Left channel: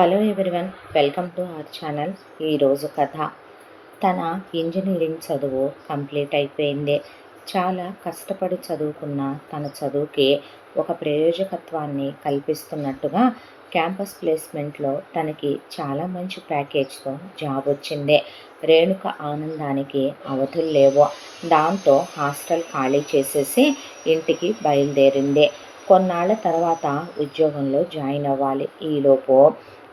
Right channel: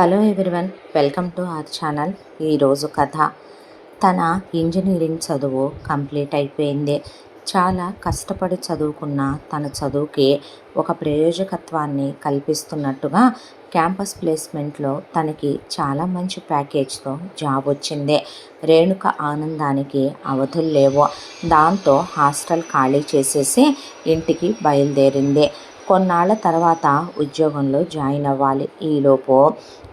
Hello everyone, welcome to our channel. ఈరోజు కథ. తన ఇంజనీరింగ్ చదువు కంప్లీట్ అయిపోయింది. చాలా కష్టపడి చదువుకున్న తన చదువుకి ఒక ప్రయోజకత్వాన్ని కల్పిస్తున్నట్టుగా క్యాంపస్ ప్లేస్మెంట్లో తనకి చాలా మంచి ప్యాకేజ్తో జాబ్ వచ్చింది. రేణుక ఆనందానికి అవధులు లేవు. దాంతో హాస్టల్ ఖాళీ చేసేసి ఇంటికి బయలుదేరింది. కొన్నాళ్ల తర్వాత ఉద్యోగంలో జాయిన్ అవ్వాలి. ఈలోపు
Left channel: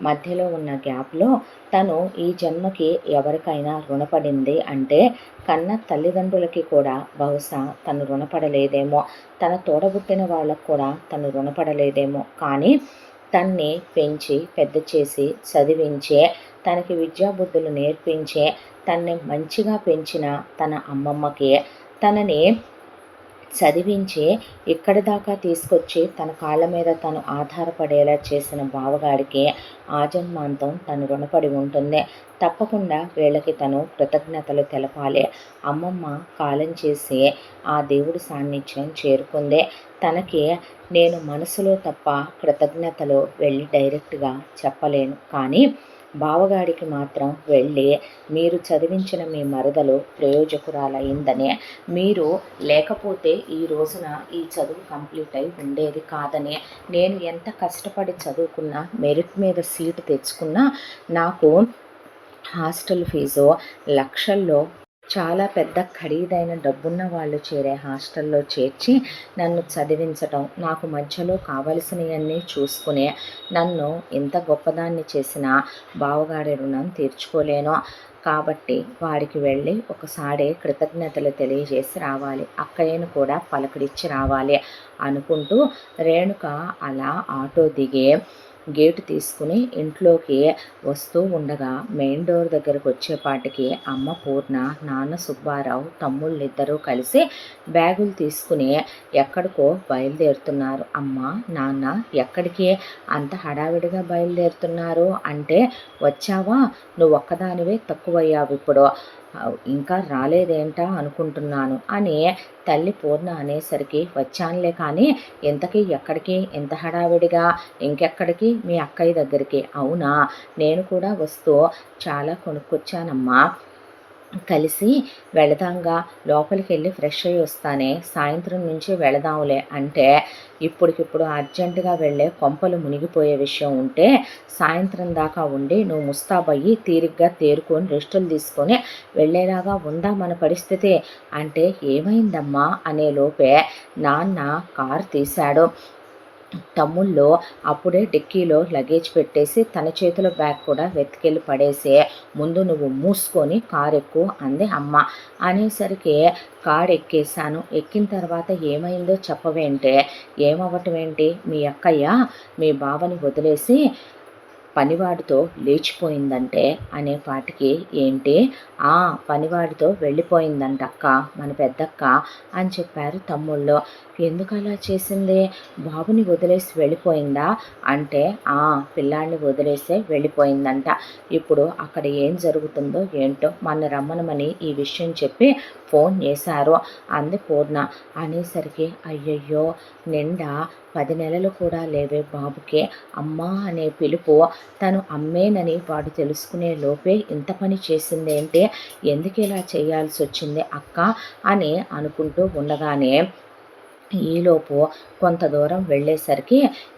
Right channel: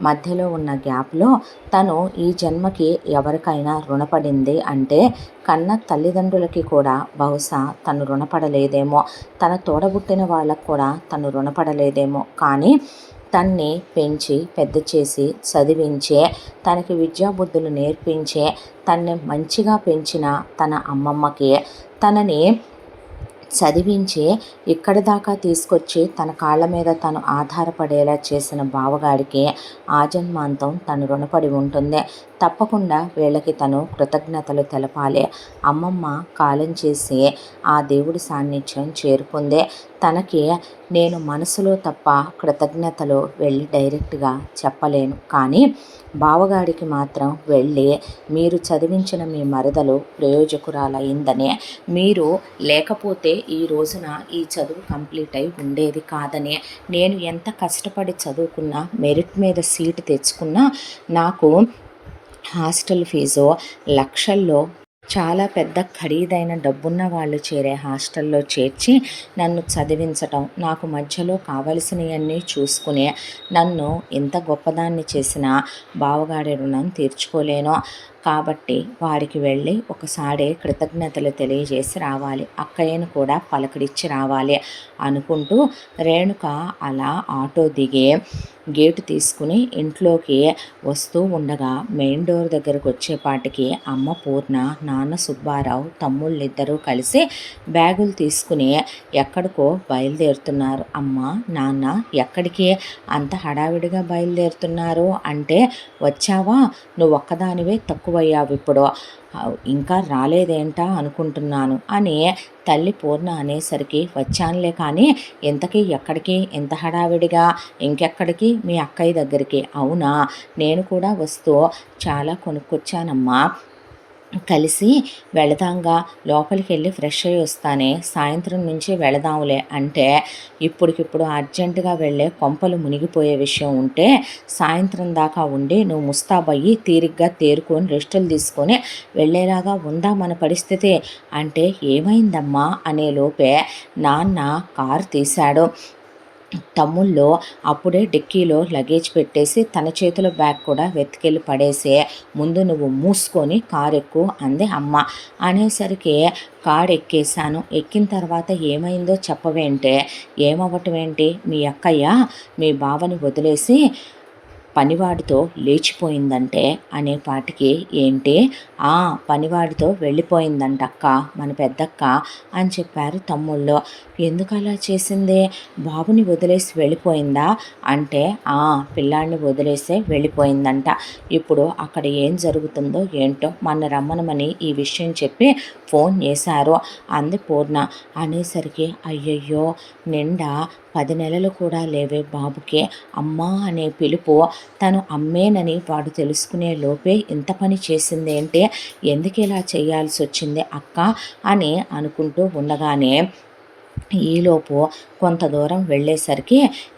మధ్యలో ఉన్న గ్యాప్లో తను ఈ జన్మకి ఎవరికైనా రుణపడింది అంటే కన్న తల్లిదండ్రులకి కూడా బహుశా తను రుణపడలేదేమో, తన తోడబుట్టిన వాళ్ళకు కూడా తను రుణపడలేదేమో. కానీ తన్ని పెంచి పెద్ద చేసి చదివించే, తనకి విద్యాబుద్ధులు నేర్పించే, తన్ని మంచిగా పెంచిన తన అమ్మమ్మకి, తనని చదివించి ఇక్కడి దాకా తీసుకొచ్చి తన కాళ్ళ మీద తను ఆధారపడేలా చేసిన బావగాడికి ఆజన్మాంతం తను రుణపడి ఉంటుంది. తప్పకుండా వీళ్ళకి తను కృతజ్ఞతలు తెలపాలి. అమ్మమ్మ కాలం చేసి ఆ దేవుడి సాన్నిధ్యం చేరుకుంది. తనకి నేను మనసులో తప్ప కృతజ్ఞతలు వెళ్ళి డైరెక్ట్గా చెప్పలేను. కానీ బావగాడికి మాత్రం వెళ్ళి మీరు చదివించిన మీ మరదలు ప్రయోజకురాలయ్యిందని, మీరు లేకపోతే ఈ రోజున ఈ చదువు కంప్లీట్ అయి ఉండేది కాదని, నేను ఎంత కష్టపడి చదువుకున్నా మెరిట్ మీద సీటు తెచ్చుకున్నా నాకు హాస్టల్ ఫీజు లక్షల్లో, చాలా పెద్ద ఖరీదైన డబ్బున్న వాళ్ళు చేరే హాస్టల్లో చేర్చి నన్ను చదివించటం, నాకు మధ్యలో కావలసినవన్నీ చూసుకునే నన్ను ఇంత గొప్పదాన్ని చేసిన బావగాడి రుణం తీర్చుకోలేను. కాబట్టి వాడికి వెళ్ళి ఒకసారి కృతజ్ఞతలు తెలియజేసి రావాలి, అక్కయ్యను కూడా పలకరించి రావాలి అనుకుంటూ రేణుక అలా ఆటో దిగి గేటు తీసుకుని ఇంట్లోకి వస్తూ ఉండగా మెయిన్ డోర్ దగ్గరకు వచ్చేపాటికి అమ్మ పూర్ణ, నాన్న సుబ్బారావు, తమ్ముళ్ళిద్దరూ కలిసి బ్యాగులు తీసుకుని ఎక్కడికో బయలుదేరుతున్నారు. అమ్మ, నాన్న ఎక్కడికి అంత హడావిడిగా బయలుదేరుతున్నారు అంటే, వచ్చావా, నువ్వు ఒక్కదానివే తక్కువయ్యావు ఇప్పుడు, ఇంకా రాలేదేంటా అనుకుంటున్నాను అని తల్లి పూర్ణ అనేసరికి, వచ్చానులే కానీ ఇంతకీ ఎక్కడికి ఇంత హడావిడిగా, ఇంకెక్కడికి మీ అక్కయ్య దగ్గరికి. అవునా, నేను కూడా వస్తూ చాలా కొనుక్కొచ్చానమ్మా, కలిసి వెళదాంగా, లోపలికి వెళ్ళి ఫ్రెష్ అయ్యి వస్తానే, సాయంత్రం నుంచి వెళదాంలే అంటే, ఇప్పటికిప్పుడు అర్జెంటుగా వెళ్ళే కొంపలు మునిగిపోయే విషయం ఉంటే సాయంత్రం దాకా ఉండి నువ్వు ముస్తాబయ్యి తీరిగ్గా తేరుకొని రెస్టులు తీసుకొని వెళ్ళేలాగా ఉందా మన పరిస్థితి అంటే, ఏమైందమ్మా అనే లోపే నాన్న కారు తీశాడు. తమ్ముళ్ళు అప్పుడే డిక్కీలో లగేజ్ పెట్టేసి తన చేతిలో బ్యాగ్ కూడా వెతికెళ్ళి పడేసి, ముందు నువ్వు మూసుకొని కారు ఎక్కు అంది అమ్మ. అనేసరికి కారు ఎక్కేశాను. ఎక్కిన తర్వాత ఏమైందో చెప్పవేంటే, ఏమవ్వటం ఏంటి, మీ అక్కయ్య మీ బావని వదిలేసి పనివాడితో లేచిపోయిందంటే అనేపాటికి, ఏంటి, పనివాడితో వెళ్ళిపోయిందంట అక్క, మన పెద్దక్క అని చెప్పారు తమ్ముళ్ళు. ఎందుకు అలా చేసింది, బాబుని వదిలేసి వెళ్ళిపోయిందా అంటే, పిల్లాడిని వదిలేసే వెళ్ళిపోయిందంట. ఇప్పుడు అక్కడ ఏం జరుగుతుందో ఏంటో మన రమ్మనమని ఈ విషయం చెప్పి ఫోన్ చేశారు అంది పూర్ణ. అనేసరికి, అయ్యయ్యో, నిండా 10 నెలలు కూడా లేవే బాబుకే అమ్మా అనే పిలుపు, తను అమ్మేనని వాడు తెలుసుకునే లోపే ఇంత పని చేసిందేంటి, ఎందుకు ఇలా చేయాల్సి వచ్చింది అక్క అని అనుకుంటూ ఉండగానే ఈలోపు కొంత దూరం వెళ్ళేసరికి,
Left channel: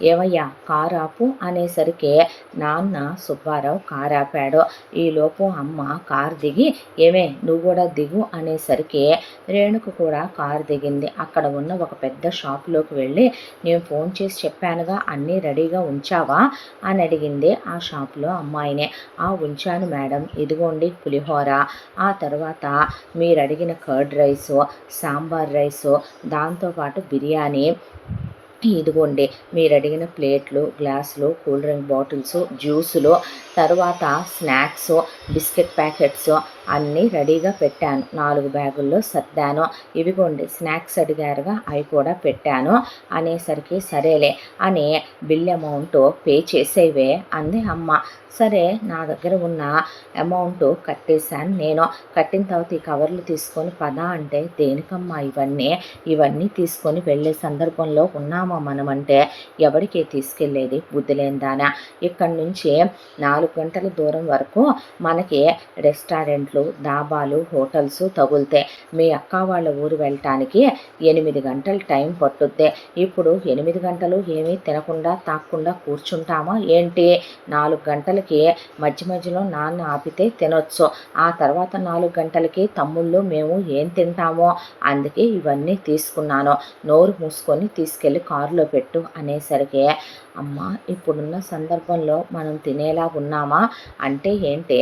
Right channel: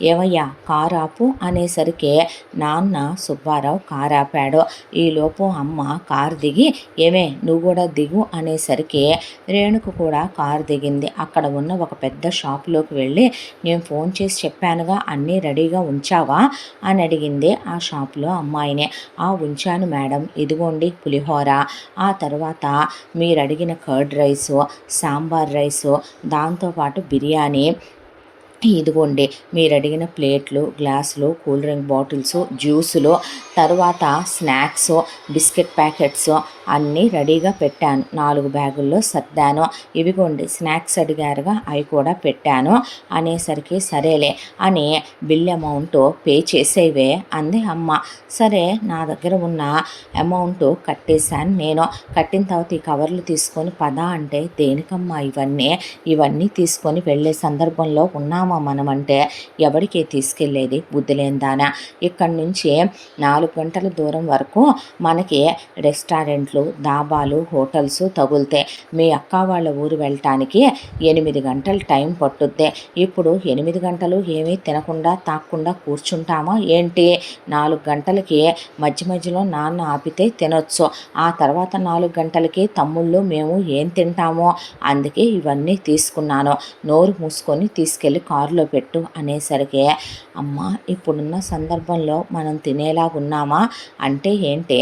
ఏమయ్యా కారు ఆపు అనేసరికి నాన్న సుబ్బారావు కారు ఆపాడు. ఈలోపు అమ్మ కారు దిగి, ఏమే నువ్వు కూడా దిగు అనేసరికి రేణుక కూడా కారు దిగింది. అక్కడ ఉన్న ఒక పెద్ద షాపులోకి వెళ్ళి, నేను ఫోన్ చేసి చెప్పానుగా అన్నీ రెడీగా ఉంచావా అని అడిగింది ఆ షాపులో అమ్మాయినే. ఉంచాను మేడం, ఇదిగోండి పులిహోర, ఆ తర్వాత మీరు అడిగిన కర్డ్ రైసు, సాంబార్ రైసు, దాంతోపాటు బిర్యానీ, ఇదిగోండి మీరు అడిగిన ప్లేట్లు, గ్లాసులు, కూల్ డ్రింక్ బాటిల్స్, జ్యూసులు, తర్వాత స్నాక్స్, బిస్కెట్ ప్యాకెట్స్ అన్నీ రెడీగా పెట్టాను. 4 బ్యాగుల్లో సర్దాను. ఇవిగోండి స్నాక్స్ అడిగారుగా, అవి కూడా పెట్టాను అనేసరికి, సరేలే అని బిల్ అమౌంట్ పే చేసేవే అంది అమ్మ. సరే, నా దగ్గర ఉన్న అమౌంట్ కట్టేశాను నేను. కట్టిన తర్వాత ఈ కవర్లు తీసుకొని పద అంటే, దేనికమ్మా ఇవన్నీ తీసుకొని వెళ్ళే సందర్భంలో ఉన్నామా ఉన్నామా మనమంటే ఎవరికి తీసుకెళ్ళేది బుద్ధి లేనిదానా. ఇక్కడి నుంచి 4 గంటల దూరం వరకు మనకి రెస్టారెంట్లు, డాబాలు, హోటల్స్ తగులుతాయి. మీ అక్క వాళ్ళ ఊరు వెళ్ళటానికి 8 గంటలు టైం పట్టుద్ది. ఇప్పుడు 8 గంటలు ఏమీ తినకుండా తాక్కుండా కూర్చుంటామా ఏంటి? 4 గంటలకి మధ్య మధ్యలో నాన్న ఆపితే తినొచ్చు. ఆ తర్వాత 4 గంటలకి తమ్ముళ్ళు మేము ఏం తింటామో, అందుకే ఇవన్నీ తీసుకున్నాను, నోరు మూసుకొని తీసుకెళ్ళి కారులో పెట్టు అనేసరికి, అమ్మ ఇప్పుడున్న సందర్భంలో మనం తినేలాగున్నామా అంటే ఏంటి,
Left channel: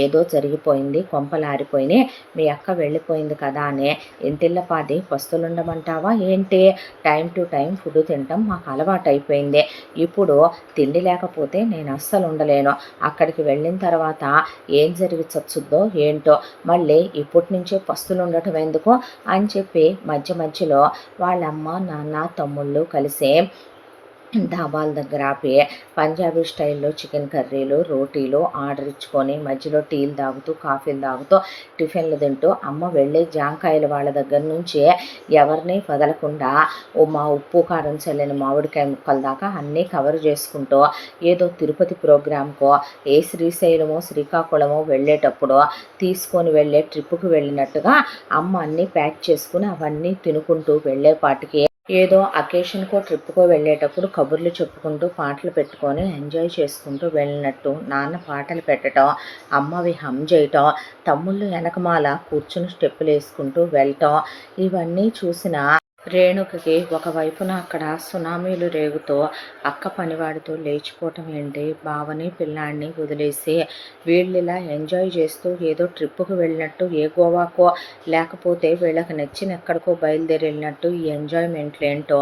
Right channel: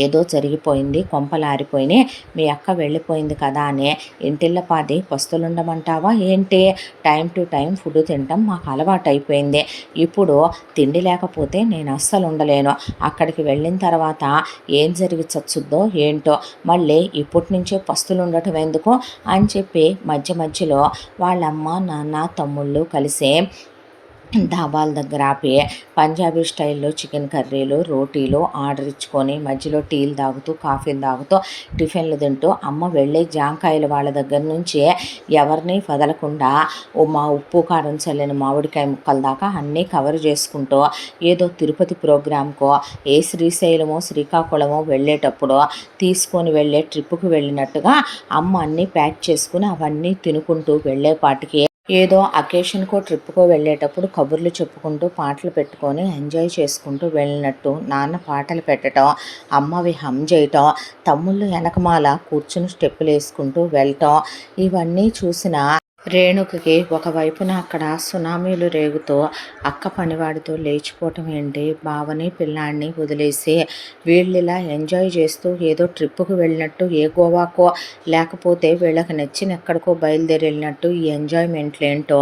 ఏదో జరిగిపోయింది, కొంపలారిపోయినాయి, మీ అక్క వెళ్ళిపోయింది కదా అని ఇంటిల్లపాది పస్తులుండమంటావా ఏంటి? టైం టు టైం ఫుడ్ తినటం మాకు అలవాటైపోయింది. ఇప్పుడు తిండి లేకపోతే నేను అస్సలు ఉండలేను. అక్కడికి వెళ్ళిన తర్వాత ఏం జరిగి చచ్చుద్దో ఏంటో, మళ్ళీ ఇప్పటి నుంచే పస్తులు ఉండటం ఎందుకు అని చెప్పి మధ్య మధ్యలో వాళ్ళమ్మ, నాన్న, తమ్ముళ్ళు కలిసి ధాబాల దగ్గర ఆపి పంజాబీ స్టైల్లో చికెన్ కర్రీలు, రోటీలు ఆర్డర్ ఇచ్చుకొని మధ్యలో టీలు తాగుతూ, కాఫీలు తాగుతూ, టిఫిన్లు తింటూ అమ్మ వెళ్ళే జాంకాయలు వాళ్ళ దగ్గర నుంచి ఎవరిని వదలకుండా మా ఉప్పు కారం చల్లిన మామిడికాయ ముక్కల దాకా అన్నీ కవర్ చేసుకుంటూ, ఏదో తిరుపతి ప్రోగ్రామ్కో ఏ శ్రీశైలమో శ్రీకాకుళమో వెళ్ళేటప్పుడు తీసుకొని వెళ్ళే ట్రిప్పుకి వెళ్ళినట్టుగా అమ్మ అన్నీ ప్యాక్ చేసుకుని అవన్నీ తినుకుంటూ వెళ్ళేపాటికి ఏదో అకేషన్కో ట్రిప్కో వెళ్ళేటప్పుడు కబుర్లు చెప్పుకుంటూ పాటలు పెట్టుకొని ఎంజాయ్ చేసుకుంటూ వెళ్ళినట్టు నాన్న పాటలు పెట్టడం, అమ్మవి హమ్ చేయటం, తమ్ముళ్ళు వెనకమాల కూర్చుని స్టెప్పులు వేసుకుంటూ వెళ్ళటం, ఇవన్నీ చూసిన రేణుకకి ఒకవైపున అక్కడ సునామీలు రేగుతూ అక్క పనివాడితో లేచిపోవటం ఏంటి, బావని పిల్లాడిని వదిలేసి వీళ్ళిలా ఎంజాయ్ చేస్తూ ఏదో ట్రిప్పుకు వెళ్ళినట్టు, ఏ గోవాకో లేకపోతే వీళ్ళకి నచ్చిన ఎక్కడికో బయలుదేరి వెళ్ళినట్టు ఈ ఎంజాయ్మెంట్లేంటో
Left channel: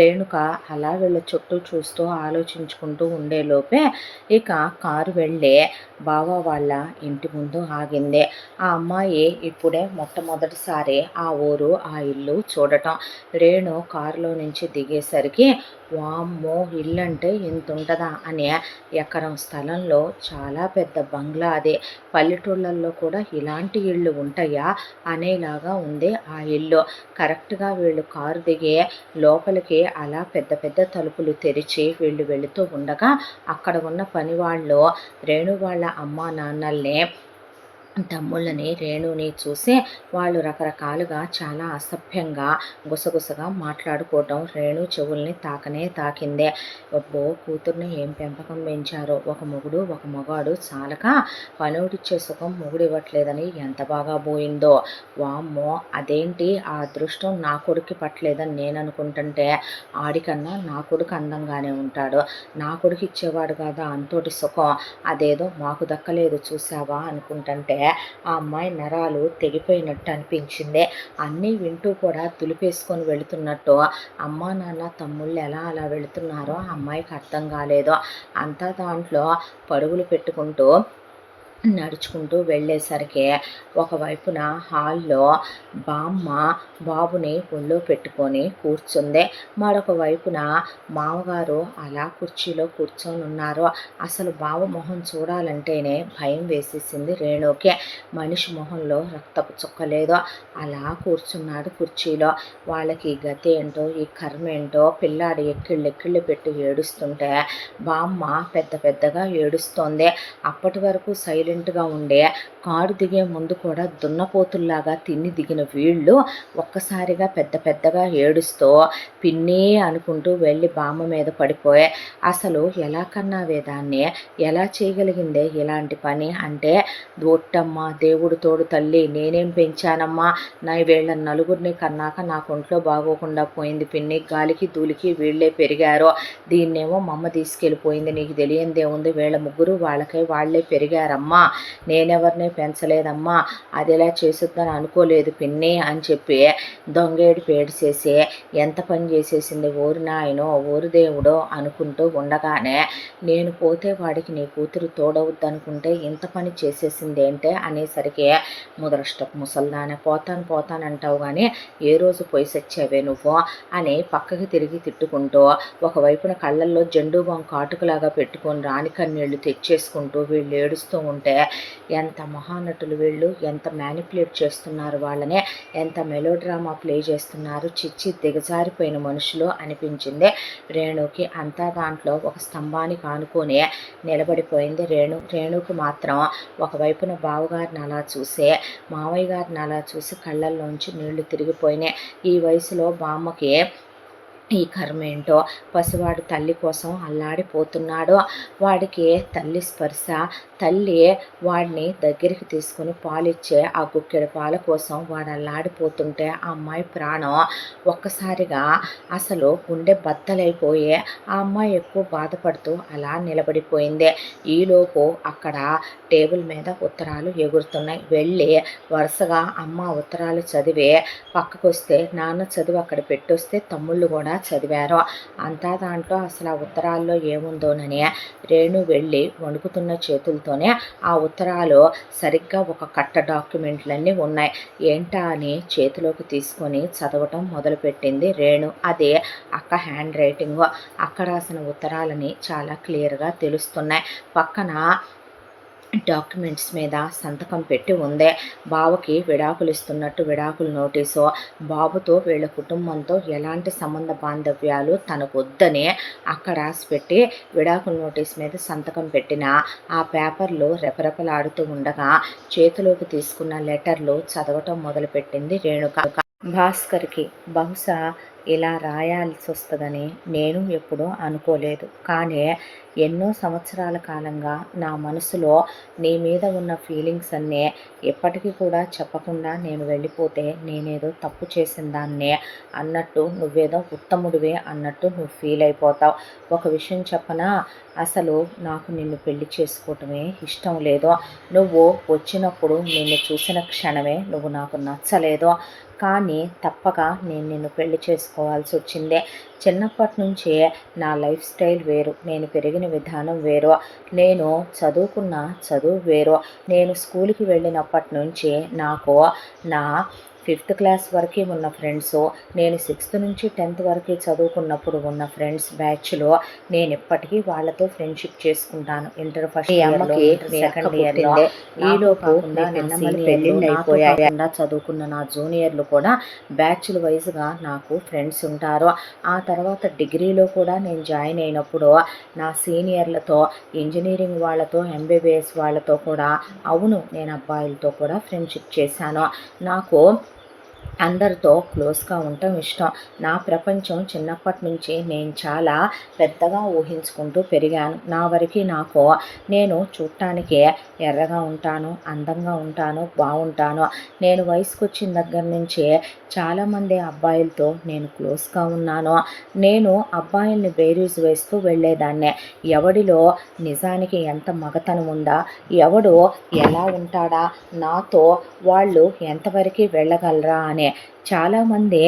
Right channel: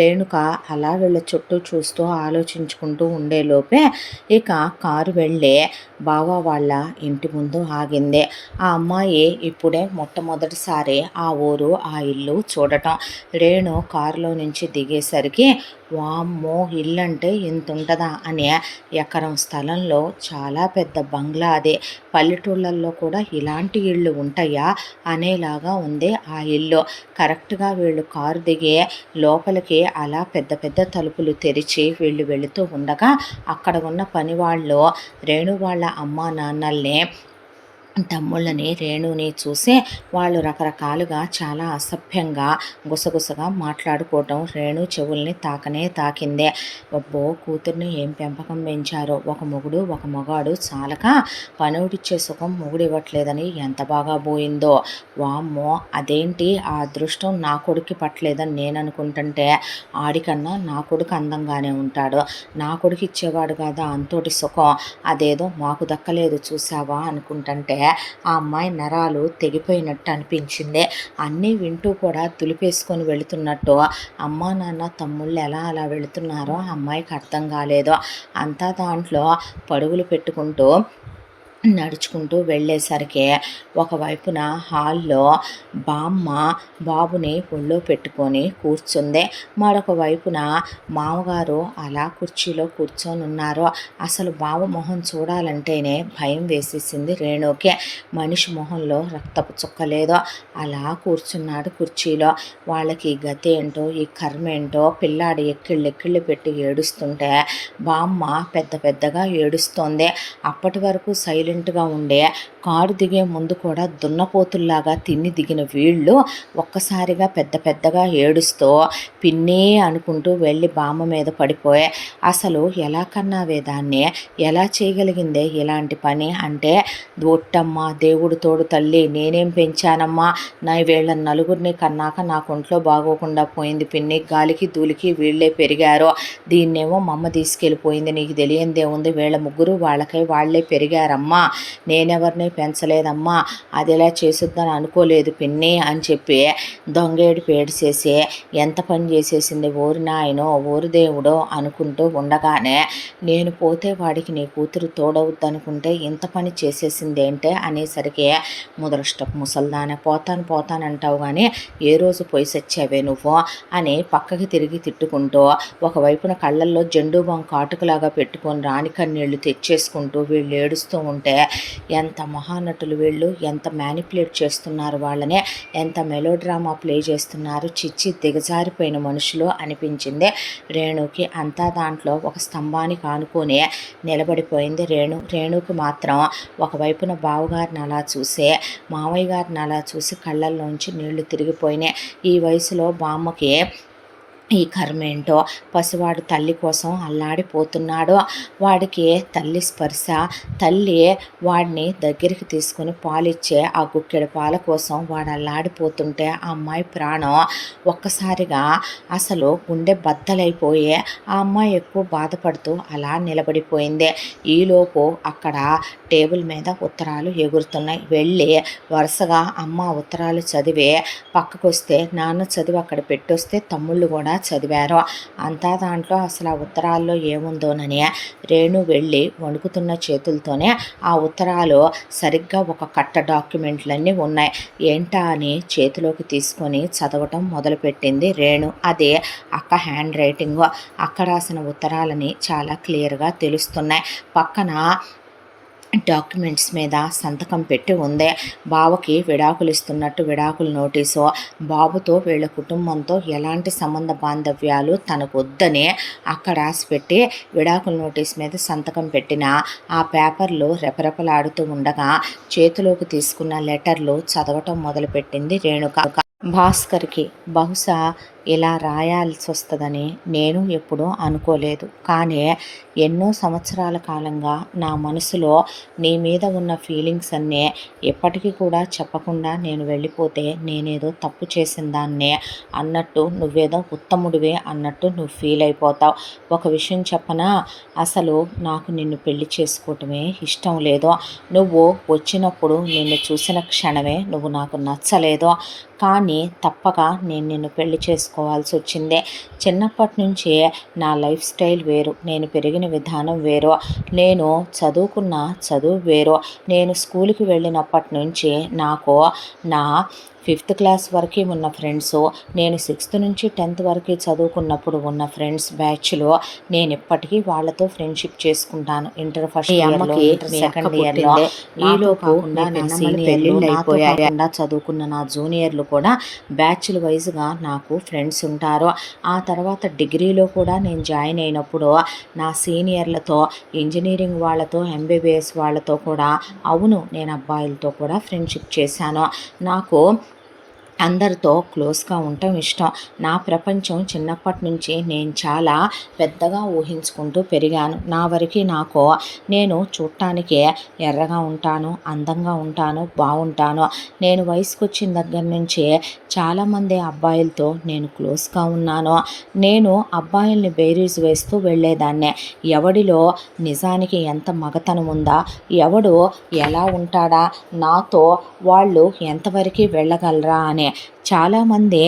రేణుక అలా వీళ్ళ చుట్టూ చూస్తూ ఆలోచించుకుంటూ ఉండేలోపే ఇక కారు వెళ్ళి బావ వాళ్ళ ఇంటి ముందు ఆగింది. ఆ అమ్మాయి ఇప్పుడే మొట్టమొదటిసారి ఆ ఊరు ఆ ఇల్లు చూడటం. రేణు కారులో నుంచి దిగేసరికి వామ్మో ఇల్లంటే ఇంత ఉంటుందా అని, ఎకరం స్థలంలో చాలా పెద్ద బంగ్లా, అదే పల్లెటూళ్ళల్లో కూడా ఇలాంటి ఇళ్ళు ఉంటాయా అనేలాగా ఉంది ఆ ఇల్లు. కరెక్ట్గా వీళ్ళు కారు దిగే లోపలికి అలా పెద్ద పెద్ద తలుపులు తెరిచి వీళ్ళు వెళుతూ ఉండగా అక్కడ ఉన్న పని వాళ్ళు రేణు వాళ్ళ అమ్మా నాన్నల్ని, తమ్ముళ్ళని, రేణుని చూసి వాళ్ళు రకరకాలుగా చాలా అసభ్యంగా గుసగుసగా మాట్లాడుకోవటం రేణు చెవుల్ని తాకిందే. అబ్బో కూతుర్ని ఏం పెంపకం పెంచారో, ఒక మొగుడు ఒక మగాడు చాలక పనోడిచ్చే సుఖం మొగుడు ఇవ్వట్లేదని ఎంత బాగా పోయిందో. వామ్మో అదేంటి ఆ అదృష్టం నా కొడుక్కి పట్టలేదని నేను అనుకుంటుంటే ఆడికన్నా నా కొడుకు అందంగానే ఉంటాడు, నా కొడుకు ఇచ్చేవాడు కదా అంతోటి సుఖం, అదేదో మాకు దక్కలేదు చూసావా అనుకుంటుంటే ఆ అమ్మాయి నరాలు తెగిపోయినట్టు అనిపించింది. అన్నీ వింటూ కూడా దులిపేసుకొని వెళుతున్నట్టు అమ్మా నాన్న తమ్ముళ్ళు ఎలా అలా వెళుతున్నారో ఆ అమ్మాయికి అర్థం కాలేదు. అంతా దాంట్లో పరుగులు పెట్టుకుంటూ నడుచుకుంటూ వెళ్ళేసరికి ఒకవైపున హాల్లో బామ్మ బాబుని ఒళ్ళో పెట్టుకొని కూర్చుంది, మరొక వైపున మామగారు అలా కుర్చీలో కూర్చొని ఉన్నారు. అసలు బావ మొహం చూడాలంటేనే భయం వేసేసింది రేణుకి. మనిషి మొహంలో రక్తపు చుక్కలేదో అలా కూర్చున్నాడు కుర్చీలో. వాళ్ళకి గతి ఏంటో ఈ కర్మ ఏంటో, పిల్లాడు ఎక్కిళ్ళు పెట్టి ఏడుస్తుంటే బామ్మ పెద్ద పెద్దగా ఏడుస్తోంది. అప్పటి వరకు సైలెంట్గా ఉండే కారు దిగే ముందు కూడా దున్నపోతుల్లాగా తిన్ని దిగిన వీళ్ళు ఒక్కసారిగా పెద్ద పెద్దగా ఏడుస్తూ పిన్ని అనుకుంటూ వెళ్ళి బామ్మ మీద పడిపోయే. అసలు ఎలా కన్నావే దాన్ని, ఎలా చేయగలిగిందే ఇలాంటి పని అంటే, ఒట్టమ్మ దేవుడు తోడు తల్లి, నేనేం పెంచానమ్మా, నా వీళ్ళ నలుగురిని కన్నాక నాకు ఒంట్లో బాగోకుండా పోయింది పిన్ని, గాలికి ధూళికి వీళ్ళే పెరిగారు, దీన్నేమో మా అమ్మ తీసుకెళ్ళిపోయింది, నీకు తెలియందేముంది, వీళ్ళ ముగ్గురు వాళ్ళకై వాళ్ళే పెరిగారమ్మా, నేనెవరిని పెంచలేదమ్మా, అది ఎలా చేసుద్దని అనుకోలేదు పిన్ని అని చెప్పి దొంగేడు పేడిసేసి ఎంత పని చేసేసింది ఓరి నాయనో ఓరి దేవుడో అనుకుంటూ ఉండగానే, నేను పోతే వాడికి నీ కూతురు తోడవుద్దనుకుంటే ఇంత పని చేసేసింది ఏంటే అనేసరికి, ముదరష్టపు ముసల్దానే పోతానంటావు కానీ ఏ రోజు పోయి సచ్చావే నువ్వు అని పక్కకి తిరిగి తిట్టుకుంటూ ఒకవైపున కళ్ళల్లో జెండు బాం కాటుకులాగా పెట్టుకొని రాణి కన్నీళ్లు తెచ్చేసుకుంటూ వీళ్ళు ఏడుస్తూ ఉంటే చూస్తుంటే ఎంత మహానటులు వీళ్ళు, ఎంత మ్యానిపులేట్ చేస్తున్నారు వాళ్ళని, ఎంత మెలోడ్రామా ప్లే చేస్తున్నారు, చిచ్చి దిగజారిపోయిన మనుషులు అనిపించింది రేణుకి. అంతా దాంట్లో ఒక స్తంభానికి ఆనుకొని నిలబడిపోయింది రేణుకి మాత్రం ఒకవైపున బావగారిని అలా చూసే, మామయ్య గారిని అలా చూసి కళ్ళల్లోంచి నీళ్లు తిరిగిపోయినాయి. ఈ వయసులో బామ్మకి ఈ కర్మేంటో, పసివాడు తల్లి కోసం అల్లాడిపోతున్నాడు. వాడికి తల్లి స్పర్శ, తల్లి వాడిని దగ్గరికి తీసుకుని పాలిచ్చే ఆ గుక్కెడు పాల కోసం వాడు అల్లాడిపోతుంటే ఆ అమ్మాయి ప్రాణం ఒక్కసారిగా అసలు గుండె బద్దలైపోయి ఆ అమ్మాయి ఎక్కువ బాధపడుతూ అలా నిలబడిపోయింది. ఈలోపు అక్కడ టేబుల్ మీద ఉత్తరాలు ఎగురుతున్నాయి. వెళ్ళి వరుసగా అమ్మ ఉత్తరాలు చదివి పక్కకు వస్తే, నాన్న చదివి అక్కడ పెట్టొస్తే తమ్ముళ్ళు కూడా చదివారు. అంతా దాంట్లో అసలు ఆ ఉత్తరాల్లో ఏముందోనని రేణు వెళ్ళి వణుకుతున్న చేతులతోనే ఆ ఉత్తరాలు సరిగ్గా ఒక కట్ట డాక్యుమెంట్లన్నీ ఉన్నాయి. ఏంటా అని చేతిలోకి తీసుకొని చదవటం మొదలుపెట్టింది రేణు. అదే అక్క హ్యాండ్ రైటింగ్. అక్క రాసిన ఉత్తరాలని చాలా క్లియర్గా తెలుస్తున్నాయి. పక్కన డాక్యుమెంట్స్ మీద సంతకం పెట్టి ఉంది. బావకి విడాకులు ఇస్తున్నట్టు విడాకుల నోటీసు, బాబుతో వీళ్ళ కుటుంబంతో ఎలాంటి సంబంధ బాంధవ్యాలు తనకొద్దని అక్కడ రాసిపెట్టి విడాకుల నోటీస్ మీద సంతకం పెట్టిన ఆ పేపర్లు రెపరెపలాడుతూ ఉండగా చేతిలోకి తీసుకున్న లెటర్లు చదవటం మొదలుపెట్టింది రేణుక. భాస్కర్కి బహుశా ఇలా రాయాల్సి వస్తుందని నేను ఎప్పుడూ అనుకోలేదు. కానీ ఎన్నో సంవత్సరాల కాలంగా నా మనసులో నీ మీద ఉన్న ఫీలింగ్స్ అన్నీ ఎప్పటికీ కూడా చెప్పకుండా నేను వెళ్ళిపోతే నేనేదో తప్పు చేసిన దాన్నే అన్నట్టు, నువ్వేదో ఉత్తముడివే అన్నట్టు నువ్వు ఫీల్ అయిపోతావు. ఒక విషయం చెప్పనా, అసలు నాకు నిన్ను పెళ్లి చేసుకోవటమే ఇష్టం లేదు. నువ్వు వచ్చినప్పుడు నిన్ను చూసిన క్షణమే నువ్వు నాకు నచ్చలేదు. కానీ తప్పక నేను నిన్ను పెళ్లి చేసుకోవాల్సి వచ్చిందే. చిన్నప్పటి నుంచే నా లైఫ్ స్టైల్ వేరు, నేను పెరిగిన విధానం వేరు, నేను చదువుకున్న చదువు వేరు. నేను స్కూల్కి వెళ్ళినప్పటి నుంచి నాకు నా 5th క్లాస్ వరకు ఉన్న ఫ్రెండ్స్, నేను 6th నుంచి 10th వరకు చదువుకున్నప్పుడు ఉన్న ఫ్రెండ్స్ బ్యాచ్లో నేను ఎప్పటికీ వాళ్ళతో ఫ్రెండ్షిప్ చేసుకుంటాను. ఇంటర్ ఫస్ట్ ఇయర్లో, సెకండ్ ఇయర్లో, ఈలోపు పెళ్ళిళ్ళు చదువుకున్న నా జూనియర్లు కూడా బ్యాచ్ల వైజ్గా నాకు ఫ్రెండ్స్ ఉంటారు. ఆ తర్వాత డిగ్రీలో కూడా నేను జాయిన్ అయినప్పుడు నా సీనియర్లతో, ఇంజనీరింగ్ వాళ్ళతో, ఎంబీబీఎస్ వాళ్ళతో కూడా, అవును నేను అబ్బాయిలతో కూడా ఫ్రెండ్షిప్ చేశాను. నాకు అందరితో క్లోజ్గా ఉండటం ఇష్టం. నా ప్రపంచం చిన్నప్పటి నుంచి నేను చాలా పెద్దగా ఊహించుకుంటూ పెరిగాను. నా వరకు నాకు నేను చూడటానికి ఎర్రగా ఉంటాను, అందంగా ఉంటాను, బాగుంటాను. నేను వయసుకు వచ్చిన దగ్గర నుంచే చాలామంది అబ్బాయిలతో నేను క్లోజ్గా ఉన్నాను. నేను అబ్బాయిల్ని బేరీజ్ వేస్తూ వెళ్ళేదాన్నే. ఎవడిలో నిజానికి ఎంత మగతనం ఉందా, ఎవడు ఎలా ఉంటాడా, నాతో వాళ్ళు ఎంతవరకు వెళ్ళగలరా అని చాలామంది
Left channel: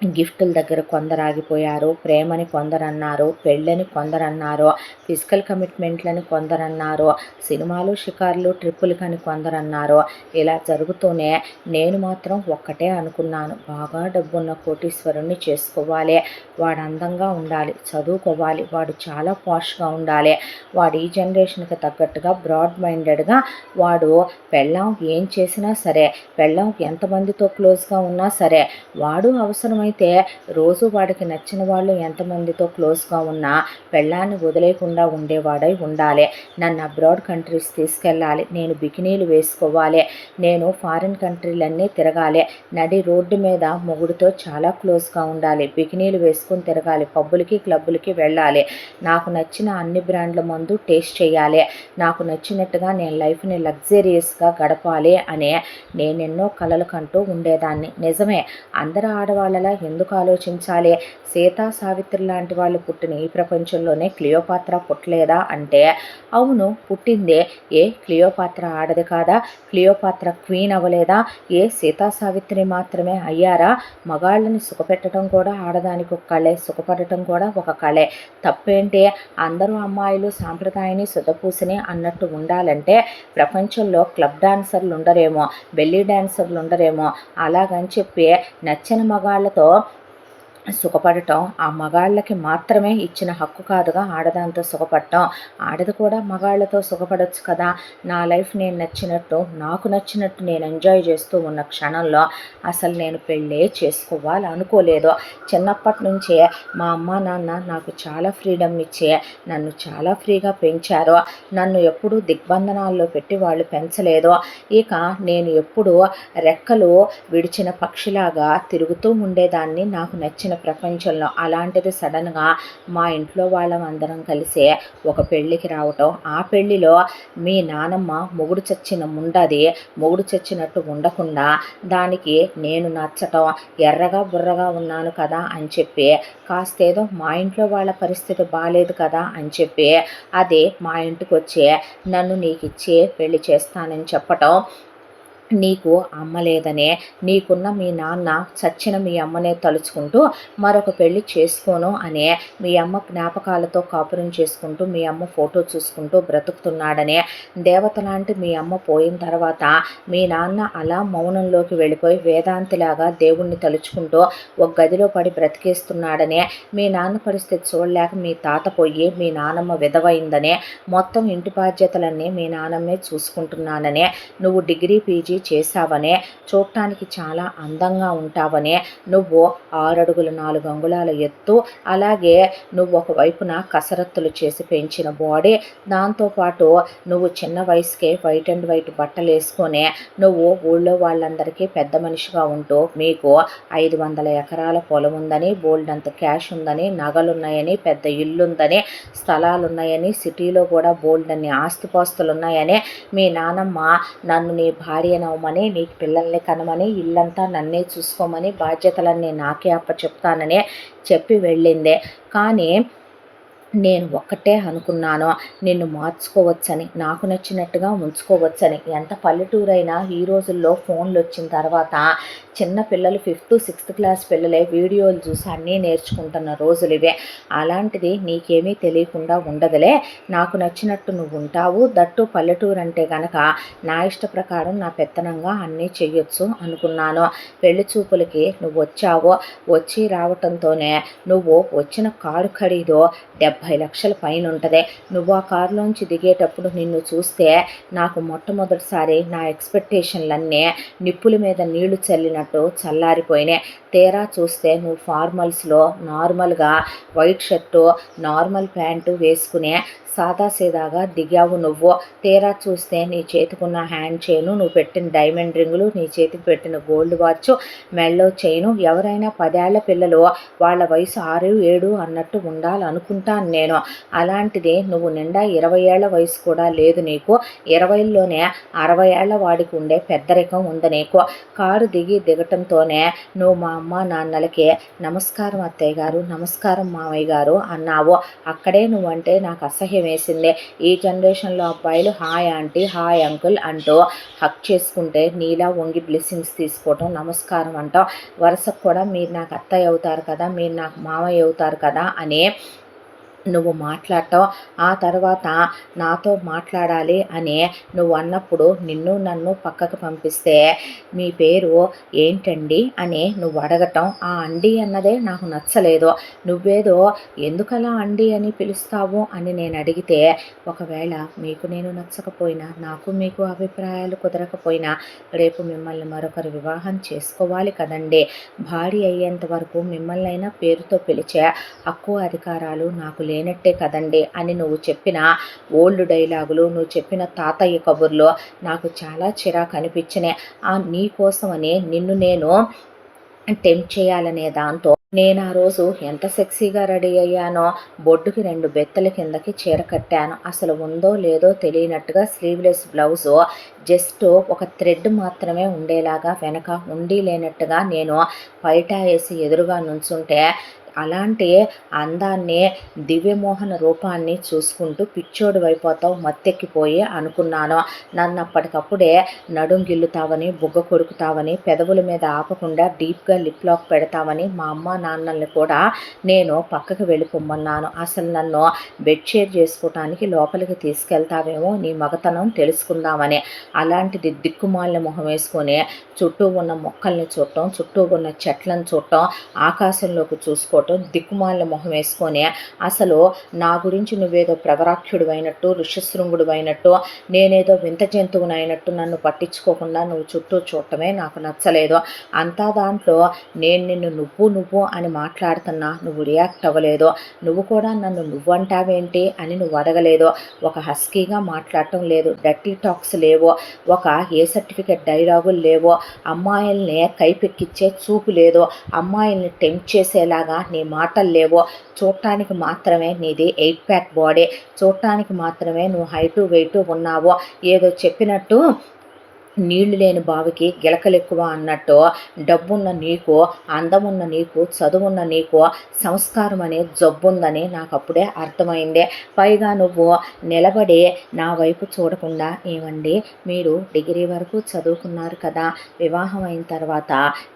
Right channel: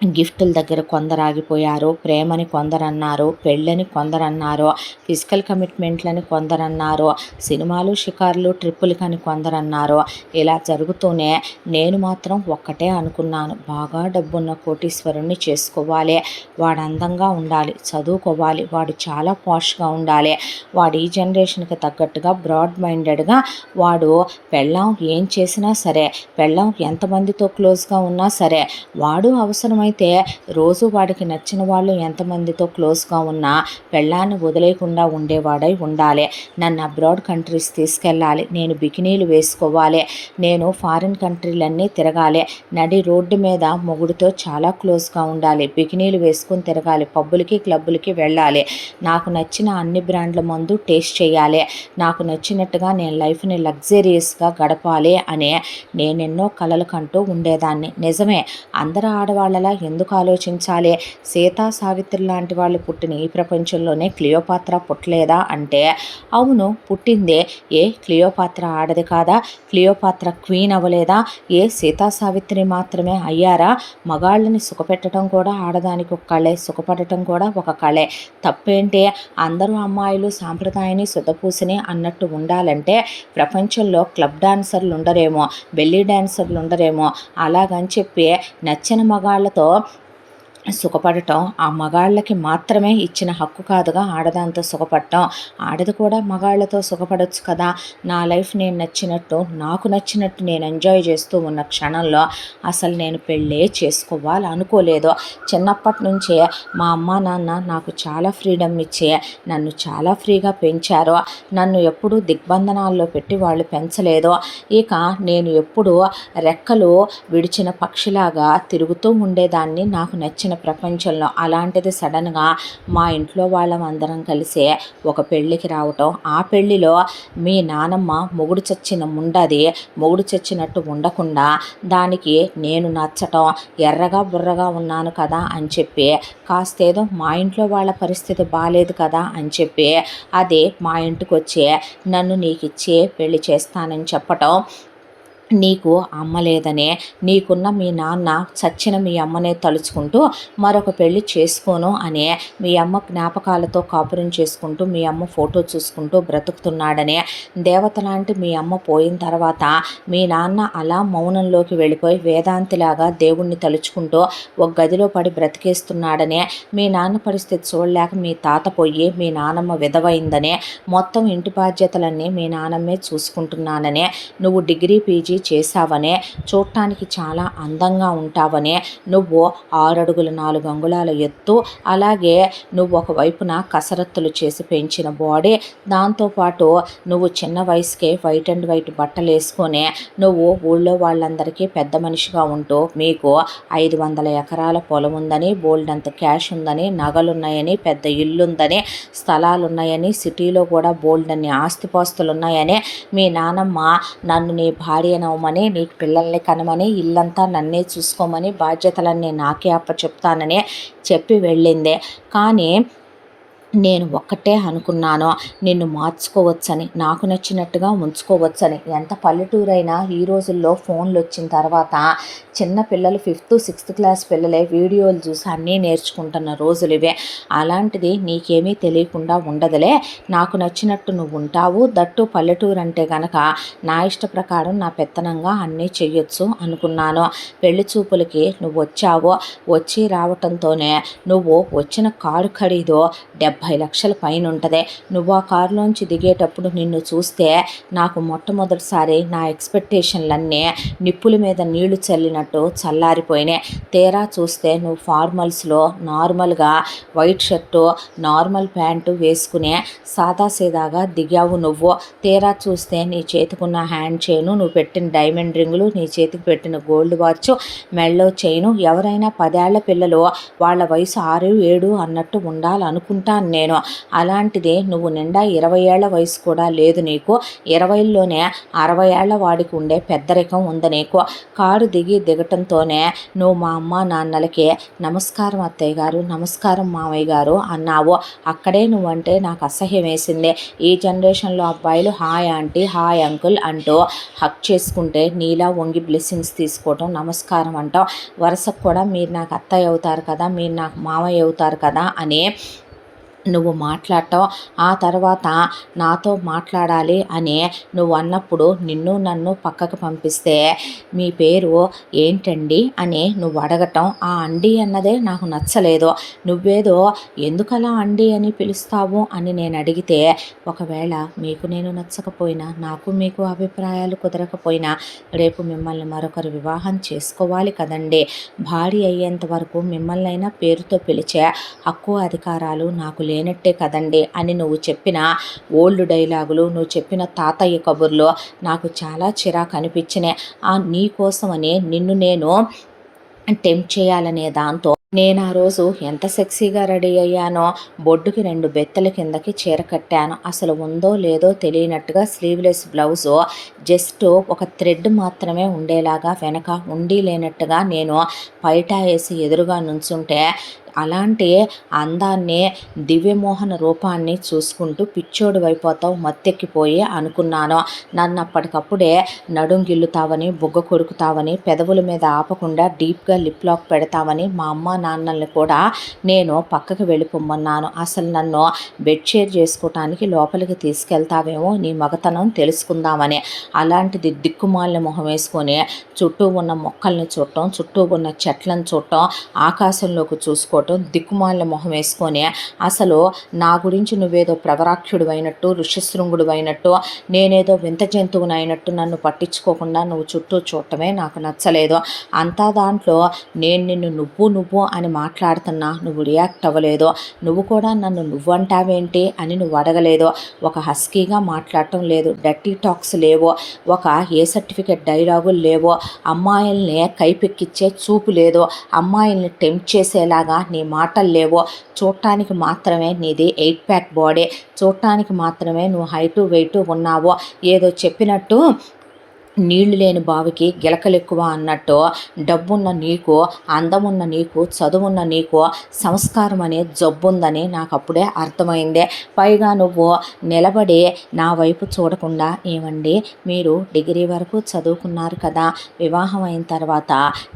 గిఫ్టుల దగ్గర కొందరు ఆగిపోయారు, ప్రేమని కొందరన్నారు, పెళ్ళని కొందరన్నారు, ఫిజికల్ కమిట్మెంట్లని కొందరన్నారు, సినిమాలు షికార్లు ట్రిప్పులకని కొందరన్నారు. ఇలా జరుగుతూనే నేను మాత్రం ఒక్కటే అనుకున్నాను, బాగా డబ్బున్న కోటీశ్వరుణ్ణి చేసుకోవాలి, వాడు అందంగా ఉండాలి, చదువుకోవాలి, వాడు చాలా పాష్గా ఉండాలి, వాడు ఈ జనరేషన్కి తగ్గట్టుగా బ్రాడ్ మైండెడ్గా, వాడు పెళ్ళాం ఏం చేసినా సరే, పెళ్ళాం ఎంతమందితో క్లోజ్గా ఉన్నా సరే, వాడు అవసరమైతే రోజు వాడికి నచ్చిన వాళ్ళు ఎంతమందితో క్లోజ్గా ఉన్నా పెళ్ళాన్ని వదిలేయకుండా ఉండేవాడై ఉండాలి. నన్ను అబ్రాడ్ కంట్రీస్ తీసుకెళ్ళాలి, నేను బికినీలు వేసుకోవాలి, నేను ఫారిన్ కంట్రీలన్నీ తిరగాలి, నడి రోడ్డు మీద మొగుడితో చాలా క్లోజ్గా ఉండాలి, బికినీలు వేసుకొని తిరగాలి, పబ్బులకి క్లబ్బులకి వెళ్ళాలి, నాకు నచ్చిన అన్ని బ్రాండ్ల మందు టేస్ట్ చేయాలి, నాకు నచ్చినట్టుగా నేను లైఫ్ని లగ్జరియస్గా గడపాలి అని నేనెన్నో కలలు కంటూ ఉండేదాన్ని. నిజమే, అందరు ఆడవాళ్ళలా ఎందుకు ఆలోచించాలి? సీతా సావిత్రి లాంటి వాళ్ళు పుట్టిన ఈ ప్రపంచంలోనే క్లియోపాత్ర పుట్టలేదా అంటే అవును పుట్టిందే. ఏ క్లియోపాత్ర ఆడది కాదా? క్లియోపాత్ర క్వీన్ అవ్వలేదా? ఏ సీతా సావిత్రి మాత్రమే అయ్యారా? మగాళ్ళని సుఖపెట్టడం కూడా ఆడదానికి ఒక కళే, సుఖపడటం కూడా ఒక కళే. తప్పేంటి? అందరూ అమ్మాయిలు సాంప్రదాయాన్ని సుతపూసిని అన్నట్టు ఉండాలంటే ప్రపంచంలో క్లబ్ డాన్సర్లు ఉండరేమో, బెల్లీ డాన్సర్లు ఉండరేమో, అలాగని చెప్పి నచ్చిన మగాళ్ళతో సుఖపడటం ఆ మగాళ్ళకి మాత్రమే ఇచ్చిన హక్కు కాదుగా ఆడదాంతో సుఖపడటం. ఆడది కూడా మగాళ్ళతో సుఖపడొచ్చు కదా. నా లైఫ్ నేను నచ్చినట్టు, నాకు నచ్చినట్టు నేను ఎంజాయ్ చేస్తూ ఉన్న క్షణంలో అసలు నేను పెళ్ళే చేసుకోవాలి అనుకోలేదు. చిన్నప్పటి నుంచే మా అమ్మ నాన్న నాకు చాలా ఫ్రీడమ్ ఇచ్చే నన్ను చాలా ఫ్రీగా పెంచారు. నన్ను ఎప్పుడూ దిగ్బంధనాల్లో పెట్టి వాళ్ళు పెంచలేదు. ఇక నేను ఎప్పుడూ రెక్కలు విడిచిన పక్షిలాగా తిరుగుతూ ఉండేదాన్ని నాకు నచ్చిన ప్రపంచంలో. అలాంటిది సడన్గా మా ఇంట్లో వాళ్ళమందరం కలిసి ఒక పెళ్ళికి రావటం, ఆ పెళ్ళిలో మీ నానమ్మ మొగుడు చచ్చిన ముండది, మొగుడు చచ్చినట్టు ఉండకుండా దానికి నేను నచ్చటం, ఎర్రగా బుర్రగా ఉన్నాను కదా అని చెప్పి, కాస్తేదో మా ఇంట్లో వాళ్ళ పరిస్థితి బాలేదు కదా అని చెప్పి అది మా ఇంటికి వచ్చి నన్ను నీకిచ్చి పెళ్లి చేస్తానని చెప్పటం, నీకు అమ్మ లేదనే, నీకున్న మీ నాన్న చచ్చిన మీ అమ్మనే తలుచుకుంటూ మరొక పెళ్లి చేసుకోను అనే, మీ అమ్మ జ్ఞాపకాలతో కాపురం చేసుకుంటూ మీ అమ్మ ఫోటో చూసుకుంటూ బ్రతుకుతున్నాడనే, దేవత లాంటి మీ అమ్మ పోయిన తర్వాత మీ నాన్న అలా మౌనంలోకి వెళ్ళిపోయి వేదాంతిలాగా దేవుణ్ణి తలుచుకుంటూ ఒక గదిలో పడి బ్రతికేస్తున్నాడనే, మీ నాన్న పరిస్థితి చూడలేక మీ తాత పోయి మీ నానమ్మ విధవైందనే, మొత్తం ఇంటి బాధ్యతలన్నీ మీ నాన్నమ్మే చూసుకుంటున్నాననే, నువ్వు డిగ్రీ పీజీ చేశావనే, చూడటానికి చాలా అందంగా ఉంటావనే, నువ్వు 6 అడుగుల 4 అంగుళాల ఎత్తు, అలాగే నువ్వు ఒకవైపున కసరత్తులు చేసి పెంచిన బాడీ, దాంతోపాటు నువ్వు చిన్న వయసుకే వైట్ అండ్ వైట్ బట్టలు వేసుకొని నువ్వు ఊళ్ళో వాళ్ళందరికీ పెద్ద మనిషిగా ఉంటూ మీకు 500 ఎకరాల పొలం ఉందని, బోల్డంత క్యాష్ ఉందని, నగలున్నాయని, పెద్ద ఇల్లుందని, స్థలాలున్నాయని, సిటీలో కూడా బోల్డన్ని ఆస్తిపాస్తులు ఉన్నాయని, మీ నానమ్మ నన్ను నీ భార్యనవమని, నీకు పిల్లల్ని కనమని, ఇల్లంతా నన్నే చూసుకోమని, బాధ్యతలన్నీ నాకే అప్పచెప్తానని చెప్పి వెళ్ళిందే. కానీ నేను ఒక్కటే అనుకున్నాను, నిన్ను మార్చుకోవచ్చని, నాకు నచ్చినట్టుగా ఉంచుకోవచ్చని. ఎంత పల్లెటూరైనా ఈ రోజుల్లో ఫోన్లు వచ్చిన తర్వాత చిన్న పిల్లలు 5th 6th క్లాస్ పిల్లలే వీడియోలు చూసి అన్నీ నేర్చుకుంటున్న రోజులు ఇవే. అలాంటిది నీకేమీ తెలియకుండా ఉండదులే, నాకు నచ్చినట్టు నువ్వు ఉంటావు, దట్టు పల్లెటూరు అంటే గనక నా ఇష్ట ప్రకారం నా పెత్తనంగా అన్నీ చెయ్యొచ్చు అనుకున్నాను. పెళ్లి చూపులకి నువ్వు వచ్చావు, వచ్చి రావటంతోనే నువ్వు వచ్చిన కారు ఖరీదు 70 లక్షల పైన ఉంటుంది. నువ్వు ఆ కారులోంచి దిగేటప్పుడు నిన్ను చూస్తే నాకు మొట్టమొదటిసారి నా ఎక్స్పెక్టేషన్లన్నీ నిప్పుల మీద నీళ్లు చల్లినట్టు చల్లారిపోయినాయి. తీరా చూస్తే నువ్వు ఫార్మల్స్లో నార్మల్గా వైట్ షర్టు, నార్మల్ ప్యాంటు వేసుకునే సాదాసీదాగా దిగావు నువ్వు. తీరా చూస్తే నీ చేతికున్న హ్యాండ్ చైను, నువ్వు పెట్టిన డైమండ్ రింగులు, నీ చేతికి పెట్టిన గోల్డ్ వాచ్, మెళ్ళో చైను, ఎవరైనా 10 ఏళ్ల పిల్లలు వాళ్ళ వయసు 6, 7 అన్నట్టు ఉండాలనుకుంటాను నేను. అలాంటిది నువ్వు నిండా 20 ఏళ్ల వయసు కూడా లేదు నీకు. 20లోనే 60 ఏళ్ల వాడికి ఉండే పెద్దరికం ఉంది నీకు. కారు దిగటంతోనే నువ్వు మా అమ్మ నాన్నలకి నమస్కారం అత్తయ్య గారు, నమస్కారం మామయ్య గారు అన్నావు. అక్కడే నువ్వంటే నాకు అసహ్యం వేసింది. ఈ జనరేషన్లో అబ్బాయిలు హాయ్ ఆంటీ, హాయ్ అంకుల్ అంటూ హక్ చేసుకుంటే నీలా వంగి బ్లెస్సింగ్స్ తీసుకోవటం, నమస్కారం అంటాం. వరుసకు కూడా మీరు నాకు అత్తయ్య అవుతారు కదా, మీరు నాకు మామయ్య అవుతారు కదా అని నువ్వు మాట్లాడటం, ఆ తర్వాత నాతో మాట్లాడాలి అని నువ్వు అన్నప్పుడు నిన్ను నన్ను పక్కకు పంపిస్తే మీ పేరు ఏంటండి అని నువ్వు అడగటం, ఆ అండి అన్నదే నాకు నచ్చలేదు. నువ్వేదో ఎందుకలా అండి అని పిలుస్తావు అని నేను అడిగితే, ఒకవేళ మీకు నేను నచ్చకపోయినా, నాకు మీకు అభిప్రాయాలు కుదరకపోయినా రేపు మిమ్మల్ని మరొకరు వివాహం చేసుకోవాలి కదండి. భార్య అయ్యేంత వరకు మిమ్మల్నైనా పేరుతో పిలిచే హక్కు అధికారాలు నాకు లేనట్టే కదండి అని నువ్వు చెప్పిన ఓల్డ్ డైలాగులు, నువ్వు చెప్పిన తాతయ్య కబుర్లు నాకు చాలా చిరాకు అనిపించినాయి. నీ కోసమని నిన్ను నేను టెంప్ట్ చేయాలనే దాంతో నేను ఆ రోజు ఎంత సెక్సీగా రెడీ అయ్యానో, బొడ్డుకి 2 బెత్తల కిందకి చీర కట్టాను. అసలు ఉందో లేదో తెలియనట్టుగా స్లీవ్లెస్ బ్లౌజు, జస్ట్ ఒక థ్రెడ్ మాత్రమే ఉండేలాగా వెనక ఉండి లేనట్టుగా నేను పైటా వేసి ఎదురుగా నుంచుంటే అలాంటి అందాన్ని, దివ్యమోహన రూపాన్ని చూసుకుంటూ పిచ్చోడివైపోతావు, మత్తెక్కిపోయి అనుకున్నాను. నన్ను అప్పటికప్పుడే నడుం గిల్లుతావని, బుగ్గ కొరుకుతావని, పెదవుల మీద ఆపకుండా డీప్గా లిప్ లాక్ పెడతావని మా అమ్మ నాన్నల్ని కూడా నేను పక్కకి వెళ్ళిపోమన్నాను. అసలు నన్ను బెడ్ షేర్ చేసుకోవటానికి లోపలికి తీసుకెళ్తావేమో నీ మగతనం తెలుసుకుందామని. అలాంటిది దిక్కుమాలిన మొహం వేసుకొని చుట్టూ ఉన్న మొక్కల్ని చూడటం, చుట్టూ ఉన్న చెట్లను చూడటం, ఆకాశంలోకి చూసుకోవటం, దిక్కుమాలిన మొహం వేసుకొని అసలు నా గురించి నువ్వేదో ప్రవరాఖ్యుడు అయినట్టు, ఋషశృంగుడు అయినట్టు, నేనేదో వింత జంతువుని అయినట్టు నన్ను పట్టించుకోకుండా నువ్వు చుట్టూ చూడటమే నాకు నచ్చలేదు. అంతా దాంట్లో నేను నిన్ను నువ్వు అని మాట్లాడుతున్నా నువ్వు రియాక్ట్ అవ్వలేదు. నువ్వు కూడా నన్ను నువ్వంటావేంటి అని నువ్వు అడగలేదు. ఒక హస్కీగా మాట్లాడటం లేదు, డర్టీ టాక్స్ లేవు, ఒక ఏ సర్టిఫికెట్ డైలాగులు లేవు, అమ్మాయిల్ని కైపెక్కిచ్చే చూపు లేదు, అమ్మాయిల్ని టెంప్ట్ చేసేలాగా నీ మాటలు లేవు. చూడటానికి మాత్రమే నీది 8 ప్యాక్ బాడీ, చూడటానికి మాత్రమే నువ్వు హైటు వెయిటు ఉన్నావు. ఏదో చెప్పినట్టు నీళ్లు లేని బావికి గిలకలెక్కువ అన్నట్టు డబ్బున్న నీకు, అందమున్న నీకు, చదువున్న నీకు సంస్కారం అనే జబ్బుందని నాకు అప్పుడే అర్థమైందే. పైగా నువ్వు నిలబడి నా వైపు చూడకుండా, ఏమండి మీరు డిగ్రీ వరకు చదువుకున్నారు కదా, వివాహం అయిన తర్వాత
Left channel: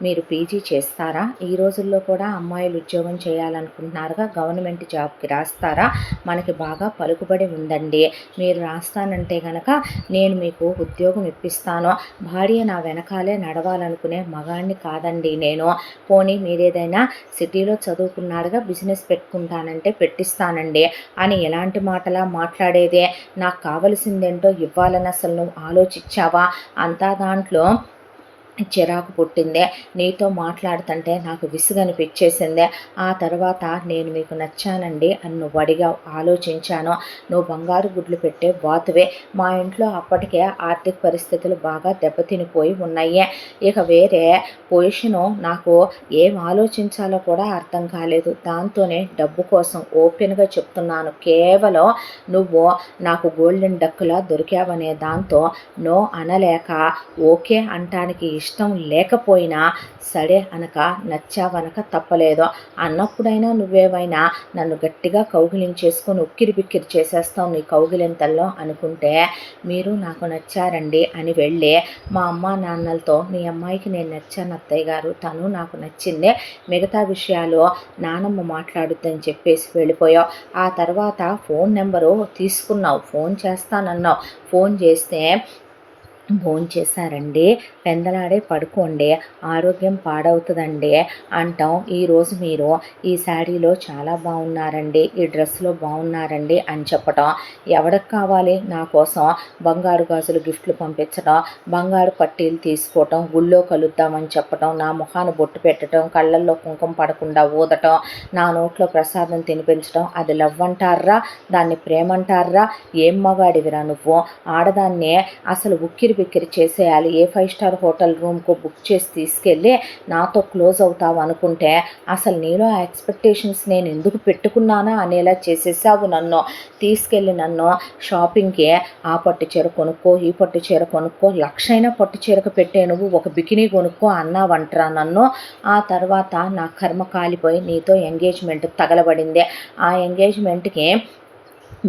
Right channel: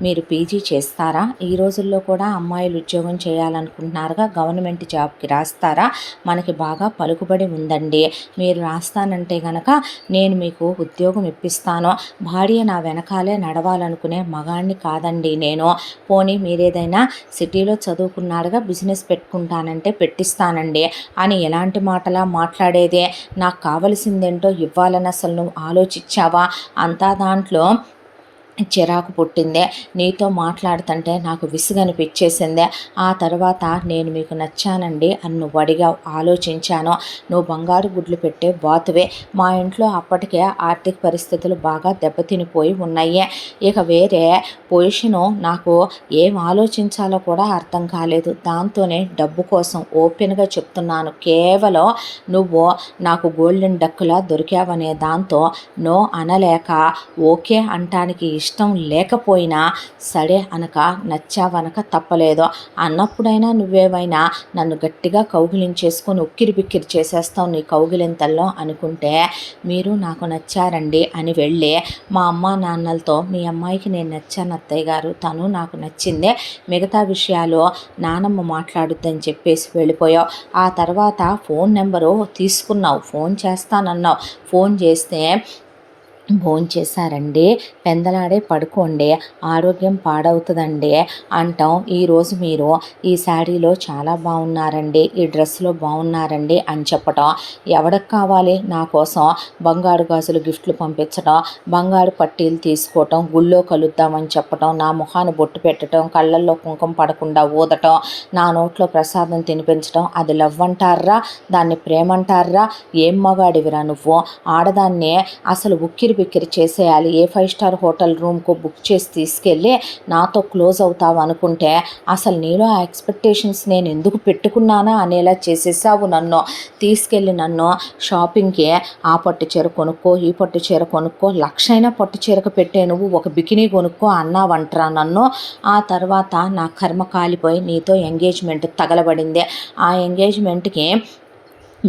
మీరు పీజీ చేస్తారా, ఈ రోజుల్లో కూడా అమ్మాయిలు ఉద్యోగం చేయాలనుకుంటున్నారుగా, గవర్నమెంట్ జాబ్కి రాస్తారా, మనకి బాగా పలుకుబడి ఉందండి, మీరు రాస్తానంటే గనక నేను మీకు ఉద్యోగం ఇప్పిస్తాను, భార్య నా వెనకాలే నడవాలనుకునే మగాణ్ణి కాదండి నేను. పోనీ మీరేదైనా సిటీలో చదువుకున్నాడుగా బిజినెస్ పెట్టుకుంటానంటే పెట్టిస్తానండి అని ఎలాంటి మాటలా మాట్లాడేదే. నాకు కావలసిందేంటో ఇవ్వాలని అసలు నువ్వు ఆలోచించావా? అంతా దాంట్లో చిరాకు పుట్టిందే. నీతో మాట్లాడుతుంటే నాకు విసుగనిపించేసిందే. ఆ తర్వాత నేను మీకు నచ్చానండి అని నువ్వు అడిగావు, ఆలోచించాను. నువ్వు బంగారు గుడ్లు పెట్టే బాతువే. మా ఇంట్లో అప్పటికే ఆర్థిక పరిస్థితులు బాగా దెబ్బతినిపోయి ఉన్నాయి. ఇక వేరే పొజిషను నాకు ఏం ఆలోచించాలో కూడా అర్థం కాలేదు. దాంతోనే డబ్బు కోసం ఓపెన్గా చెప్తున్నాను, కేవలం నువ్వు నాకు గోల్డెన్ డక్కులా దొరికావనే దాంతో నో అనలేక ఓకే అంటానికి ఇష్టం లేకపోయినా సరే అనక నచ్చావనక తప్పలేదు. అన్నప్పుడైనా నువ్వేమైనా నన్ను గట్టిగా కౌగిలించేసుకొని ఉక్కిరి బిక్కిరి చేసేస్తావు నీ కౌగిలింతల్లో అనుకుంటే, మీరు నాకు నచ్చారండి అని వెళ్ళి మా అమ్మ నాన్నలతో మీ అమ్మాయికి నేను నచ్చాను అత్తయ్య గారు, తను నాకు నచ్చిందే, మిగతా విషయాలు నానమ్మ మాట్లాడుద్దని చెప్పేసి వెళ్ళిపోయావు. ఆ తర్వాత ఫోన్ నెంబరు తీసుకున్నావు, ఫోన్ చేస్తానన్నావు. ఫోన్ చేస్తే భోంచేశారండి, పెందలాడే పడుకోండి, ఆరోగ్యం పాడవుతుందండి అంటాం. ఈరోజు మీరు ఈ శాడీలో చాలా బాగున్నారండి, ఈ డ్రెస్లో బాగున్నారండి అని చెప్పటం. ఎవరికి కావాలి నా కోసం బంగారు గాజులు గిఫ్ట్లు పంపించడం, బంగారు పట్టీలు తీసుకోవటం, గుళ్ళో కలుద్దామని చెప్పటం, నా మొహాన్ని బొట్టు పెట్టడం, కళ్ళల్లో కుంకుమ పడకుండా ఊదటం, నా నోట్లో ప్రసాదం తినిపించడం, అది లవ్ అంటారా, దాన్ని ప్రేమంటారా? ఏం మగాడివిరా నువ్వు? ఆడదాన్ని అసలు ఉక్కిరి బిక్కిరి చేసేయాలి, ఏ 5 స్టార్ హోటల్ రూమ్కు బుక్ చేసి తీసుకెళ్ళి నాతో క్లోజ్ అవుతావు అనుకుంటే అసలు నీలో ఆ ఎక్స్పెక్టేషన్స్ నేను ఎందుకు పెట్టుకున్నానా అనేలా చేసేసావు. నన్ను తీసుకెళ్ళి నన్ను షాపింగ్కి ఆ పట్టు చీర కొనుక్కో, ఈ పట్టు చీర కొనుక్కో, లక్షైనా పట్టు చీరకు పెట్టే నువ్వు ఒక బికినీ కొనుక్కో అన్నావంటరా నన్ను. ఆ తర్వాత నా కర్మ కాలిపోయి నీతో ఎంగేజ్మెంట్ తగలబడింది. ఆ ఎంగేజ్మెంట్కి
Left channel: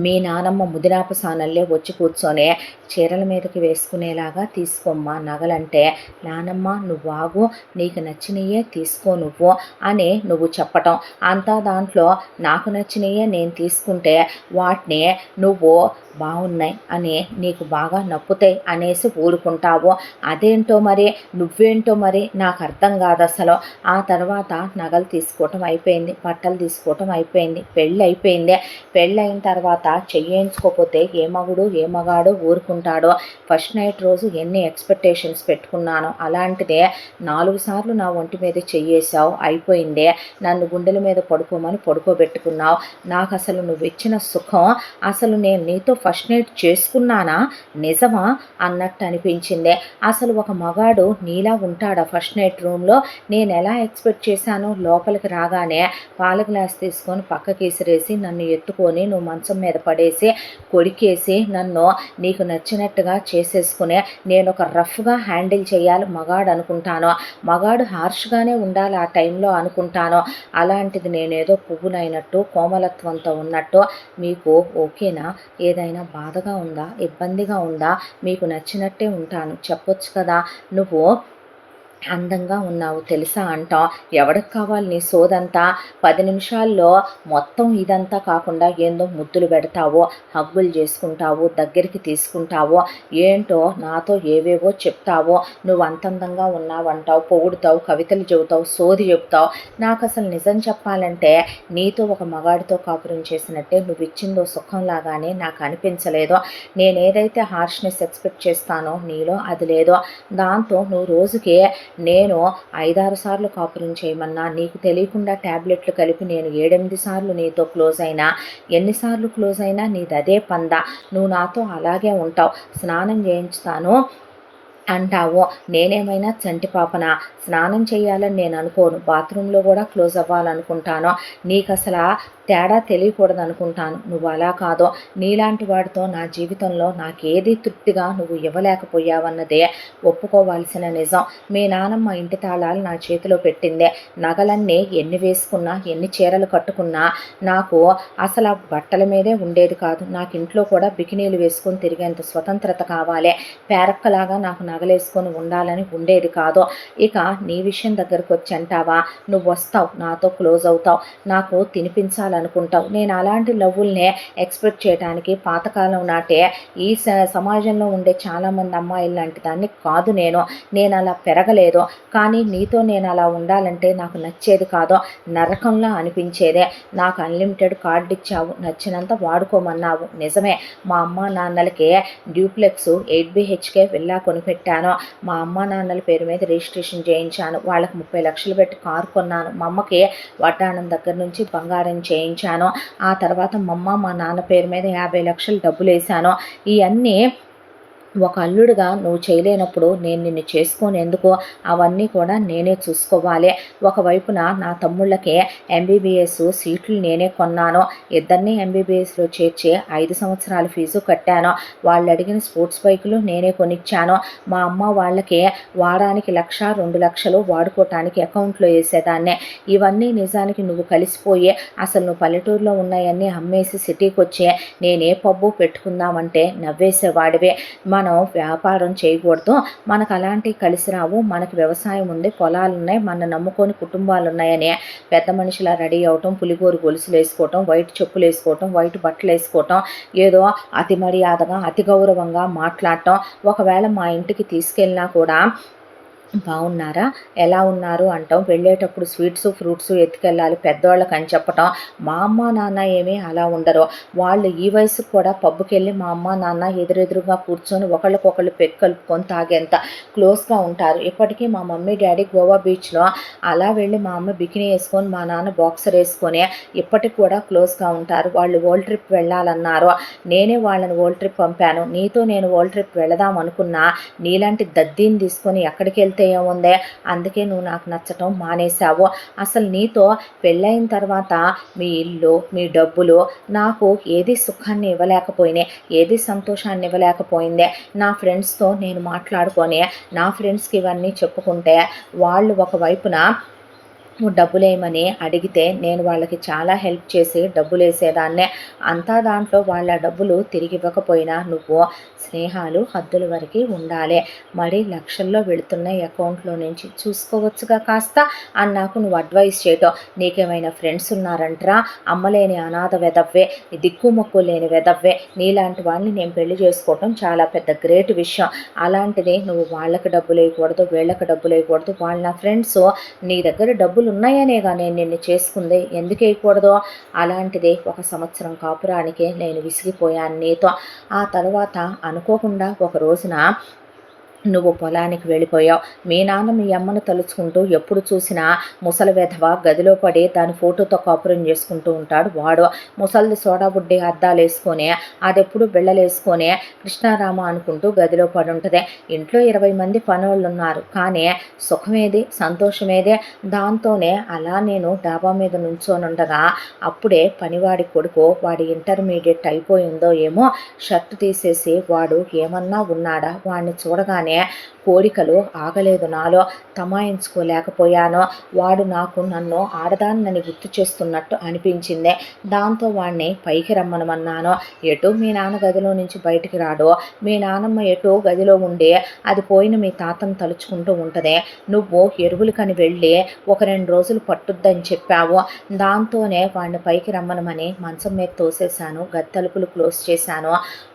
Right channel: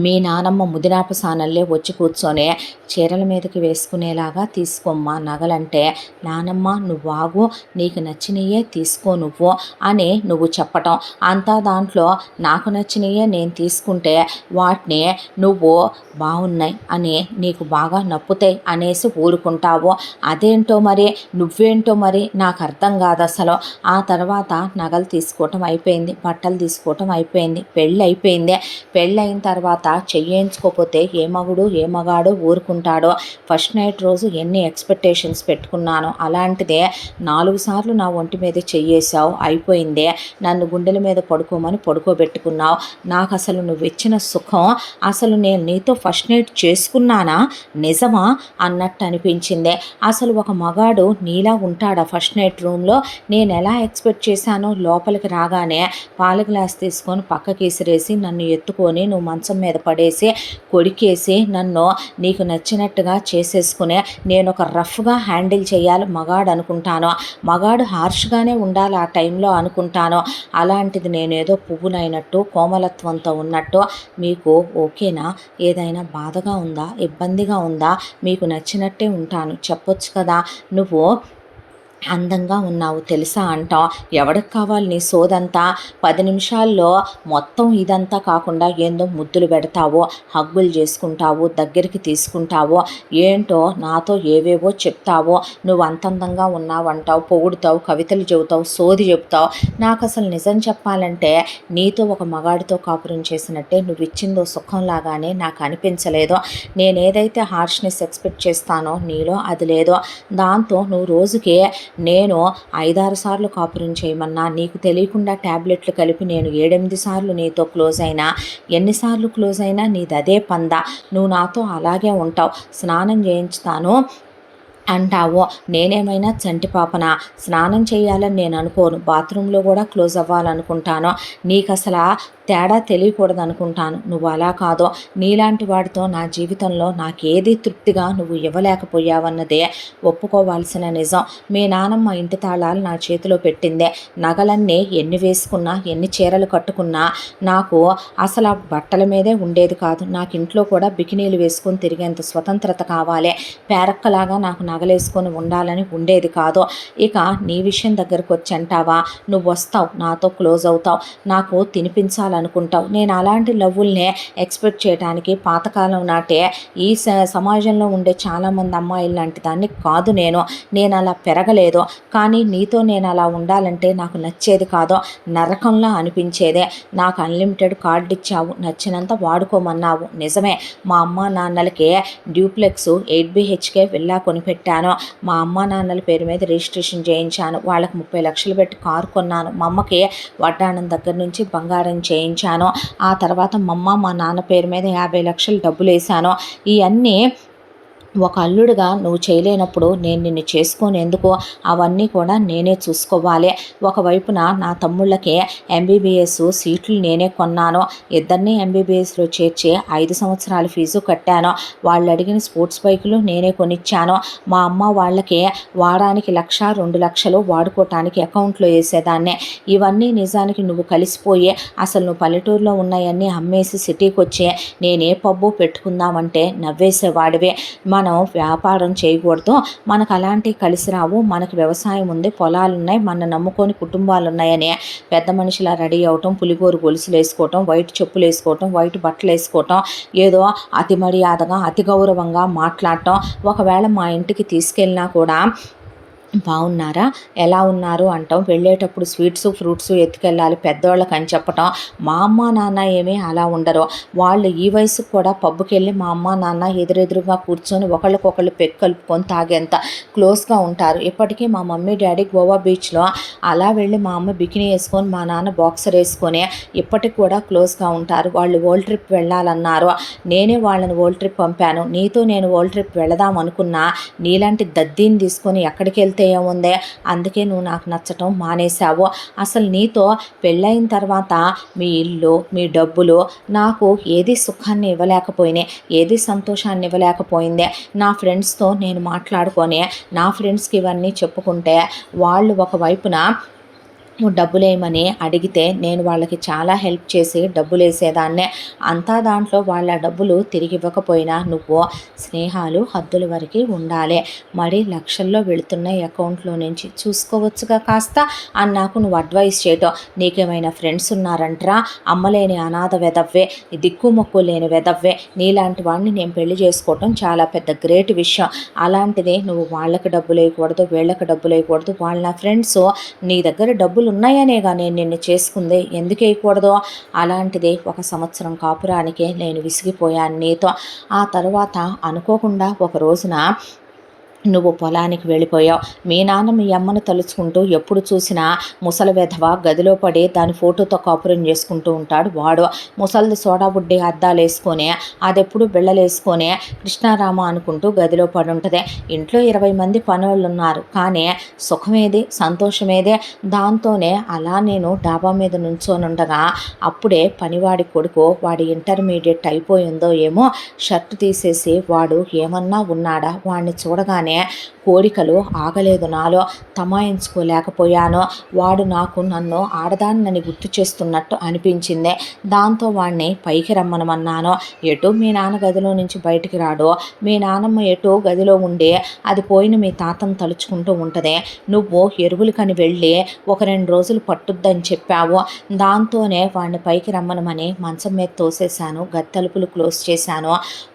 మీ నానమ్మ ముదినాప సానల్లే వచ్చి కూర్చొని చీరల మీదకి వేసుకునేలాగా తీసుకోమ్మా నగలంటే, నానమ్మ నువ్వు ఆగు, నీకు నచ్చినయే తీసుకో నువ్వు అని నువ్వు చెప్పటం. అంతా దాంట్లో నాకు నచ్చినయే నేను తీసుకుంటే వాటిని నువ్వు బాగున్నాయి అని నీకు బాగా నప్పుతాయి అనేసి ఊరుకుంటావు. అదేంటో మరి, నువ్వేంటో మరి నాకు అర్థం కాదు అసలు. ఆ తర్వాత నగలు తీసుకోవటం అయిపోయింది, బట్టలు తీసుకోవటం అయిపోయింది, పెళ్ళి అయిపోయింది. పెళ్ళి అయిన తర్వాత చెయ్యించుకోకపోతే ఏ మగుడు ఏ మగాడు ఊరుకుంటాడో. ఫస్ట్ నైట్ రోజు ఎన్ని ఎక్స్పెక్టేషన్స్ పెట్టుకున్నాను, అలాంటిదే 4 సార్లు నా ఒంటి మీద చెయ్యేసావు, అయిపోయిందే. నన్ను గుండెల మీద పడుకోమని పడుకోబెట్టుకున్నావు. నాకు అసలు నువ్వు ఇచ్చిన సుఖం, అసలు నేను నీతో ఫస్ట్ నైట్ చేసుకున్నానా నిజమా అన్నట్టు అనిపించిందే. అసలు ఒక మగాడు నీలా ఉంటాడా ఫస్ట్ నైట్ రూమ్లో? నేను ఎలా ఎక్స్పెక్ట్ చేశాను, లోపలికి రాగానే పాల గ్లాస్ తీసుకొని పక్కకి విసిరేసి నన్ను ఎత్తుకొని నువ్వు మంచం మీద మీద పడేసి కొడికేసి నన్ను నీకు నచ్చినట్టుగా చేసేసుకునే నేను ఒక రఫ్గా హ్యాండిల్ చేయాలి మగాడు అనుకుంటాను. మగాడు హార్ష్గానే ఉండాలి ఆ టైంలో అనుకుంటాను. అలాంటిది నేనేదో పువ్వునైనట్టు కోమలత్వంతో ఉన్నట్టు మీకు ఓకేనా? ఏదైనా బాధగా ఉందా? ఇబ్బందిగా ఉందా? మీకు నచ్చినట్టే ఉంటాను చెప్పొచ్చు కదా. నువ్వు అందంగా ఉన్నావు తెలుసా అంటాం. ఎవడికి కావాలి నీ సోదంతా? 10 నిమిషాల్లో మొత్తం ఇదంతా కాకుండా ఏందో ముద్దులు పెడతావు, హగ్గులు చేసుకుంటావు, దగ్గరికి తీసుకుంటావు, ఏంటో నాతో ఏవేవో చెప్తావు, నువ్వు అంత అందంగా ఉన్నావంటావు, పొగుడుతావు, కవితలు చెబుతావు, సోది చెప్తావు. నాకు అసలు నిజం చెప్పాలంటే నీతో ఒక మగాడితో కాపురం చేసినట్టే నువ్వు ఇచ్చిందో సుఖంలాగానే నాకు అనిపించలేదు. నేనేదైతే హార్ష్నెస్ ఎక్స్పెక్ట్ చేస్తానో నీలో అది లేదో. దాంతో నువ్వు రోజుకి నేను 5-6 సార్లు కాపురం చేయమన్నా నీకు తెలియకుండా ట్యాబ్లెట్లు కలిపి నేను 7-8 సార్లు నీతో క్లోజ్ అయినా, ఎన్నిసార్లు క్లోజ్ అయినా నీది అదే పందా. నువ్వు నాతో అలాగే ఉంటావు. స్నానం చేయించుతాను అంటావు. నేనేమైనా చంటి పాపనా? స్నానం చేయాలని నేను అనుకోను. బాత్రూంలో కూడా క్లోజ్ అవ్వాలనుకుంటాను. నీకు అసలు తేడా తెలియకూడదు అనుకుంటాను. నువ్వు అలా కాదో. నీలాంటి వాడితో నా జీవితంలో నాకేది తృప్తిగా నువ్వు ఇవ్వలేకపోయావన్నదే ఒప్పుకోవాల్సిన నిజం. మీ నానమ్మ ఇంటి తాళాలు నా చేతిలో పెట్టిందే. నగలన్నీ ఎన్ని వేసుకున్నా, ఎన్ని చీరలు కట్టుకున్నా నాకు అసలు ఆ బట్టల మీదే ఉండేది కాదు. నాకు ఇంట్లో కూడా బికినీలు వేసుకొని తిరిగేంత స్వతంత్రత కావాలి. పేరక్కలాగా నాకు నగలేసుకొని ఉండాలని ఉండేది కాదు. ఇక నీ విషయం దగ్గరకు వచ్చి అంటావా? నువ్వు వస్తావు, నాతో క్లోజ్ అవుతావు, నాకు తినిపించాలనుకుంటావు. నేను అలాంటి లవ్వుల్నే ఎక్స్పెక్ట్ చేయడానికి పాతకాలం నాటే ఈ సమాజంలో ఉండే చాలామంది అమ్మాయిలు లాంటి దాన్ని కాదు నేను అలా పెరగలేదు. కానీ నీతో నేను అలా ఉండాలంటే నాకు నచ్చేది కాదు. నరకంలా అనిపించేదే. నాకు అన్లిమిటెడ్ కార్డు ఇచ్చావు, నచ్చినంత వాడుకోమన్నావు. నిజమే, మా అమ్మ నాన్నలకి డ్యూప్లెక్స్ 8BHK విల్లా కొనిపెట్టాను. మా అమ్మ నాన్నల పేరు మీద రిజిస్ట్రేషన్ చేయించాను. వాళ్ళకి 30 లక్షలు పెట్టి కారు కొన్నాను. మా అమ్మకి వడ్డాణం దగ్గర నుంచి బంగారం చేయించాను. ఆ తర్వాత మా అమ్మ మా నాన్న పేరు మీద 50 లక్షలు డబ్బులు వేసాను. ఇవన్నీ ఒక అల్లుడుగా నువ్వు చేయలేనప్పుడు నేను నిన్ను చేసుకునేందుకు అవన్నీ కూడా నేనే చూసుకోవాలి. ఒకవైపున నా తమ్ముళ్ళకి MBBS సీట్లు నేనే కొన్నాను. ఇద్దరిని MBBSలో చేర్చి 5 సంవత్సరాల ఫీజు కట్టాను. వాళ్ళు అడిగిన స్పోర్ట్స్ బైకులు నేనే కొనిచ్చాను. మా అమ్మ వాళ్ళకి వారానికి 1-2 లక్షలు వాడుకోవటానికి అకౌంట్లో వేసేదాన్నే. ఇవన్నీ నిజానికి నువ్వు కలిసిపోయి అసలు నువ్వు పల్లెటూరులో ఉన్నాయన్నీ అమ్మేసి సిటీకి వచ్చి నేనే పబ్బు పెట్టుకుందామంటే నవ్వేసేవాడివే. మనం వ్యాపారం చేయకూడదు, మనకు అలాంటివి కలిసి రావు, మనకు వ్యవసాయం ఉంది, పొలాలు ఉన్నాయి, మన నమ్ముకొని కుటుంబాలు ఉన్నాయని పెద్ద మనిషిలా రెడీ అవటం, పులిగోరు గొలుసులు వేసుకోవటం, వైట్ చెప్పులు వేసుకోవటం, వైట్ బట్టలు వేసుకోవటం, ఏదో అతి మర్యాదగా అతి గౌరవంగా మాట్లాడటం. ఒకవేళ మా ఇంటికి తీసుకెళ్ళినా కూడా బాగున్నారా, ఎలా ఉన్నారు అంటాం. వెళ్ళేటప్పుడు స్వీట్స్ ఫ్రూట్స్ ఎత్తుకెళ్ళాలి పెద్దవాళ్ళకి అని చెప్పటం. మా అమ్మ నాన్న ఏమీ అలా ఉండరు. వాళ్ళు ఈ వయసుకు కూడా పబ్బుకి వెళ్ళి మా అమ్మ నాన్న ఎదురెదురుగా కూర్చొని ఒకళ్ళకొకళ్ళు పెక్కు కలుపుకొని తాగేంత క్లోజ్గా ఉంటారు. ఇప్పటికీ మా మమ్మీ డాడీ గోవా బీచ్లో అలా వెళ్ళి మా అమ్మ బికినీ వేసుకొని మా నాన్న బాక్సర్ వేసుకొని ఇప్పటికి కూడా క్లోజ్గా ఉంటారు. వాళ్ళు వరల్డ్ ట్రిప్ వెళ్ళాలన్నారు. నేనే వాళ్ళని వరల్డ్ ట్రిప్ పంపాను. నీతో నేను వరల్డ్ ట్రిప్ వెళదాం అనుకున్నా నీలాంటి దద్దీని తీసుకొని ఎక్కడికి వెళ్తే ఏముందే. అందుకే నువ్వు నాకు నచ్చటం మానేశావు. అసలు నీతో పెళ్ళైన తర్వాత మీ ఇల్లు, మీ డబ్బులు నాకు ఏది సుఖాన్ని ఇవ్వలేకపోయినాయి, ఏది సంతోషాన్ని ఇవ్వలేకపోయిందే. నా ఫ్రెండ్స్తో నేను మాట్లాడుకొని నా ఫ్రెండ్స్కి ఇవన్నీ చెప్పుకుంటే వాళ్ళు ఒకవైపున డబ్బులేమని అడిగితే నేను వాళ్ళకి చాలా హెల్ప్ చేసి డబ్బులు వేసేదాన్నే. అంతా దాంట్లో వాళ్ళ డబ్బులు తిరిగి ఇవ్వకపోయినా నువ్వు స్నేహాలు హద్దుల వరకు ఉండాలి. మరి లక్షల్లో వెళుతున్న అకౌంట్లో నుంచి చూసుకోవచ్చుగా కాస్త అని నాకు నువ్వు అడ్వైస్ చేయటం. నీకేమైనా ఫ్రెండ్స్ ఉన్నారంటరా? అమ్మలేని అనాథ వెదవ్వే, దిక్కుమొక్కు లేని వెదవ్వే. నీలాంటి వాడిని నేను పెళ్లి చేసుకోవటం చాలా పెద్ద గ్రేట్ విషయం. అలాంటిది నువ్వు వాళ్ళకి డబ్బులు వేయకూడదు, వీళ్ళకి డబ్బులు వేయకూడదు. వాళ్ళ నా ఫ్రెండ్స్ నీ దగ్గర డబ్బులు ఉన్నాయనేగా నేను నిన్ను చేసుకుంది, ఎందుకు వేయకూడదు? అలాంటిది 1 సంవత్సరం కాపురానికే నేను విసిగిపోయాను నీతో. ఆ తర్వాత అనుకోకుండా ఒక రోజున నువ్వు పొలానికి వెళ్ళిపోయావు. మీ నాన్న మీ అమ్మను తలుచుకుంటూ ఎప్పుడు చూసినా ముసలి వెధవ గదిలో పడి దాని ఫోటోతో కాపురం చేసుకుంటూ ఉంటాడు వాడు. ముసలిది సోడా బుడ్డి అద్దాలేసుకొని అదెప్పుడు బిళ్ళలేసుకొని కృష్ణారామ అనుకుంటూ గదిలో పడుంటది. ఇంట్లో 20 మంది పనోళ్ళున్నారు. కానీ సుఖమేది, సంతోషమేదే. దాంతోనే అలా నేను డాబా మీద నుంచోనుండగా అప్పుడే పనివాడి కొడుకు, వాడి ఇంటర్మీడియట్ అయిపోయిందో ఏమో, షర్ట్ తీసేసి వాడు ఏమన్నా ఉన్నాడా వాడిని చూడగానే కోరికలు ఆగలేదు నాలో. తమాయించుకోలేకపోయాను. వాడు నన్ను ఆడదాన్నని గుర్తు చేస్తున్నట్టు అనిపించింది. దాంతో వాణ్ణి పైకి రమ్మనమన్నాను. ఎటు మీ నాన్న గదిలో నుంచి బయటికి రాడు. మీ నానమ్మ ఎటు గదిలో ఉండి అది పోయిన మీ తాతను తలుచుకుంటూ ఉంటుంది. నువ్వు ఎరువులకని వెళ్ళి ఒక 2 రోజులు పట్టుద్దని చెప్పావు. దాంతోనే వాడిని పైకి రమ్మనమని మంచం మీద తోసేశాను. గది తలుపులు క్లోజ్ చేశాను.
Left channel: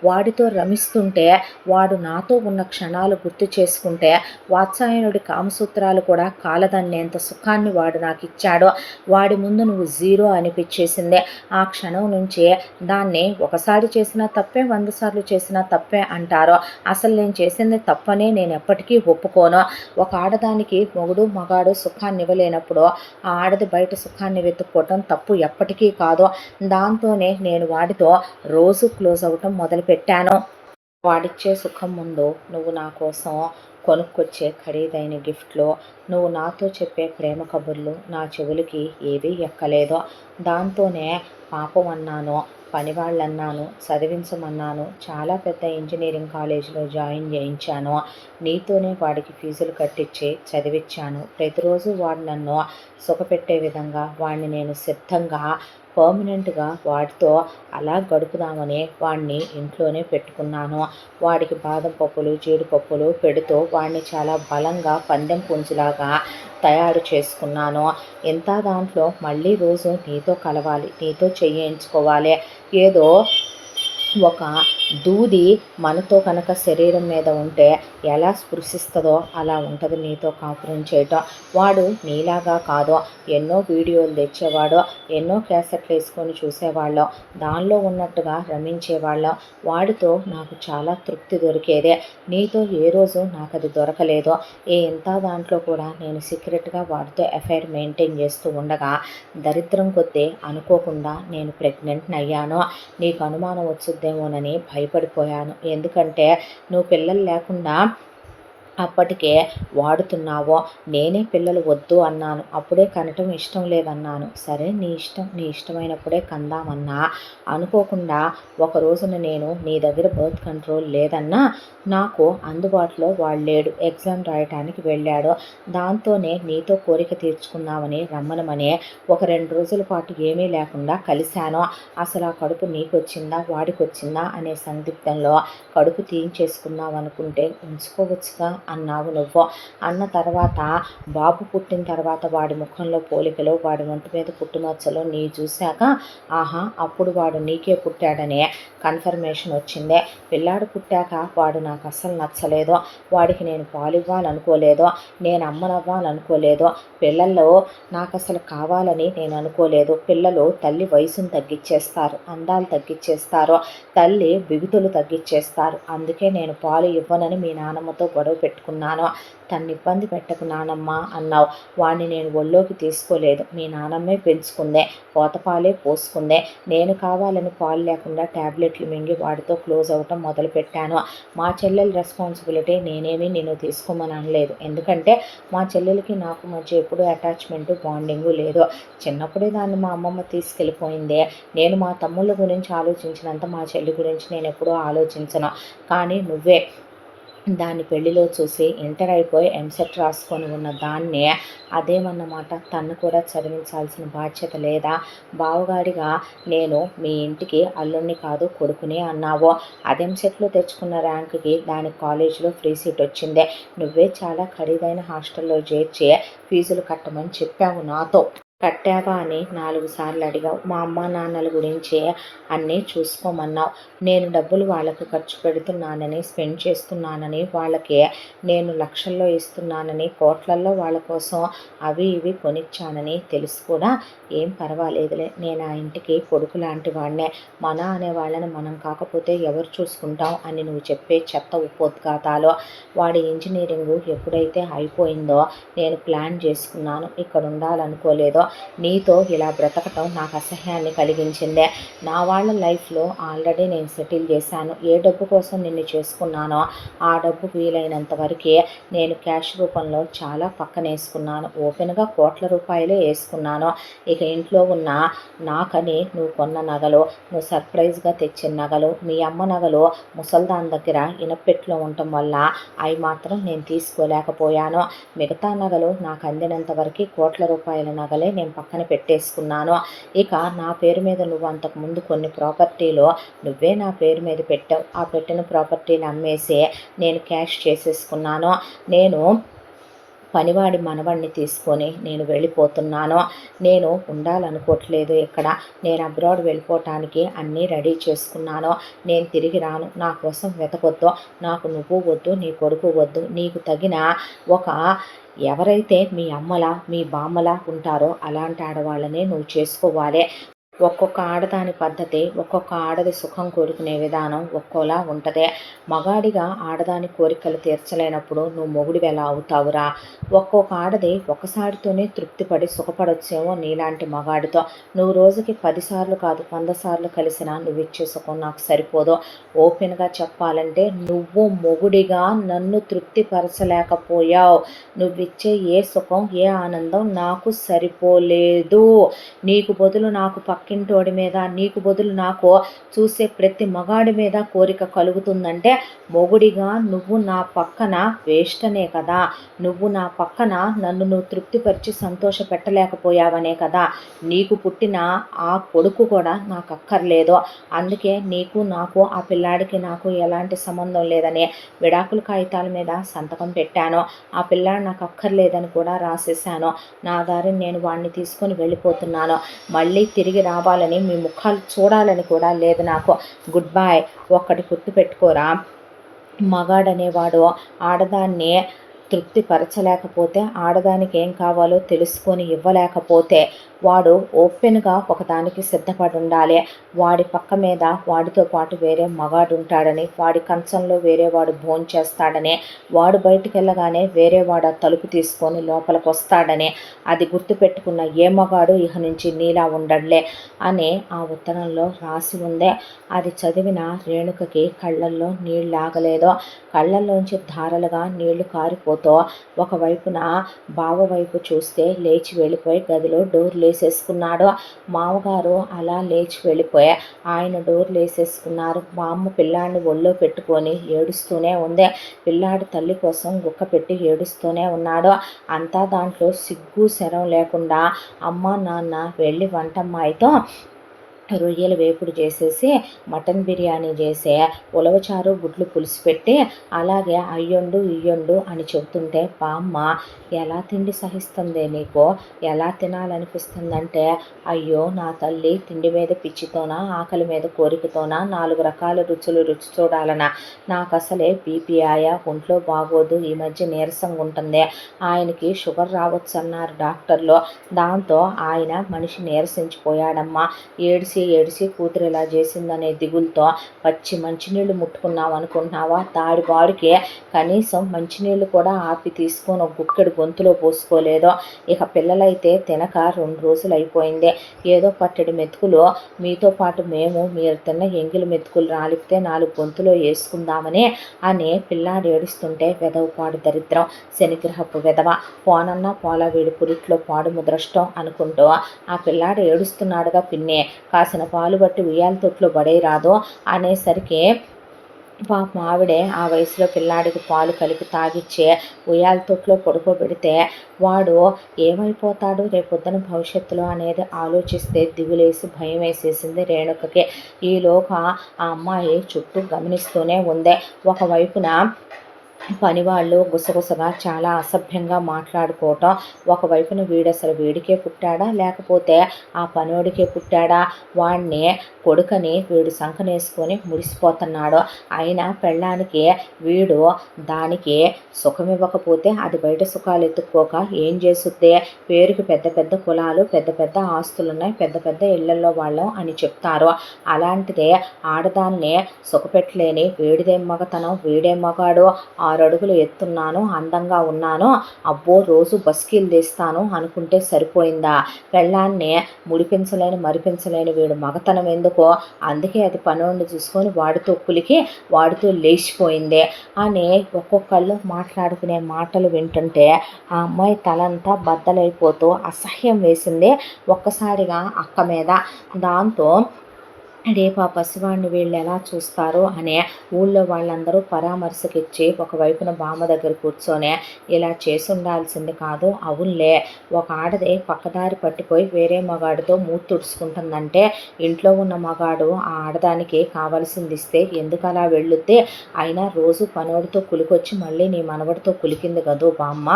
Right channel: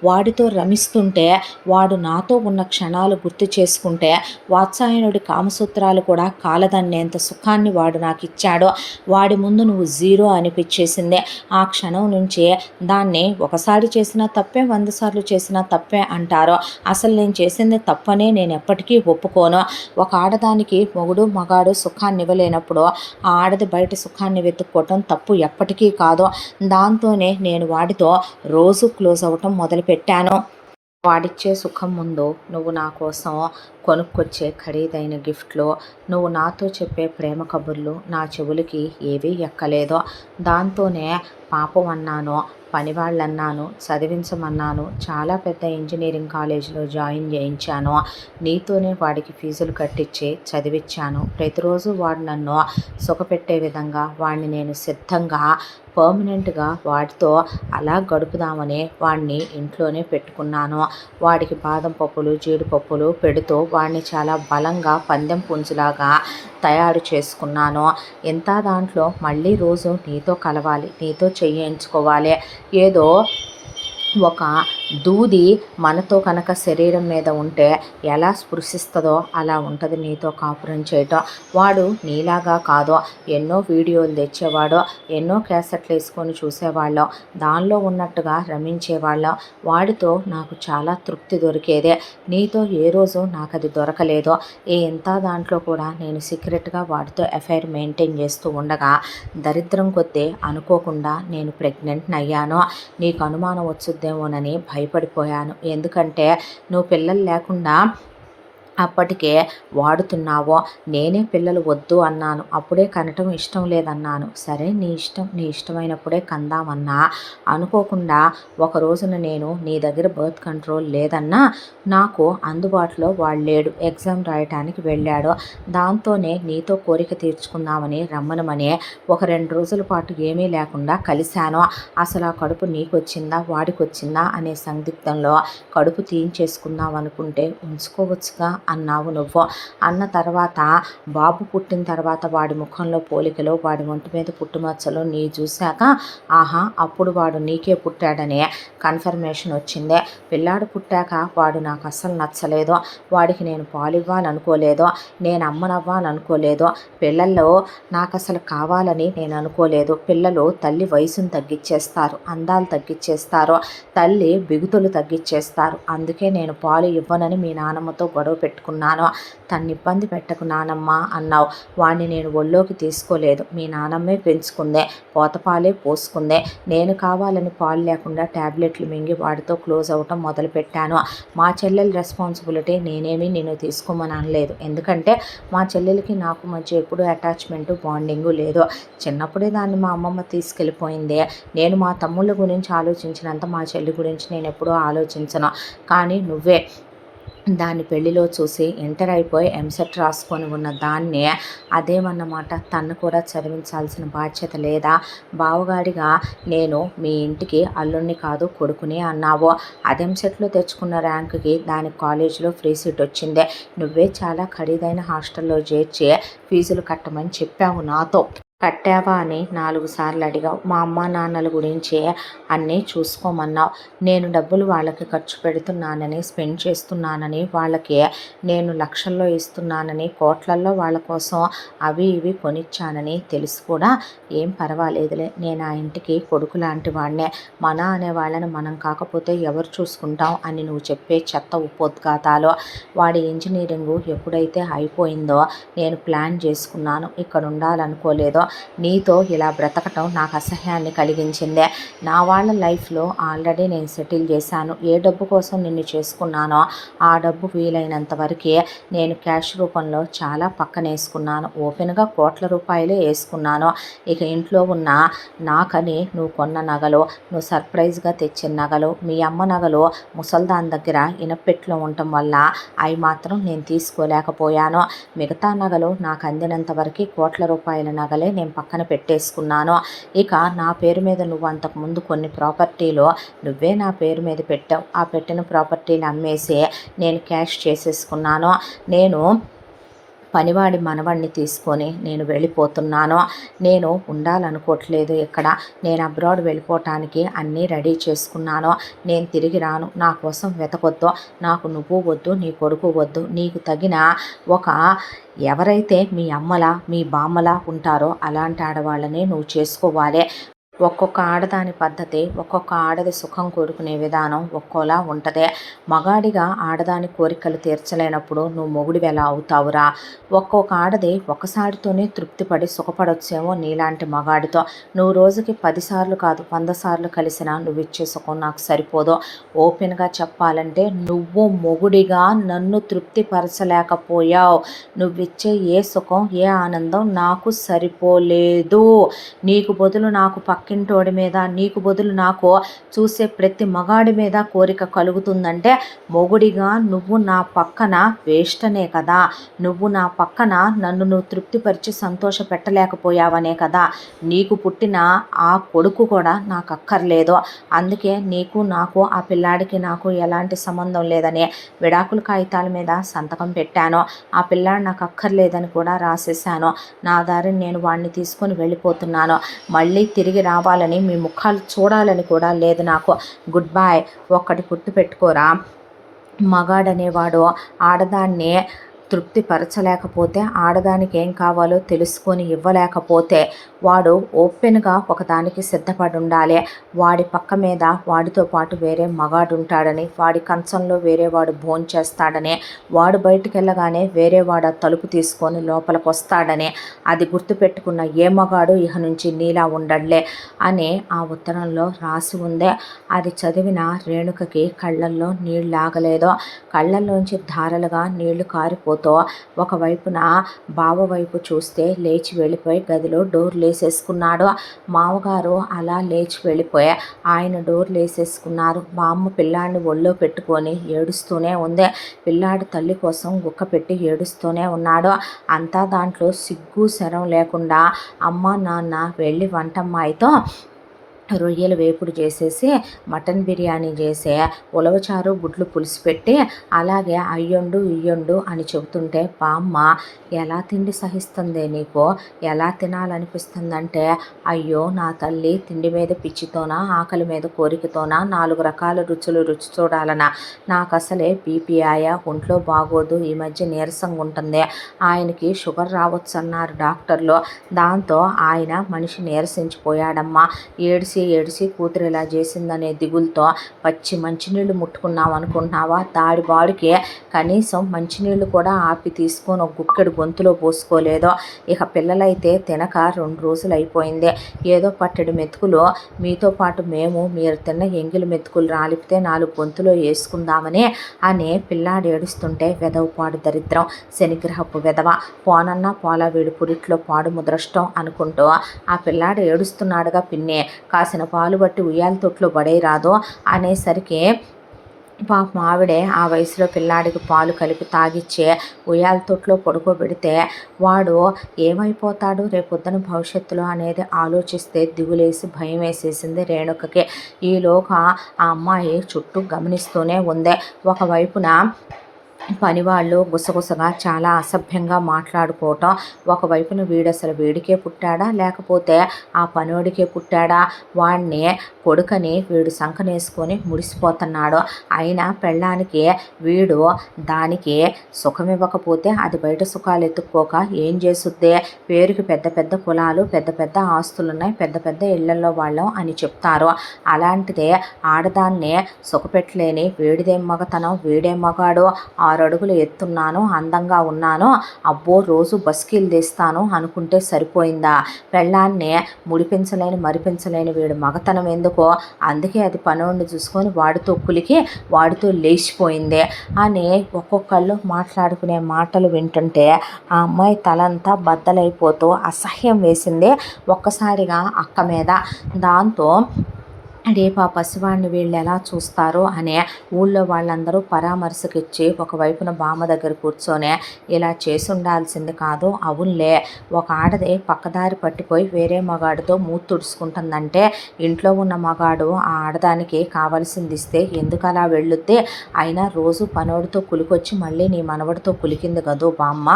వాడితో రమిస్తుంటే, వాడు నాతో ఉన్న క్షణాలు గుర్తు చేసుకుంటే వాత్సాయనుడి కామసూత్రాలు కూడా కాలదన్నేంత సుఖాన్ని వాడు నాకు ఇచ్చాడు. వాడి ముందు నువ్వు జీరో అనిపించేసిందే. ఆ క్షణం నుంచే దాన్ని ఒకసారి చేసినా తప్పే, 100 సార్లు చేసినా తప్పే అంటారు. అసలు నేను చేసింది తప్పనే నేను ఎప్పటికీ ఒప్పుకోను. ఒక ఆడదానికి మొగుడు మగాడు సుఖాన్ని ఇవ్వలేనప్పుడు ఆ ఆడది బయట సుఖాన్ని వెతుక్కోవటం తప్పు ఎప్పటికీ కాదు. దాంతోనే నేను వాడితో రోజు క్లోజ్ అవ్వటం మొదలుపెట్టాను. వాడిచ్చే సుఖం ముందు నువ్వు నా కోసం కొనుక్కొచ్చే ఖరీదైన గిఫ్ట్లు, నువ్వు నాతో చెప్పే ప్రేమ కబుర్లు నా చెవులకి ఏవీ ఎక్కలేదు. దాంతోనే పాపం అన్నాను, పనివాళ్ళన్నాను, చదివించమన్నాను. చాలా పెద్ద ఇంజనీరింగ్ కాలేజీలో జాయిన్ చేయించాను. నీతోనే వాడికి ఫీజులు కట్టించి చదివించాను. ప్రతిరోజు వాడు నన్ను సుఖపెట్టే విధంగా వాడిని నేను సిద్ధంగా పర్మనెంట్గా వాడితో అలా గడుపుదామని వాడిని ఇంట్లోనే పెట్టుకున్నాను. వాడికి బాదం పప్పులు, జీడిపప్పులు పెడుతూ వాడిని చాలా బలంగా పందెం పుంజులాగా తయారు చేసుకున్నాను. ఇంత దాంట్లో మళ్ళీ రోజు నీతో కలవాలి, నీతో చేయించుకోవాలి. ఏదో ఒక దూది మనతో కనుక శరీరం మీద ఉంటే ఎలా స్పృశిస్తుందో అలా ఉంటుంది నీతో కాపురం చేయటం. వాడు నీలాగా కాదు. ఎన్నో వీడియోలు తెచ్చేవాడు, ఎన్నో క్యాసెట్లు వేసుకొని చూసేవాళ్ళం, దానిలో ఉన్నట్టుగా రమించేవాళ్ళం. వాడితో నాకు చాలా తృప్తి దొరికేదే. నీతో ఏ రోజు నాకు అది దొరకలేదు. ఇంత దాంట్లో కూడా నేను సీక్రెట్గా వాడితో అఫైర్ మెయింటైన్ చేస్తూ ఉండగా దరిద్రం కొద్దీ అనుకోకుండా నేను ప్రెగ్నెంట్ని అయ్యాను. నీకు అనుమానం వచ్చుద్దేమోనని భయపడిపోయాను. ఎందుకంటే నువ్వు పిల్లలు లేకుండా అప్పటికే వాడుతున్నావో. నేనే పిల్లలు వద్దు అన్నాను. అప్పుడే కనటం ఇష్టం లేదన్నాను. సరే నీ ఇష్టం, నీ ఇష్టమైనప్పుడే కందామన్నా. అనుకోకుండా ఒక రోజున నేను నీ దగ్గర బర్త్ కంట్రోల్ లేదన్నా నాకు అందుబాటులో వాడు లేడు. ఎగ్జామ్ రాయటానికి వెళ్ళాడు. దాంతోనే నీతో కోరిక తీర్చుకుందామని రమ్మనమని ఒక 2 రోజుల పాటు ఏమీ లేకుండా కలిశాను. అసలు ఆ కడుపు నీకొచ్చిందా వాడికి వచ్చిందా అనే సందిగ్ధంలో కడుపు తీయించేసుకుందాం అనుకుంటే ఉంచుకోవచ్చుగా అన్నావు నువ్వు. అన్న తర్వాత బాబు పుట్టిన తర్వాత వాడి ముఖంలో పోలికలు, వాడి ఒంటి మీద పుట్టుమచ్చలు నీ చూశాక ఆహా అప్పుడు వాడు నీకే పుట్టాడనే కన్ఫర్మేషన్ వచ్చిందే. పిల్లాడు పుట్టాక వాడు నాకు అస్సలు నచ్చలేదు. వాడికి నేను పాలు ఇవ్వాలనుకోలేదు, నేను అమ్మనవ్వాలనుకోలేదు. పిల్లల్లో నాకు అసలు కావాలని నేను అనుకోలేదు. పిల్లలు తల్లి వయసును తగ్గించేస్తారు, అందాలు తగ్గించేస్తారు, తల్లి బిగుతులు తగ్గించేస్తారు. అందుకే నేను పాలు ఇవ్వనని మీ నాన్నమ్మతో గొడవ పెట్టుకున్నాను. తన్ని ఇబ్బంది పెట్టకు నానమ్మ అన్నావు. వాడిని నేను ఒళ్ళోకి తీసుకోలేదు. మీ నానమ్మే పెంచుకుందే, పోతపాలే పోసుకుందే. నేను కావాలని పాలు లేకుండా ట్యాబ్లెట్లు మింగి వాడితో క్లోజ్ అవ్వటం మొదలుపెట్టాను. మా చెల్లెల రెస్పాన్సిబిలిటీ నేనేమీ నేను తీసుకోమని అనలేదు. ఎందుకంటే మా చెల్లెలకి నాకు మధ్య ఎప్పుడూ అటాచ్మెంటు, బాండింగు లేదు. చిన్నప్పుడే దాన్ని మా అమ్మమ్మ తీసుకెళ్ళిపోయిందే. నేను మా తమ్ముళ్ళ గురించి ఆలోచించినంత మా చెల్లి గురించి నేను ఎప్పుడూ ఆలోచించను. కానీ నువ్వే దాన్ని పెళ్లిలో చూసి ఇంటర్ అయిపోయి ఎంసెట్ రాసుకొని ఉన్న దాన్నే అదేమన్నమాట, తను కూడా చదివించాల్సిన బాధ్యత లేదా? బావగాడిగా నేను మీ ఇంటికి అల్లుణ్ణి కాదు కొడుకునే అన్నావు. అది ఎంసెట్లో తెచ్చుకున్న ర్యాంకుకి దానికి కాలేజీలో ఫ్రీ సీట్ వచ్చిందే. నువ్వే చాలా ఖరీదైన హాస్టల్లో చేర్చి ఫీజులు కట్టమని చెప్పావు నాతో. కట్టావా అని 4 సార్లు అడిగావు. మా అమ్మా నాన్నల గురించే అన్నీ చూసుకోమన్నావు. నేను డబ్బులు వాళ్ళకి ఖర్చు పెడుతున్నానని, స్పెండ్ చేస్తున్నానని, వాళ్ళకి నేను లక్షల్లో ఇస్తున్నానని, కోట్లల్లో వాళ్ళ కోసం అవి ఇవి కొనిచ్చానని తెలిసి కూడా ఏం పర్వాలేదులే, నేను ఆ ఇంటికి కొడుకు లాంటి వాడినే, మన అనే వాళ్ళని మనం కాకపోతే ఎవరు చూసుకుంటాం అని నువ్వు చెప్పే చెత్త ఉపోద్ఘాతాలు. వాడి ఇంజనీరింగు ఎప్పుడైతే అయిపోయిందో నేను ప్లాన్ చేసుకున్నాను, ఇక్కడ ఉండాలనుకోలేదో నీతో ఇలా బ్రతకటం నాకు అసహ్యాన్ని కలిగించిందే. నా వాళ్ళ లైఫ్లో ఆల్రెడీ నేను సెటిల్ చేశాను. ఏ డబ్బు కోసం నిన్ను చేసుకున్నానో ఆ డబ్బు వీలైనంత వరకే నేను క్యాష్ రూపంలో చాలా పక్కనేసుకున్నాను. ఓపెన్గా కోట్ల రూపాయలే వేసుకున్నాను. ఇక ఇంట్లో ఉన్న నాకని నువ్వు కొన్న నగలు, నువ్వు సర్ప్రైజ్గా తెచ్చిన నగలు, మీ అమ్మ నగలు ముసల్దాన్ దగ్గర ఇనపెట్లో ఉండటం వల్ల అవి మాత్రం నేను తీసుకోలేకపోయాను. మిగతా నగలు నాకు అందినంత వరకు కోట్ల రూపాయల నగలే నేను పక్కన పెట్టేసుకున్నాను. ఇక నా పేరు మీద నువ్వు అంతకుముందు కొన్ని ప్రాపర్టీలు నువ్వే నా పేరు మీద పెట్టావు. ఆ పెట్టిన ప్రాపర్టీలు అమ్మేసి నేను క్యాష్ చేసేసుకున్నాను. నేను పనివాడి మనవడిని తీసుకొని నేను వెళ్ళిపోతున్నాను. నేను ఉండాలనుకోవట్లేదు ఇక్కడ. నేను అబ్రాడ్ వెళ్ళిపోవటానికి అన్నీ రెడీ చేసుకున్నాను. నేను తిరిగి రాను. నా కోసం వెతకొద్దు. నాకు నువ్వు వద్దు, నీ కొడుకు వద్దు. నీకు తగిన ఒక ఎవరైతే మీ అమ్మలా మీ బామ్మలా ఉంటారో అలాంటి ఆడవాళ్ళనే నువ్వు చేసుకోవాలి. ఒక్కొక్క ఆడదాని పద్ధతి, ఒక్కొక్క ఆడది సుఖం కోరుకునే విధానం ఒక్కోలా ఉంటుంది. మగాడిగా ఆడదాని కోరికలు తీర్చలేనప్పుడు నువ్వు మొగుడివి ఎలా అవుతావురా? ఒక్కొక్క ఆడది ఒకసారితోనే తృప్తిపడి సుఖపడొచ్చేమో నీలాంటి మగాడితో. నువ్వు రోజుకి 10 సార్లు కాదు 100 సార్లు కలిసినా నువ్వు ఇచ్చే సుఖం నాకు సరిపోదు. ఓపెన్గా చెప్పాలంటే నువ్వు మొగుడిగా నన్ను తృప్తిపరచలేకపోయావు. నువ్విచ్చే ఏ సుఖం ఏ ఆనందం నాకు సరిపోలేదు. నీకు బదులు నాకు పక్కింటోడి మీద, నీకు బదులు నాకు చూసే ప్రతి మగాడి మీద కోరిక కలుగుతుందంటే మొగుడిగా నువ్వు నా పక్కన వేస్ట్ అనే కదా. నువ్వు నా పక్కన నన్ను నువ్వు తృప్తిపరిచి సంతోష పెట్టలేకపోయావనే కదా. నీకు పుట్టిన ఆ కొడుకు కూడా నాకు అక్కర్లేదు. అందుకే నీకు నాకు ఆ పిల్లాడికి నాకు ఎలాంటి సంబంధం లేదని విడాకుల కాగితాల మీద సంతకం పెట్టాను. ఆ పిల్లాడు నాకు అక్కర్లేదని కూడా రాసేసాను. నా దారిని నేను వాడిని తీసుకొని వెళ్ళిపోతున్నాను. మళ్ళీ తిరిగి రావాలని మీ ముఖాలు చూడాలని కూడా లేదు నాకు. Good bye. ఒక్కటి గుర్తుపెట్టుకోరా, మగాడనేవాడు ఆడదాన్ని తృప్తిపరచలేకపోతే, ఆడదానికి ఏం కావాలో తెలుసుకొని ఇవ్వలేకపోతే వాడు ఓపెన్గా ఒకదానికి సిద్ధపడి ఉండాలి. వాడి పక్క మీద వాడితో పాటు వేరే మగాడు ఉంటాడని, వాడి కంచంలో వేరే వాడు భోంచేస్తాడని, వాడు బయటికి వెళ్ళగానే వేరే వాడు తలుపు తీసుకొని లోపలికి వస్తాడని అది గుర్తుపెట్టుకున్న ఏ మగాడు ఇహ నుంచి నీలా ఉండడ్లే అని ఆ ఉత్తరంలో రాసి ఉందే. అది చదివిన రేణుకకి కళ్ళల్లో నీళ్ళు ఆగలేదో. కళ్ళల్లోంచి ధారలుగా నీళ్లు కారిపోతూ ఒకవైపున బావ వైపు చూస్తే లేచి వెళ్ళిపోయి గదిలో డోర్లు వేసేసుకున్నాడు. మామగారు అలా లేచి వెళ్ళిపోయి ఆయన డోర్లు వేసేసుకున్నారు. మా అమ్మ పిల్లాడిని ఒళ్ళో పెట్టుకొని ఏడుస్తూనే ఉంది. పిల్లాడి తల్లి కోసం గుక్క పెట్టి ఏడుస్తూనే ఉన్నాడు. అంతా దాంట్లో సిగ్గు శరం లేకుండా అమ్మ నాన్న వెళ్ళి వంటమ్మాయితో రొయ్యలు వేపుడు చేసేసి మటన్ బిర్యానీ చేసే ఉలవచారు గుడ్లు పులుసు పెట్టి అలాగే అయ్యొండు ఇయ్యొండు అని చెబుతుంటే బామ్మ ఎలా తిండి సహిస్తుందే నీకు, ఎలా తినాలనిపిస్తుందంటే, అయ్యో నా తల్లి తిండి మీద పిచ్చితోనా ఆకలి మీద కోరికతోనా 4 రకాల రుచులు రుచి చూడాలనా? నాకు అసలే బీపీ ఆయా, ఒంట్లో బాగోదు, ఈ మధ్య నీరసంగా ఉంటుంది, ఆయనకి షుగర్ రావచ్చు అన్నారు డాక్టర్లు. దాంతో ఆయన మనిషి నీరసించిపోయాడమ్మా. ఏడిసి కూతురు ఇలా చేసిందనే దిగులతో పచ్చి మంచినీళ్ళు ముట్టుకున్నాం అనుకుంటున్నావా? దాడి బాడికి కనీసం మంచినీళ్ళు కూడా ఆపి తీసుకొని ఒక గుక్కెడు గొంతులో పోసుకోలేదో. ఇక పిల్లలైతే తినక 2 రోజులు అయిపోయింది. ఏదో పట్టెడు మెతుకులు మీతో పాటు మీరు తిన్న ఎంగిలి మెతుకులు రాలిపితే 4 గొంతులో వేసుకుందామని అని పిల్లాడు ఏడుస్తుంటే వెదవపాడు దరిద్రం, శనిగ్రహపు వెదవ, పోనన్నా పోలా వీడి పురిట్లో పాడు ముద్రష్టం అనుకుంటూ ఆ పిల్లాడు ఏడుస్తున్నాడుగా పిన్నే, కాసిన పాలు బట్టి ఉయ్యాల తొట్లో పడేయరాదు అనేసరికి పాపం ఆవిడే ఆ వయసులో పిల్లాడికి పాలు కలిపి తాగిచ్చే ఉయ్యాల తొట్లో పడుకోబెడితే వాడు ఏమైపోతాడు రేపొద్దున భవిష్యత్తులో అనేది ఆలోచిస్తే దిగులేసి భయం వేసేసింది రేణుకకి. ఈలోగా ఆ అమ్మాయి చుట్టూ గమనిస్తూనే ఉంది. ఒకవైపున పనివాళ్ళు గుసగుసగా చాలా అసభ్యంగా మాట్లాడుకోవటం. ఒకవైపున వీడసలు వీడికే పుట్టాడా? లేకపోతే ఆ పనోడికే పుట్టాడా? వాడిని కొడుకని వీడు సంకనేసుకొని మురిసిపోతున్నాడు. అయినా పెళ్ళానికి వీడు దానికి సుఖమివ్వకపోతే అది బయట సుఖాలు ఎత్తుక్కోక ఏం చేసుద్దే? పేరుకి పెద్ద పెద్ద కులాలు, పెద్ద పెద్ద ఆస్తులున్నాయి, పెద్ద పెద్ద ఇళ్లలో వాళ్ళం అని చెప్తారు. అలాంటిదే ఆడదాన్ని సుఖపెట్టలేని వీడిదేం మగతనం, వీడేం మగాడు? 6 అడుగులు ఎత్తున్నాను, అందంగా ఉన్నాను, అబ్బో రోజు బస్కీలు తీస్తాను అనుకుంటే సరిపోయిందా? పెళ్ళాన్ని ముడిపించలేని మరిపించలేని వీడు మగతనం ఎందుకో? అందుకే అది పనోడిని చూసుకొని వాడితో కులికి వాడితో లేచిపోయింది అని ఒక్కొక్కళ్ళు మాట్లాడుకునే మాటలు వింటుంటే ఆ అమ్మాయి తలంతా బద్దలైపోతూ అసహ్యం వేసింది ఒక్కసారిగా అక్క మీద. దాంతో రేపు ఆ పసివాడిని వీళ్ళు ఎలా చూస్తారో అనే ఊళ్ళో వాళ్ళందరూ పరామర్శకిచ్చి ఒకవైపున బామ్మ దగ్గర కూర్చొని ఇలా చేసి ఉండాల్సింది కాదు, అవునులే ఒక ఆడది పక్కదారి పట్టిపోయి వేరే మగాడితో మూతి తుడుచుకుంటుందంటే ఇంట్లో ఉన్న మగాడు ఆ ఆడదానికి కావలసింది ఇస్తే ఎందుకు అలా వెళ్ళుద్ది? అయినా రోజు పనోడితో కులికొచ్చి మళ్ళీ నీ మనవడితో కులికింది కదూ బామ్మ,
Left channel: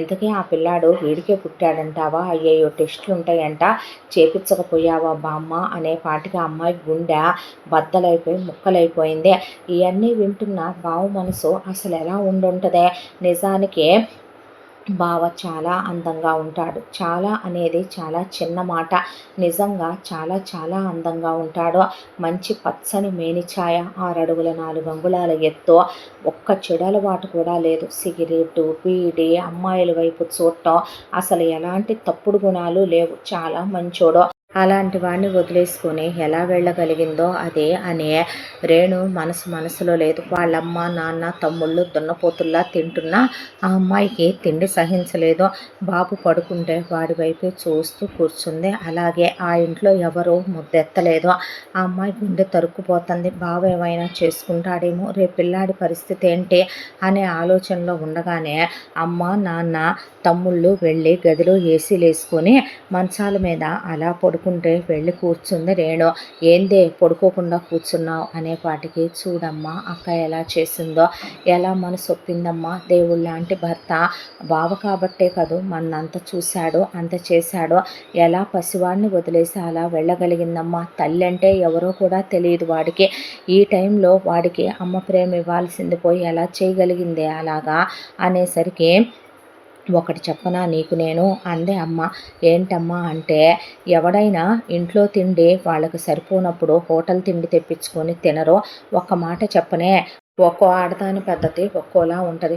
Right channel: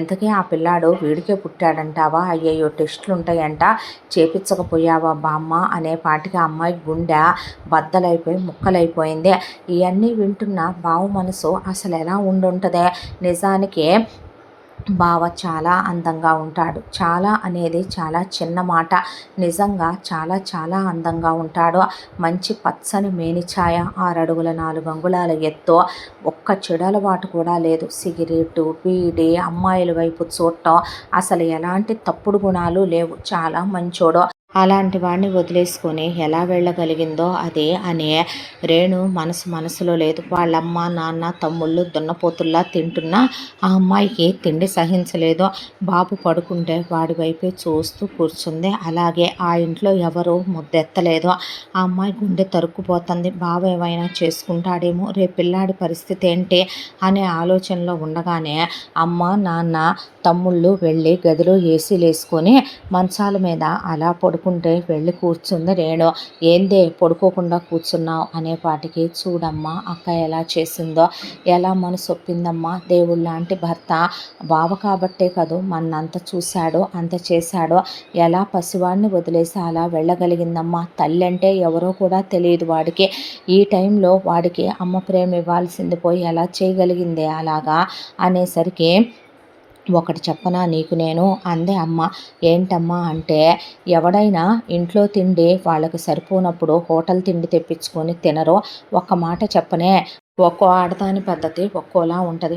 ఎంతకీ ఆ పిల్లాడు వీడికే పుట్టాడంటావా? అయ్యయ్యో టెస్టులు ఉంటాయంట, చేపించకపోయావా బామ్మ అనే పాటికి అమ్మాయి గుండె బద్దలైపోయి ముక్కలైపోయింది. ఇవన్నీ వింటున్న బావ మనసు అసలు ఎలా ఉండుంటుందే? నిజానికి బావ చాలా అందంగా ఉంటాడు. చాలా అనేది చాలా చిన్న మాట. నిజంగా చాలా చాలా అందంగా ఉంటాడు. మంచి పచ్చని మేనిఛాయ, 6 అడుగుల 4 అంగుళాల ఎత్తు, ఒక్క చెడలవాటు కూడా లేదు. సిగరెటు, బీడి, అమ్మాయిల వైపు చూడటం, అసలు ఎలాంటి తప్పుడు గుణాలు లేవు. చాలా మంచోడు. అలాంటి వాడిని వదిలేసుకొని ఎలా వెళ్ళగలిగిందో అది అనే రేణు మనసులో లేదు. వాళ్ళమ్మ నాన్న తమ్ముళ్ళు దున్నపోతుల్లా తింటున్నా ఆ అమ్మాయికి తిండి సహించలేదు. బాబు పడుకుంటే వాడి వైపే చూస్తూ కూర్చుంది. అలాగే ఆ ఇంట్లో ఎవరూ ముద్దెత్తలేదు. ఆ అమ్మాయి గుండె తరుక్కుపోతుంది. బావ ఏమైనా చేసుకుంటాడేమో, రేపు పిల్లాడి పరిస్థితి ఏంటి అనే ఆలోచనలో ఉండగానే అమ్మ నాన్న తమ్ముళ్ళు వెళ్ళి గదిలో ఏసీలు వేసుకొని మంచాల మీద అలా పడుకుంటే వెళ్ళి కూర్చుంది రేణు. ఏందే పడుకోకుండా కూర్చున్నావు అనేపాటికి, చూడమ్మా అక్క ఎలా చేసిందో, ఎలా మనసు ఒప్పిందమ్మా, దేవుళ్ళ లాంటి భర్త బావ కాబట్టే కదూ మన్నంత చూశాడు, అంత చేశాడు, ఎలా పసివాడిని వదిలేసి అలా వెళ్ళగలిగిందమ్మా? తల్లి అంటే ఎవరో కూడా తెలియదు వాడికి. ఈ టైంలో వాడికి అమ్మ ప్రేమ ఇవ్వాల్సింది పోయి ఎలా చేయగలిగిందే అలాగా అనేసరికి, ఒకటి చెప్పనా నీకు నేను అందే అమ్మ. ఏంటమ్మా అంటే, ఎవడైనా ఇంట్లో తిండి వాళ్ళకి సరిపోనప్పుడు హోటల్ తిండి తెప్పించుకొని తినరో? ఒక్క మాట చెప్పనే, ఒక్కో ఆడదాని పద్ధతి ఒక్కోలా ఉంటుంది.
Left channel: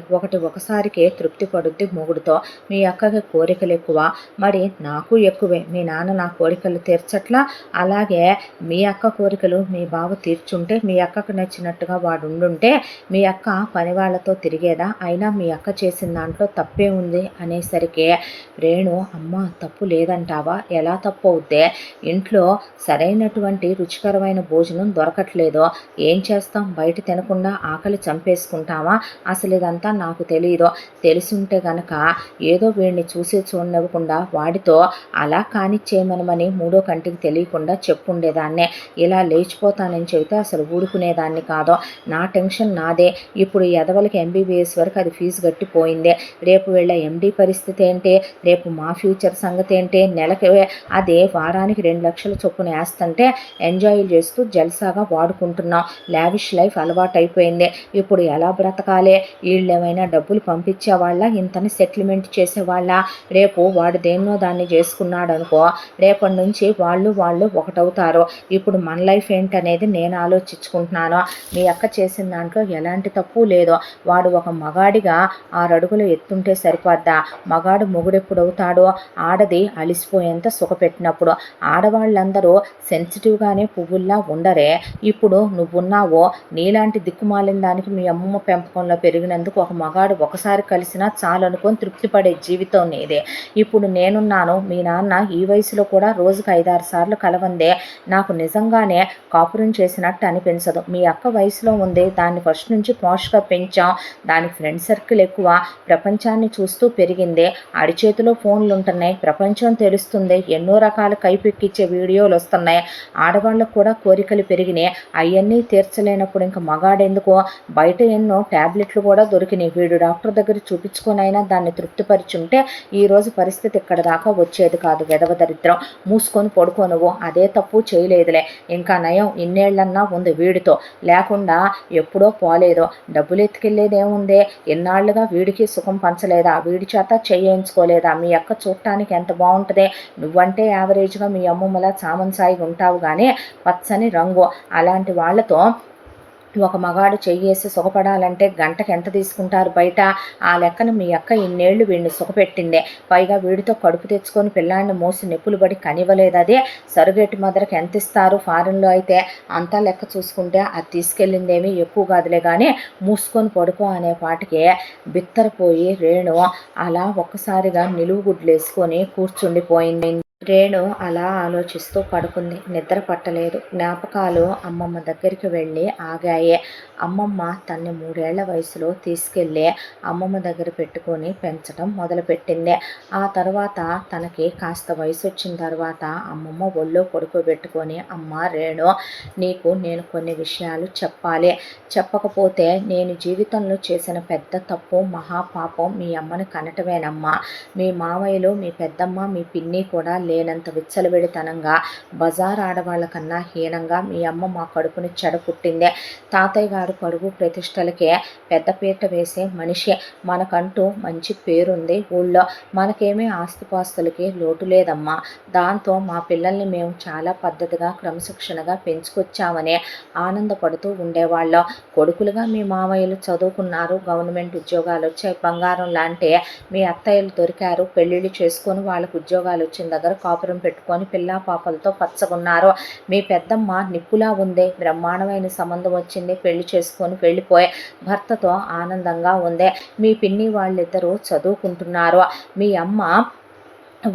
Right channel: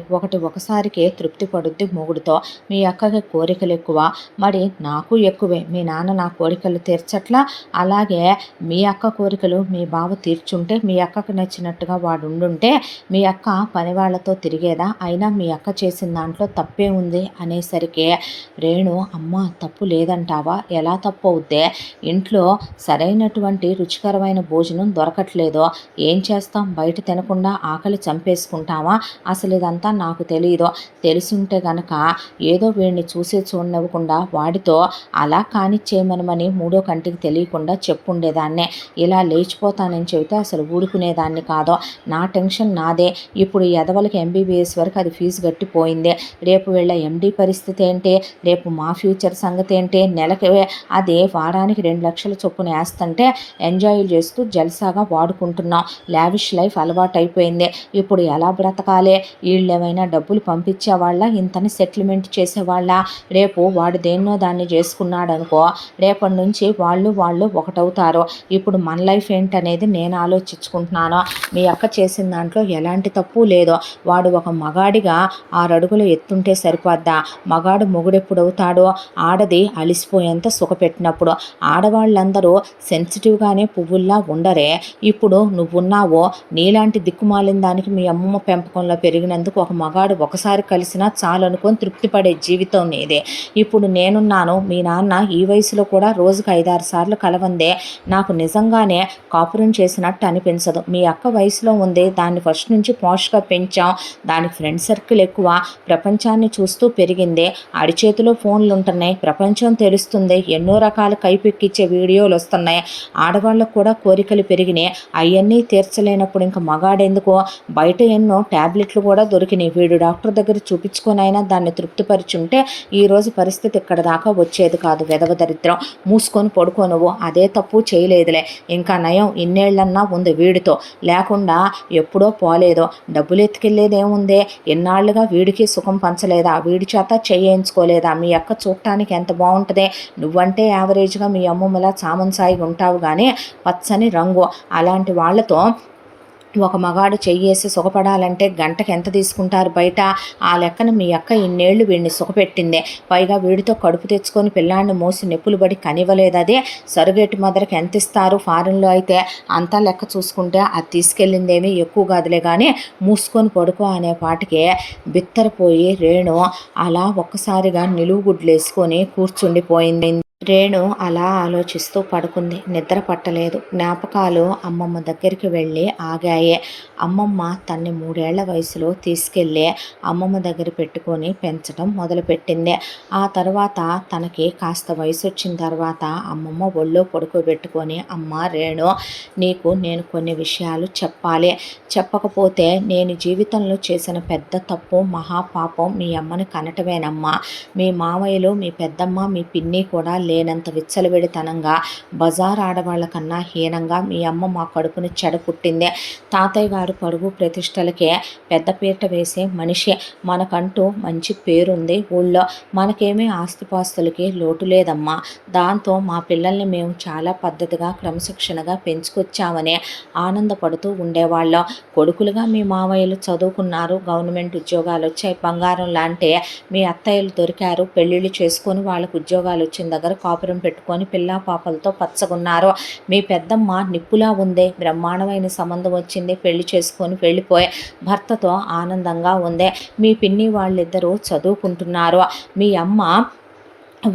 ఒకసారికే తృప్తి పడుద్ది మొగుడుతో. మీ అక్కకి కోరికలు ఎక్కువ, మరి నాకు ఎక్కువే. మీ నాన్న నా కోరికలు తీర్చట్లా, అలాగే మీ అక్క కోరికలు మీ బావ తీర్చుంటే, మీ అక్కకు నచ్చినట్టుగా వాడు ఉండుంటే మీ అక్క పని వాళ్ళతో తిరిగేదా? అయినా మీ అక్క చేసిన దాంట్లో తప్పే ఉంది అనేసరికి, రేణు అమ్మ తప్పు లేదంటావా? ఎలా తప్పు అవుద్దే? ఇంట్లో సరైనటువంటి రుచికరమైన భోజనం దొరకట్లేదో ఏం చేస్తాం? బయట తినకుండా ఆకలి చంపేసుకుంటావా? అసలు ఇదంతా నాకు తెలియదు. తెలుసుంటే గనక ఏదో వీడిని చూసి చూడనివ్వకుండా వాడితో అలా కానిచ్చేయమనమని మూడో కంటికి తెలియకుండా చెప్పుండేదాన్నే. ఇలా లేచిపోతానని చెబితే అసలు ఊడుకునేదాన్ని కాదు. నా టెన్షన్ నాదే. ఇప్పుడు ఎదవలకి ఎంబీబీఎస్ వరకు అది ఫీజు కట్టిపోయింది. రేపు వీళ్ళ ఎండీ పరిస్థితి ఏంటి? రేపు మా ఫ్యూచర్ సంగతి ఏంటి? నెలకి అదే వారానికి 2 లక్షల చొప్పున వేస్తుంటే ఎంజాయ్ చేస్తూ జల్సాగా వాడుకుంటున్నాం. లావిష్ లైఫ్ అలవాటు అయిపోయింది. ఇప్పుడు ఎలా బ్రతకాలి? వీళ్ళేమైనా డబ్బులు పంపించేవాళ్ళ, ఇంతని సెటిల్మెంట్ చేసేవాళ్ళ? రేపు వాడు దేన్నో దాన్ని చేసుకున్నాడు అనుకో, రేపటి నుంచి వాళ్ళు ఒకటవుతారు. ఇప్పుడు మన లైఫ్ ఏంటనేది నేను ఆలోచించుకుంటున్నాను. మీ అక్క చేసిన దాంట్లో ఎలాంటి తప్పు లేదు. వాడు ఒక మగాడిగా 6 అడుగులు ఎత్తుంటే సరిపోద్దా? మగాడు మొగుడెప్పుడవుతాడో? ఆడది అలిసిపోయేంత సుఖపెట్టినప్పుడు. ఆడవాళ్ళందరూ సెన్సిటివ్గానే పువ్వుల్లా ఉండరే? ఇప్పుడు నువ్వున్నావో, నీలాంటి దిక్కుమాలిన దానికి మీ అమ్మమ్మ పెంపకంలో పెరిగినందుకు ఒక మగాడు ఒకసారి కలిసినా చాలు అనుకొని తృప్తిపడే జీవితం నీదే. ఇప్పుడు నేనున్నాను. మీ నాన్న ఈ వయసులో కూడా రోజుకు 5-6 సార్లు కలవందే నాకు నిజంగానే కాపురం చేసినట్టు అనిపించదు. మీ అక్క వయసులో ఉంది, దాన్ని ఫస్ట్ నుంచి పాష్గా పెంచాం, దానికి ఫ్రెండ్ సర్కిల్ ఎక్కువ, ప్రపంచాన్ని చూస్తూ పెరిగింది, అడిచేతిలో ఫోన్లు ఉంటున్నాయి, ప్రపంచం తెలుస్తుంది, ఎన్నో రకాల కైపెక్కిచ్చే వీడియోలు వస్తున్నాయి, ఆడవాళ్ళకు కూడా కోరికలు పెరిగినాయి. అవన్నీ తీర్చలేనప్పుడు ఇంకా మగాడెందుకు? ఎందుకో బయట ఎన్నో ట్యాబ్లెట్లు కూడా దొరికినాయి. వీడు డాక్టర్ దగ్గర చూపించుకొనైనా దాన్ని తృప్తిపరిచుంటే ఈరోజు పరిస్థితి ఇక్కడ దాకా వచ్చేది కాదు. వెధవ దరిద్రం, మూసుకొని పడుకో నువ్వు. అదే తప్పు చేయలేదులే, ఇంకా నయం ఇన్నేళ్లన్నా ఉంది వీడితో, లేకుండా ఎప్పుడో పోలేదో. డబ్బులు ఎత్తుకెళ్ళేదేముందే, ఎన్నాళ్లుగా వీడికి సుఖం పంచలేదా, వీడి చేత చేయించుకోలేదా? మీ అక్క చూడటానికి ఎంత బాగుంటుందే, నువ్వంటే యావరేజ్గా మీ అమ్మమ్మలా చామన్సాయిగా ఉంటావు కానీ పచ్చని రంగు. అలాంటి వాళ్ళతో ఒక మగాడు చెయ్యేసి సుఖపడాలంటే గంటకి ఎంత తీసుకుంటారు బయట? ఆ లెక్కన మీ అక్క ఇన్నేళ్లు వీడిని సుఖపెట్టిందే, పైగా వీడితో కడుపు తెచ్చుకొని పిల్లాన్ని మోసి నెప్పులు పడి కనివ్వలేదు. అదే సరుగేటి మదరికి ఎంత ఇస్తారు ఫారెన్లో అయితే? అంతా లెక్క చూసుకుంటే అది తీసుకెళ్ళిందేమీ ఎక్కువ కాదులే కానీ మూసుకొని పడుకో అనే పాటికే బిత్తరపోయి రేణు అలా ఒక్కసారిగా నిలువుగుడ్లేసుకొని కూర్చుండిపోయింది. రేణు అలా ఆలోచిస్తూ పడుకుంది. నిద్ర పట్టలేదు. జ్ఞాపకాలు అమ్మమ్మ దగ్గరికి వెళ్ళి ఆగాయే. అమ్మమ్మ తన్ని 3 ఏళ్ల వయసులో తీసుకెళ్ళి అమ్మమ్మ దగ్గర పెట్టుకొని పెంచడం మొదలుపెట్టింది. ఆ తర్వాత తనకి కాస్త వయసు వచ్చిన తర్వాత అమ్మమ్మ ఒళ్ళో పడుకోబెట్టుకొని, అమ్మ రేణు, నీకు నేను కొన్ని విషయాలు చెప్పాలి, చెప్పకపోతే నేను జీవితంలో చేసిన పెద్ద తప్పు, మహాపాపం మీ అమ్మని కనటమేనమ్మా. మీ మామయ్యలు, మీ పెద్దమ్మ, మీ పిన్ని కూడా లేనంత విచ్చలవిడితనంగా, బజార్ ఆడవాళ్ల కన్నా హీనంగా మీ అమ్మ మా కడుపుని చెడపుట్టిందే. తాతయ్య గారు పరువు ప్రతిష్టలకే పెద్దపీట వేసే మనిషి. మనకంటూ మంచి పేరుంది ఊళ్ళో, మనకేమీ ఆస్తిపాస్తులకి లోటు లేదమ్మా. దాంతో మా పిల్లల్ని మేము చాలా పద్ధతిగా, క్రమశిక్షణగా పెంచుకొచ్చామని ఆనందపడుతూ ఉండేవాళ్ళం. కొడుకులుగా మీ మామయ్యలు చదువుకున్నారు, గవర్నమెంట్ ఉద్యోగాలు వచ్చాయి, బంగారం లాంటి మీ అత్తయ్యలు దొరికారు, పెళ్ళిళ్ళు చేసుకొని వాళ్ళకు ఉద్యోగాలు వచ్చిన దగ్గర కాపురం పెట్టుకొని పిల్లా పాపలతో పచ్చగున్నారు. మీ పెద్దమ్మ నిప్పులా ఉంది, బ్రహ్మాండమైన సంబంధం వచ్చింది, పెళ్లి చేసుకొని వెళ్ళిపోయి భర్తతో ఆనందంగా ఉంది. మీ పిన్ని వాళ్ళిద్దరూ చదువుకుంటున్నారు. మీ అమ్మ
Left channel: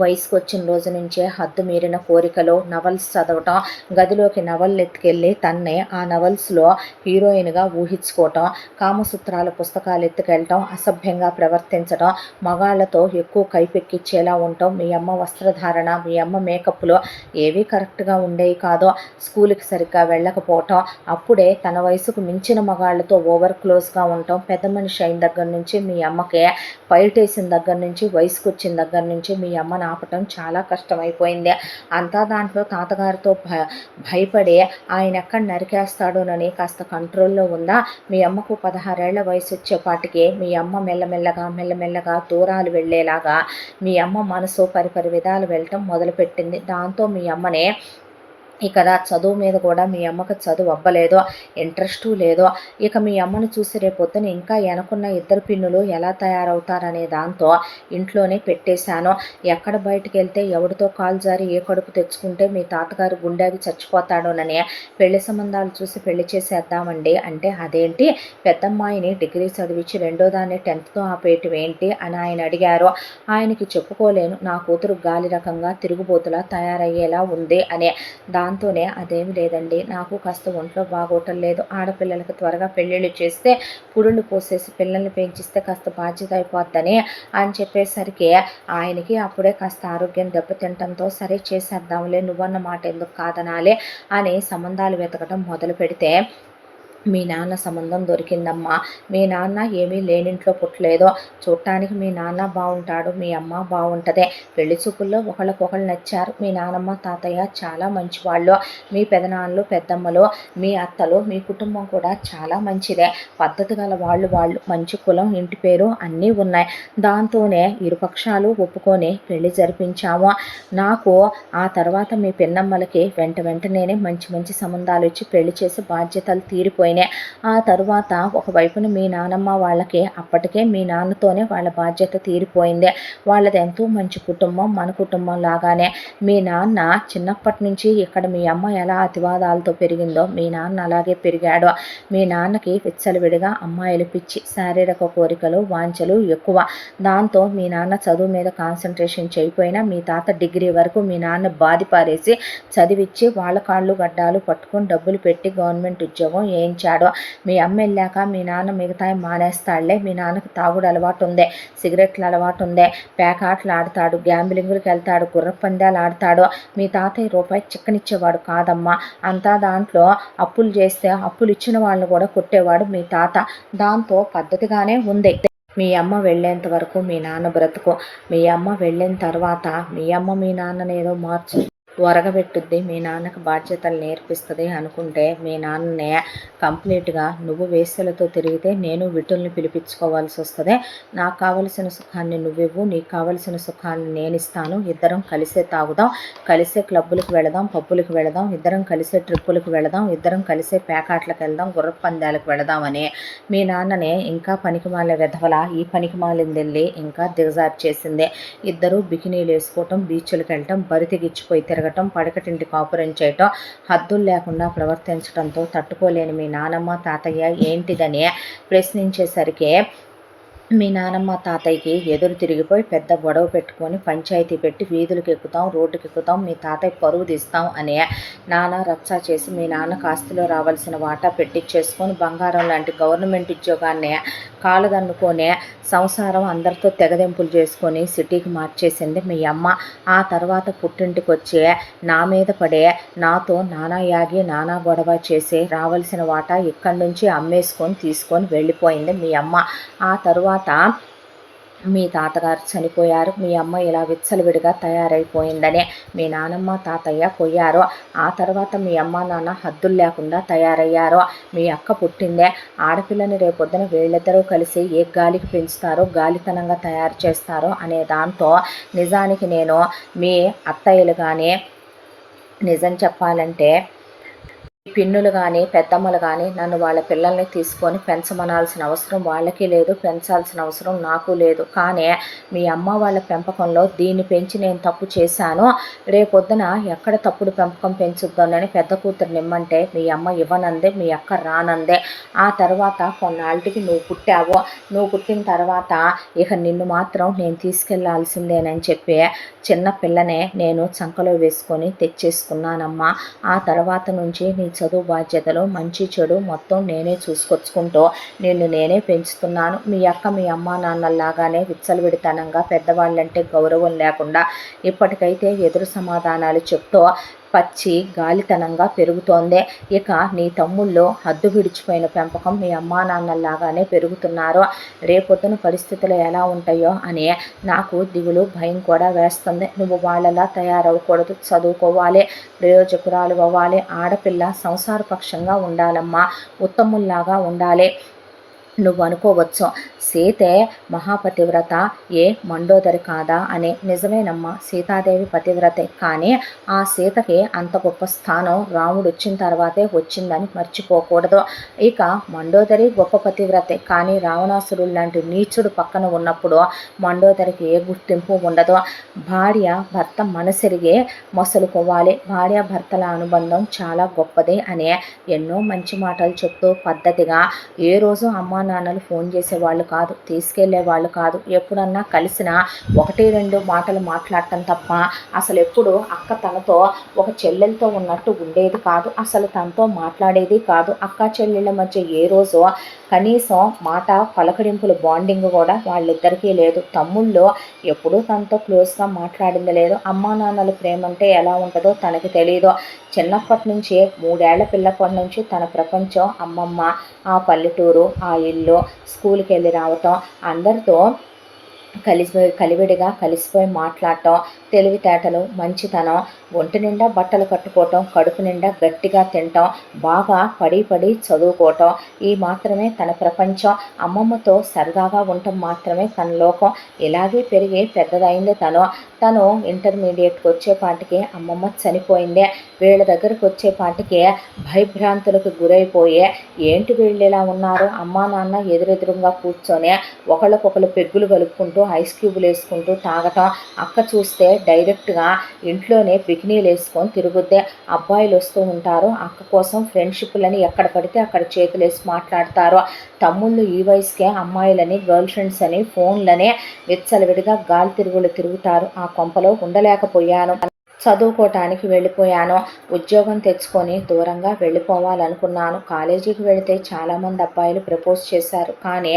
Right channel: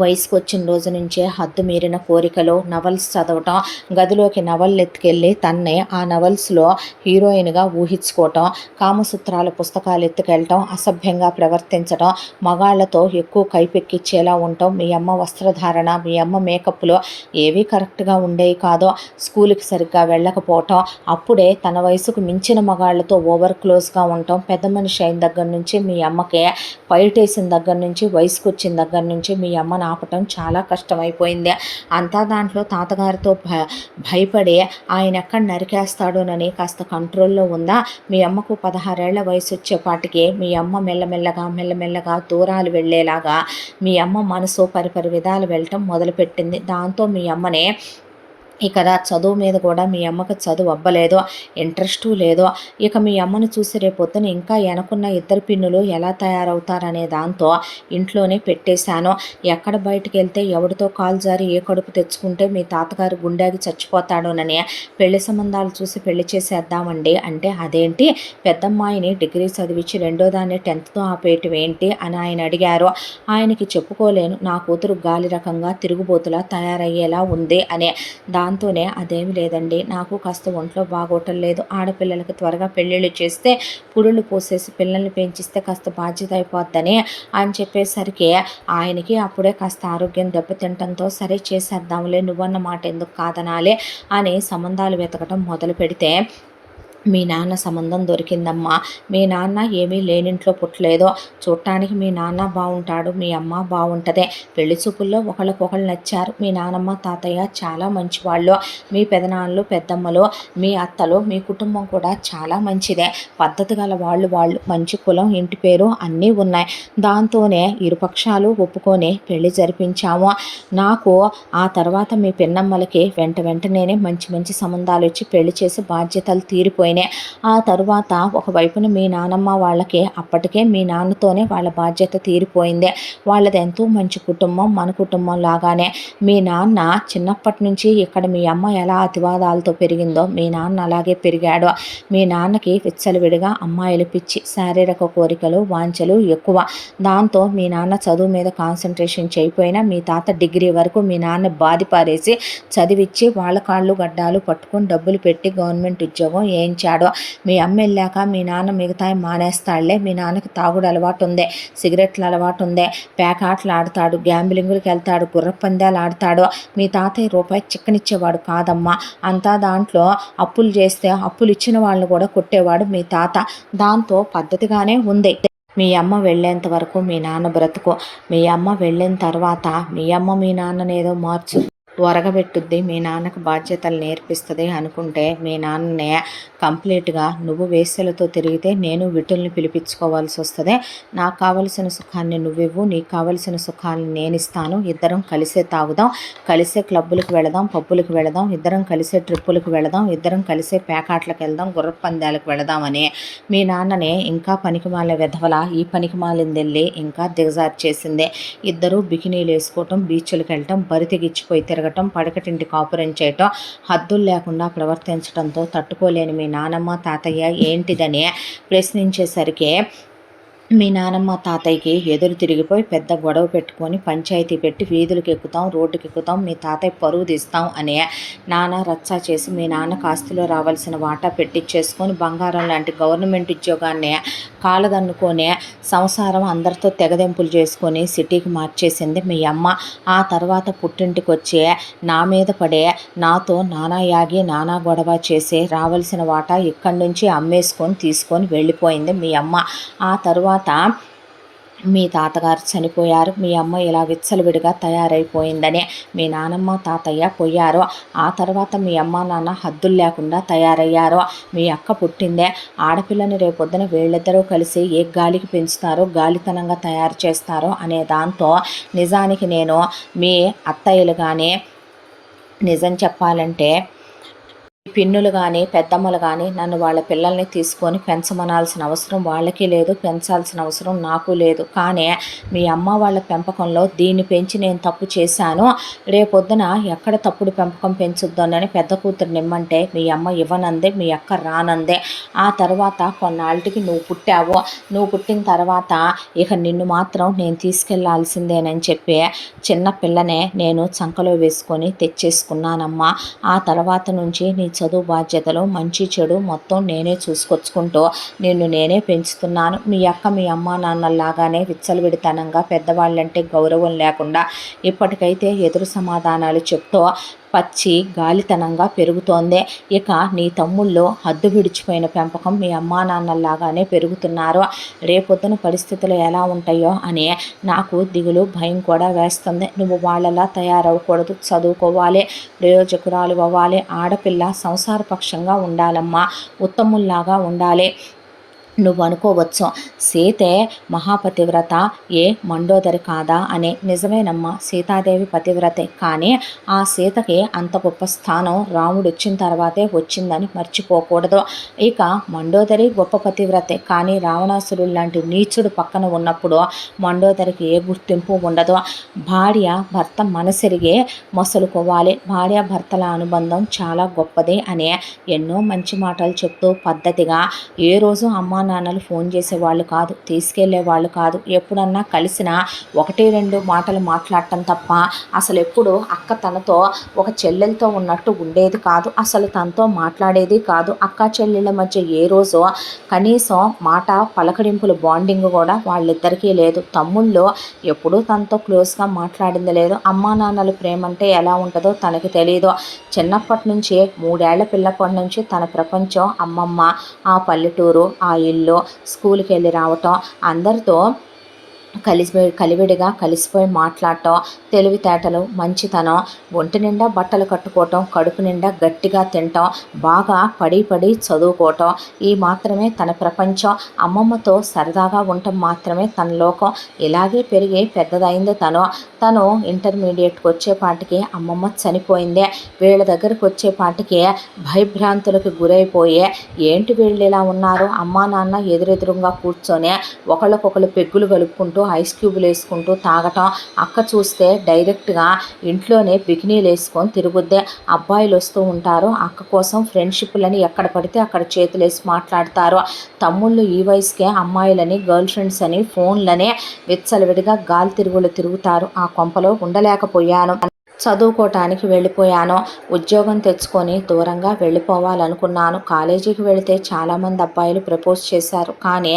వయసుకు వచ్చిన రోజు నుంచే హద్దు మీరిన కోరికలు, నవల్స్ చదవటం, గదిలోకి నవళ్ళు ఎత్తుకెళ్ళి తన్నే ఆ నవల్స్లో హీరోయిన్గా ఊహించుకోవటం, కామసూత్రాల పుస్తకాలు ఎత్తుకెళ్ళటం, అసభ్యంగా ప్రవర్తించడం, మగాళ్లతో ఎక్కువ కైపెక్కిచ్చేలా ఉండటం. మీ అమ్మ వస్త్రధారణ, మీ అమ్మ మేకప్లో ఏవీ కరెక్ట్గా ఉండేవి కాదో. స్కూల్కి సరిగ్గా వెళ్ళకపోవటం, అప్పుడే తన వయసుకు మించిన మగాళ్లతో ఓవర్ క్లోజ్గా ఉండటం. పెద్ద మనిషి అయిన దగ్గర నుంచి మీ అమ్మకే, పైటేసిన దగ్గర నుంచి, వయసుకు వచ్చిన దగ్గర నుంచి మీ అమ్మ ఆపటం చాలా కష్టమైపోయింది. అంతా దాంట్లో తాతగారితో భయపడి ఆయన ఎక్కడ నరికేస్తాడోనని కాస్త కంట్రోల్లో ఉందా. మీ అమ్మకు 16 ఏళ్ల వయసు వచ్చేపాటికి మీ అమ్మ మెల్లమెల్లగా దూరాలు వెళ్ళేలాగా మీ అమ్మ మనసు పరిపరి విధాలు వెళ్ళటం మొదలుపెట్టింది. దాంతో మీ అమ్మనే ఇక్కడ చదువు మీద కూడా మీ అమ్మకు చదువు అవ్వలేదో, ఇంట్రెస్టు లేదో. ఇక మీ అమ్మను చూసి రేపొద్దున ఇంకా వెనకున్న 2 పిన్నులు ఎలా తయారవుతారనే దాంతో ఇంట్లోనే పెట్టేశాను. ఎక్కడ బయటికి వెళ్తే ఎవరితో కాలు జారి ఏ కడుపు తెచ్చుకుంటే మీ తాతగారు గుండెకి చచ్చిపోతాడోనని పెళ్లి సంబంధాలు చూసి పెళ్లి చేసేద్దామండి అంటే, అదేంటి పెద్దమ్మాయిని డిగ్రీ చదివించి రెండో దాన్ని 10th ఆపేయటం ఏంటి అని ఆయన అడిగారు. ఆయనకి చెప్పుకోలేను, నా కూతురు గాలి రకంగా తిరుగుబోతులా తయారయ్యేలా ఉంది అనే. దాంతోనే, అదేమి లేదండి, నాకు కాస్త ఒంట్లో బాగోటం లేదు, ఆడపిల్లలకి త్వరగా పెళ్ళిళ్ళు చేస్తే పురుళ్ళు పోసేసి పిల్లల్ని పెంచిస్తే కాస్త బాధ్యత అయిపోద్దని అని చెప్పేసరికి ఆయనకి అప్పుడే కాస్త ఆరోగ్యం దెబ్బతింటంతో, సరే చేసేద్దాంలే, నువ్వన్న మాట ఎందుకు కాదనాలి అని సంబంధాలు వెతకటం మొదలు పెడితే మీ నాన్న సంబంధం దొరికిందమ్మా. మీ నాన్న ఏమీ లేనింట్లో పుట్టలేదో, చూడటానికి మీ నాన్న బాగుంటాడు, మీ అమ్మ బాగుంటుంది. పెళ్లి చూపుల్లో ఒకళ్ళకొకళ్ళు నచ్చారు. మీ నానమ్మ తాతయ్య చాలా మంచివాళ్ళు, మీ పెదనాన్నలు పెద్దమ్మలు, మీ అత్తలు, మీ కుటుంబం కూడా చాలా మంచిదే, పద్ధతి గల వాళ్ళు, మంచి కులం, ఇంటి పేరు అన్నీ ఉన్నాయి. దాంతోనే ఇరుపక్షాలు ఒప్పుకొని పెళ్లి జరిపించాము. నాకు ఆ తర్వాత మీ పిన్నమ్మలకి వెంటనే మంచి సంబంధాలు వచ్చి పెళ్లి చేసి బాధ్యతలు తీరిపోయినాయి. ఆ తరువాత ఒకవైపున మీ నానమ్మ వాళ్ళకి అప్పటికే మీ నాన్నతోనే వాళ్ళ బాధ్యత తీరిపోయింది. వాళ్ళది ఎంతో మంచి కుటుంబం, మన కుటుంబం లాగానే. మీ నాన్న చిన్నప్పటి నుంచి ఇక్కడ మీ అమ్మ ఎలా అతివాదాలతో పెరిగిందో మీ నాన్న అలాగే పెరిగాడు. మీ నాన్నకి విచ్చలవిడిగా అమ్మాయిలు పిచ్చి, శారీరక కోరికలు, వాంఛలు ఎక్కువ. దాంతో మీ నాన్న చదువు మీద కాన్సన్ట్రేషన్ చేయకపోయినా మీ తాత డిగ్రీ వరకు మీ నాన్న బాధి పారేసి చదివిచ్చి వాళ్ళ కాళ్ళు గడ్డాలు పట్టుకొని డబ్బులు పెట్టి గవర్నమెంట్ ఉద్యోగం ఏం పెంచాడు. మీ అమ్మ వెళ్ళాక మీ నాన్న మిగతాయి మానేస్తాడులే, మీ నాన్నకి తాగుడు అలవాటు ఉందే, సిగరెట్ల అలవాటు ఉందే, పేకాటలు ఆడతాడు, గ్యాంబ్లింగులకు వెళ్తాడు, గుర్రపందాలు ఆడతాడు. మీ తాతయ్య రూపాయి చిక్కనిచ్చేవాడు కాదమ్మా, అంతా దాంట్లో అప్పులు చేస్తే అప్పులు ఇచ్చిన వాళ్ళని కూడా కొట్టేవాడు మీ తాత. దాంతో పద్ధతిగానే ఉంది. మీ అమ్మ వెళ్ళేంత వరకు మీ నాన్న బ్రతుకు. మీ అమ్మ వెళ్ళిన తర్వాత మీ అమ్మ మీ నాన్ననేదో ఒరగబెట్టుద్ది, మీ నాన్నకు బాధ్యతలు నేర్పిస్తుంది అనుకుంటే మీ నాన్ననే కంప్లీట్గా నువ్వు వేశ్యలతో తిరిగితే నేను విటుల్ని పిలిపించుకోవాల్సి వస్తుంది. నాకు కావలసిన సుఖాన్ని నువ్వివ్వు, నీకు కావలసిన సుఖాన్ని నేను ఇస్తాను, ఇద్దరం కలిసే తాగుదాం, కలిసే క్లబ్బులకు వెళదాం, పబ్బులకు వెళదాం, ఇద్దరం కలిసే ట్రిప్పులకు వెళదాం, ఇద్దరం కలిసే పేకాట్లకు వెళ్దాం, గుర్రపు పందాలకు వెళదామని మీ నాన్ననే ఇంకా పనికిమాల వెధవల ఈ పనికిమాలిందెళ్ళి ఇంకా దిగజార్చేసిందే. ఇద్దరూ బికినీలు వేసుకోవటం, బీచ్లకు వెళ్ళటం, బరితెగిచ్చిపోయి తిరగటం, పడకటింటి కాపురం చేయటం, హద్దులు లేకుండా ప్రవర్తించడంతో తట్టుకోలేని మీ నానమ్మ తాతయ్య ఏంటిదని ప్రశ్నించేసరికి మీ నానమ్మ తాతయ్యకి ఎదురు తిరిగిపోయి పెద్ద గొడవ పెట్టుకొని పంచాయతీ పెట్టి వీధులకు ఎక్కుతాం, రోడ్డుకి ఎక్కుతాం, మీ తాతయ్య పరువు తీస్తాం అని నాన్న రచ్చా చేసి మీ నాన్నకు ఆస్తిలో రావాల్సిన వాటా పెట్టించేసుకొని బంగారం లాంటి గవర్నమెంట్ ఉద్యోగాన్ని కాలదన్నుకొని సంసారం అందరితో తెగదెంపులు చేసుకొని సిటీకి మార్చేసింది మీ అమ్మ. ఆ తర్వాత పుట్టింటికి వచ్చి నా మీద పడే నాతో నానా యాగి నానా గొడవ చేసి రావాల్సిన వాటా ఇక్కడి నుంచి అమ్మేసుకొని తీసుకొని వెళ్ళిపోయింది మీ అమ్మ. ఆ తర్వాత మీ తాతగారు చనిపోయారు, మీ అమ్మ ఇలా విచ్చలవిడిగా తయారైపోయిందని మీ నానమ్మ తాతయ్య పోయారు. ఆ తర్వాత మీ అమ్మ నాన్న హద్దులు లేకుండా తయారయ్యారు. మీ అక్క పుట్టిందే, ఆడపిల్లని రేపొద్దున వీళ్ళిద్దరూ కలిసి ఏ గాలికి పెంచుతారో, గాలితనంగా తయారు చేస్తారో అనే దాంతో నిజానికి నేను మీ అత్తయ్యలు కానీ నిజం చెప్పాలంటే పిన్నులు కానీ పెద్దమ్మలు కానీ నన్ను వాళ్ళ పిల్లల్ని తీసుకొని పెంచమనాల్సిన అవసరం వాళ్ళకి లేదు, పెంచాల్సిన అవసరం నాకు లేదు. కానీ మీ అమ్మ వాళ్ళ పెంపకంలో దీన్ని పెంచి నేను తప్పు చేశాను, రేపొద్దున ఎక్కడ తప్పుడు పెంపకం పెంచుద్దోనని పెద్ద కూతురు నిమ్మంటే మీ అమ్మ ఇవ్వనందే, మీ అక్క రానందే. ఆ తర్వాత కొన్నాళ్ళకి నువ్వు పుట్టావు, నువ్వు పుట్టిన తర్వాత ఇక నిన్ను మాత్రం నేను తీసుకెళ్లాల్సిందేనని చెప్పి చిన్న పిల్లనే నేను చంకలో వేసుకొని తెచ్చేసుకున్నానమ్మా. ఆ తర్వాత నుంచి నీ చదువు బాధ్యతలు మంచి చెడు మొత్తం నేనే చూసుకొచ్చుకుంటూ నిన్ను నేనే పెంచుతున్నాను. మీ అక్క మీ అమ్మ నాన్నల్లాగానే విచ్చలవిడితనంగా పెద్దవాళ్ళంటే గౌరవం లేకుండా ఇప్పటికైతే ఎదురు సమాధానాలు చెప్తూ పచ్చి గాలితనంగా పెరుగుతోంది. ఇక నీ తమ్ముళ్ళు హద్దు విడిచిపోయిన పెంపకం మీ అమ్మా నాన్నల్లాగానే పెరుగుతున్నారు. రేపొద్దున పరిస్థితులు ఎలా ఉంటాయో అని నాకు దిగులు భయం కూడా వేస్తుంది. నువ్వు వాళ్ళలా తయారవ్వకూడదు, చదువుకోవాలి, ప్రయోజకురాలు అవ్వాలి, ఆడపిల్ల సంసారపక్షంగా ఉండాలమ్మా, ఉత్తముల్లాగా ఉండాలి. నువ్వు అనుకోవచ్చు సీతే మహాపతివ్రత ఏ మండోదరి కాదా అని. నిజమేనమ్మా, సీతాదేవి పతివ్రతే, కానీ ఆ సీతకి అంత గొప్ప స్థానం రాముడు వచ్చిన తర్వాతే వచ్చిందని మర్చిపోకూడదు. ఇక మండోదరి గొప్ప పతివ్రతే, కానీ రావణాసురుడు లాంటి నీచుడు పక్కన ఉన్నప్పుడు మండోదరికి ఏ గుర్తింపు ఉండదు. భార్య భర్త మనసెరిగే మొసలుకోవాలి, భార్య భర్తల అనుబంధం చాలా గొప్పది అని ఎన్నో మంచి మాటలు చెప్తూ పద్ధతిగా ఏ రోజు అమ్మా నాన్నలు ఫోన్ చేసేవాళ్ళు కాదు, తీసుకెళ్లేవాళ్ళు కాదు. ఎప్పుడన్నా కలిసిన 1-2 మాటలు మాట్లాడటం తప్ప అసలు ఎప్పుడు అక్క తనతో ఒక చెల్లెలతో ఉన్నట్టు ఉండేది కాదు, అసలు తనతో మాట్లాడేది కాదు. అక్క చెల్లెళ్ళ మధ్య ఏ రోజు కనీసం మాట పలకరింపుల బాండింగ్ కూడా వాళ్ళిద్దరికీ లేదు. తమ్ముళ్ళు ఎప్పుడూ తనతో క్లోజ్గా మాట్లాడింది లేదు. అమ్మా నాన్నలు ప్రేమంటే ఎలా ఉంటుందో తనకి తెలియదు. చిన్నప్పటి నుంచి 3 ఏళ్ల పిల్లప్పటి నుంచి తన ప్రపంచం అమ్మమ్మ, ఆ పల్లెటూరు, ఆ ఇల్లు, స్కూల్కి వెళ్ళి రావటం, అందరితో కలివిడిగా కలిసిపోయి మాట్లాడటం, తెలివితేటలు, మంచితనం, ఒంటి నిండా బట్టలు కట్టుకోవటం, కడుపు నిండా గట్టిగా తినటం, బాగా పడి చదువుకోవటం, ఈ మాత్రమే తన ప్రపంచం. అమ్మమ్మతో సరదాగా ఉండటం మాత్రమే తన లోకం. ఇలాగే పెరిగి పెద్దదైంది తను ఇంటర్మీడియట్కి వచ్చేపాటికి అమ్మమ్మ చనిపోయింది. వీళ్ళ దగ్గరికి వచ్చేపాటికి భయభ్రాంతులకు గురైపోయి ఏంటి వీళ్ళు ఇలా ఉన్నారు, అమ్మా నాన్న ఎదురెదురుగా కూర్చొని ఒకళ్ళకొకళ్ళు పెగ్గులు కలుపుకుంటూ ఐస్ క్యూబులు వేసుకుంటూ తాగటం. అక్క చూస్తే డైరెక్ట్గా ఇంట్లోనే బికినీలు వేసుకొని తిరుగుద్దే. అబ్బాయిలు వస్తూ ఉంటారు, అక్క కోసం ఫ్రెండ్షిప్లని ఎక్కడ పడితే అక్కడ చేతులేసి మాట్లాడతారు. తమ్ముళ్ళు ఈ వయసుకే అమ్మాయిలని, గర్ల్ ఫ్రెండ్స్ అని, ఫోన్లని విచ్చలవిడిగా గాలి తిరుగుతారు. ఆ కొంపలో ఉండలేకపోయాను. చదువుకోవటానికి వెళ్ళిపోయాను. ఉద్యోగం తెచ్చుకొని దూరంగా వెళ్ళిపోవాలనుకున్నాను. కాలేజీకి వెళితే చాలామంది అబ్బాయిలు ప్రపోజ్ చేశారు. కానీ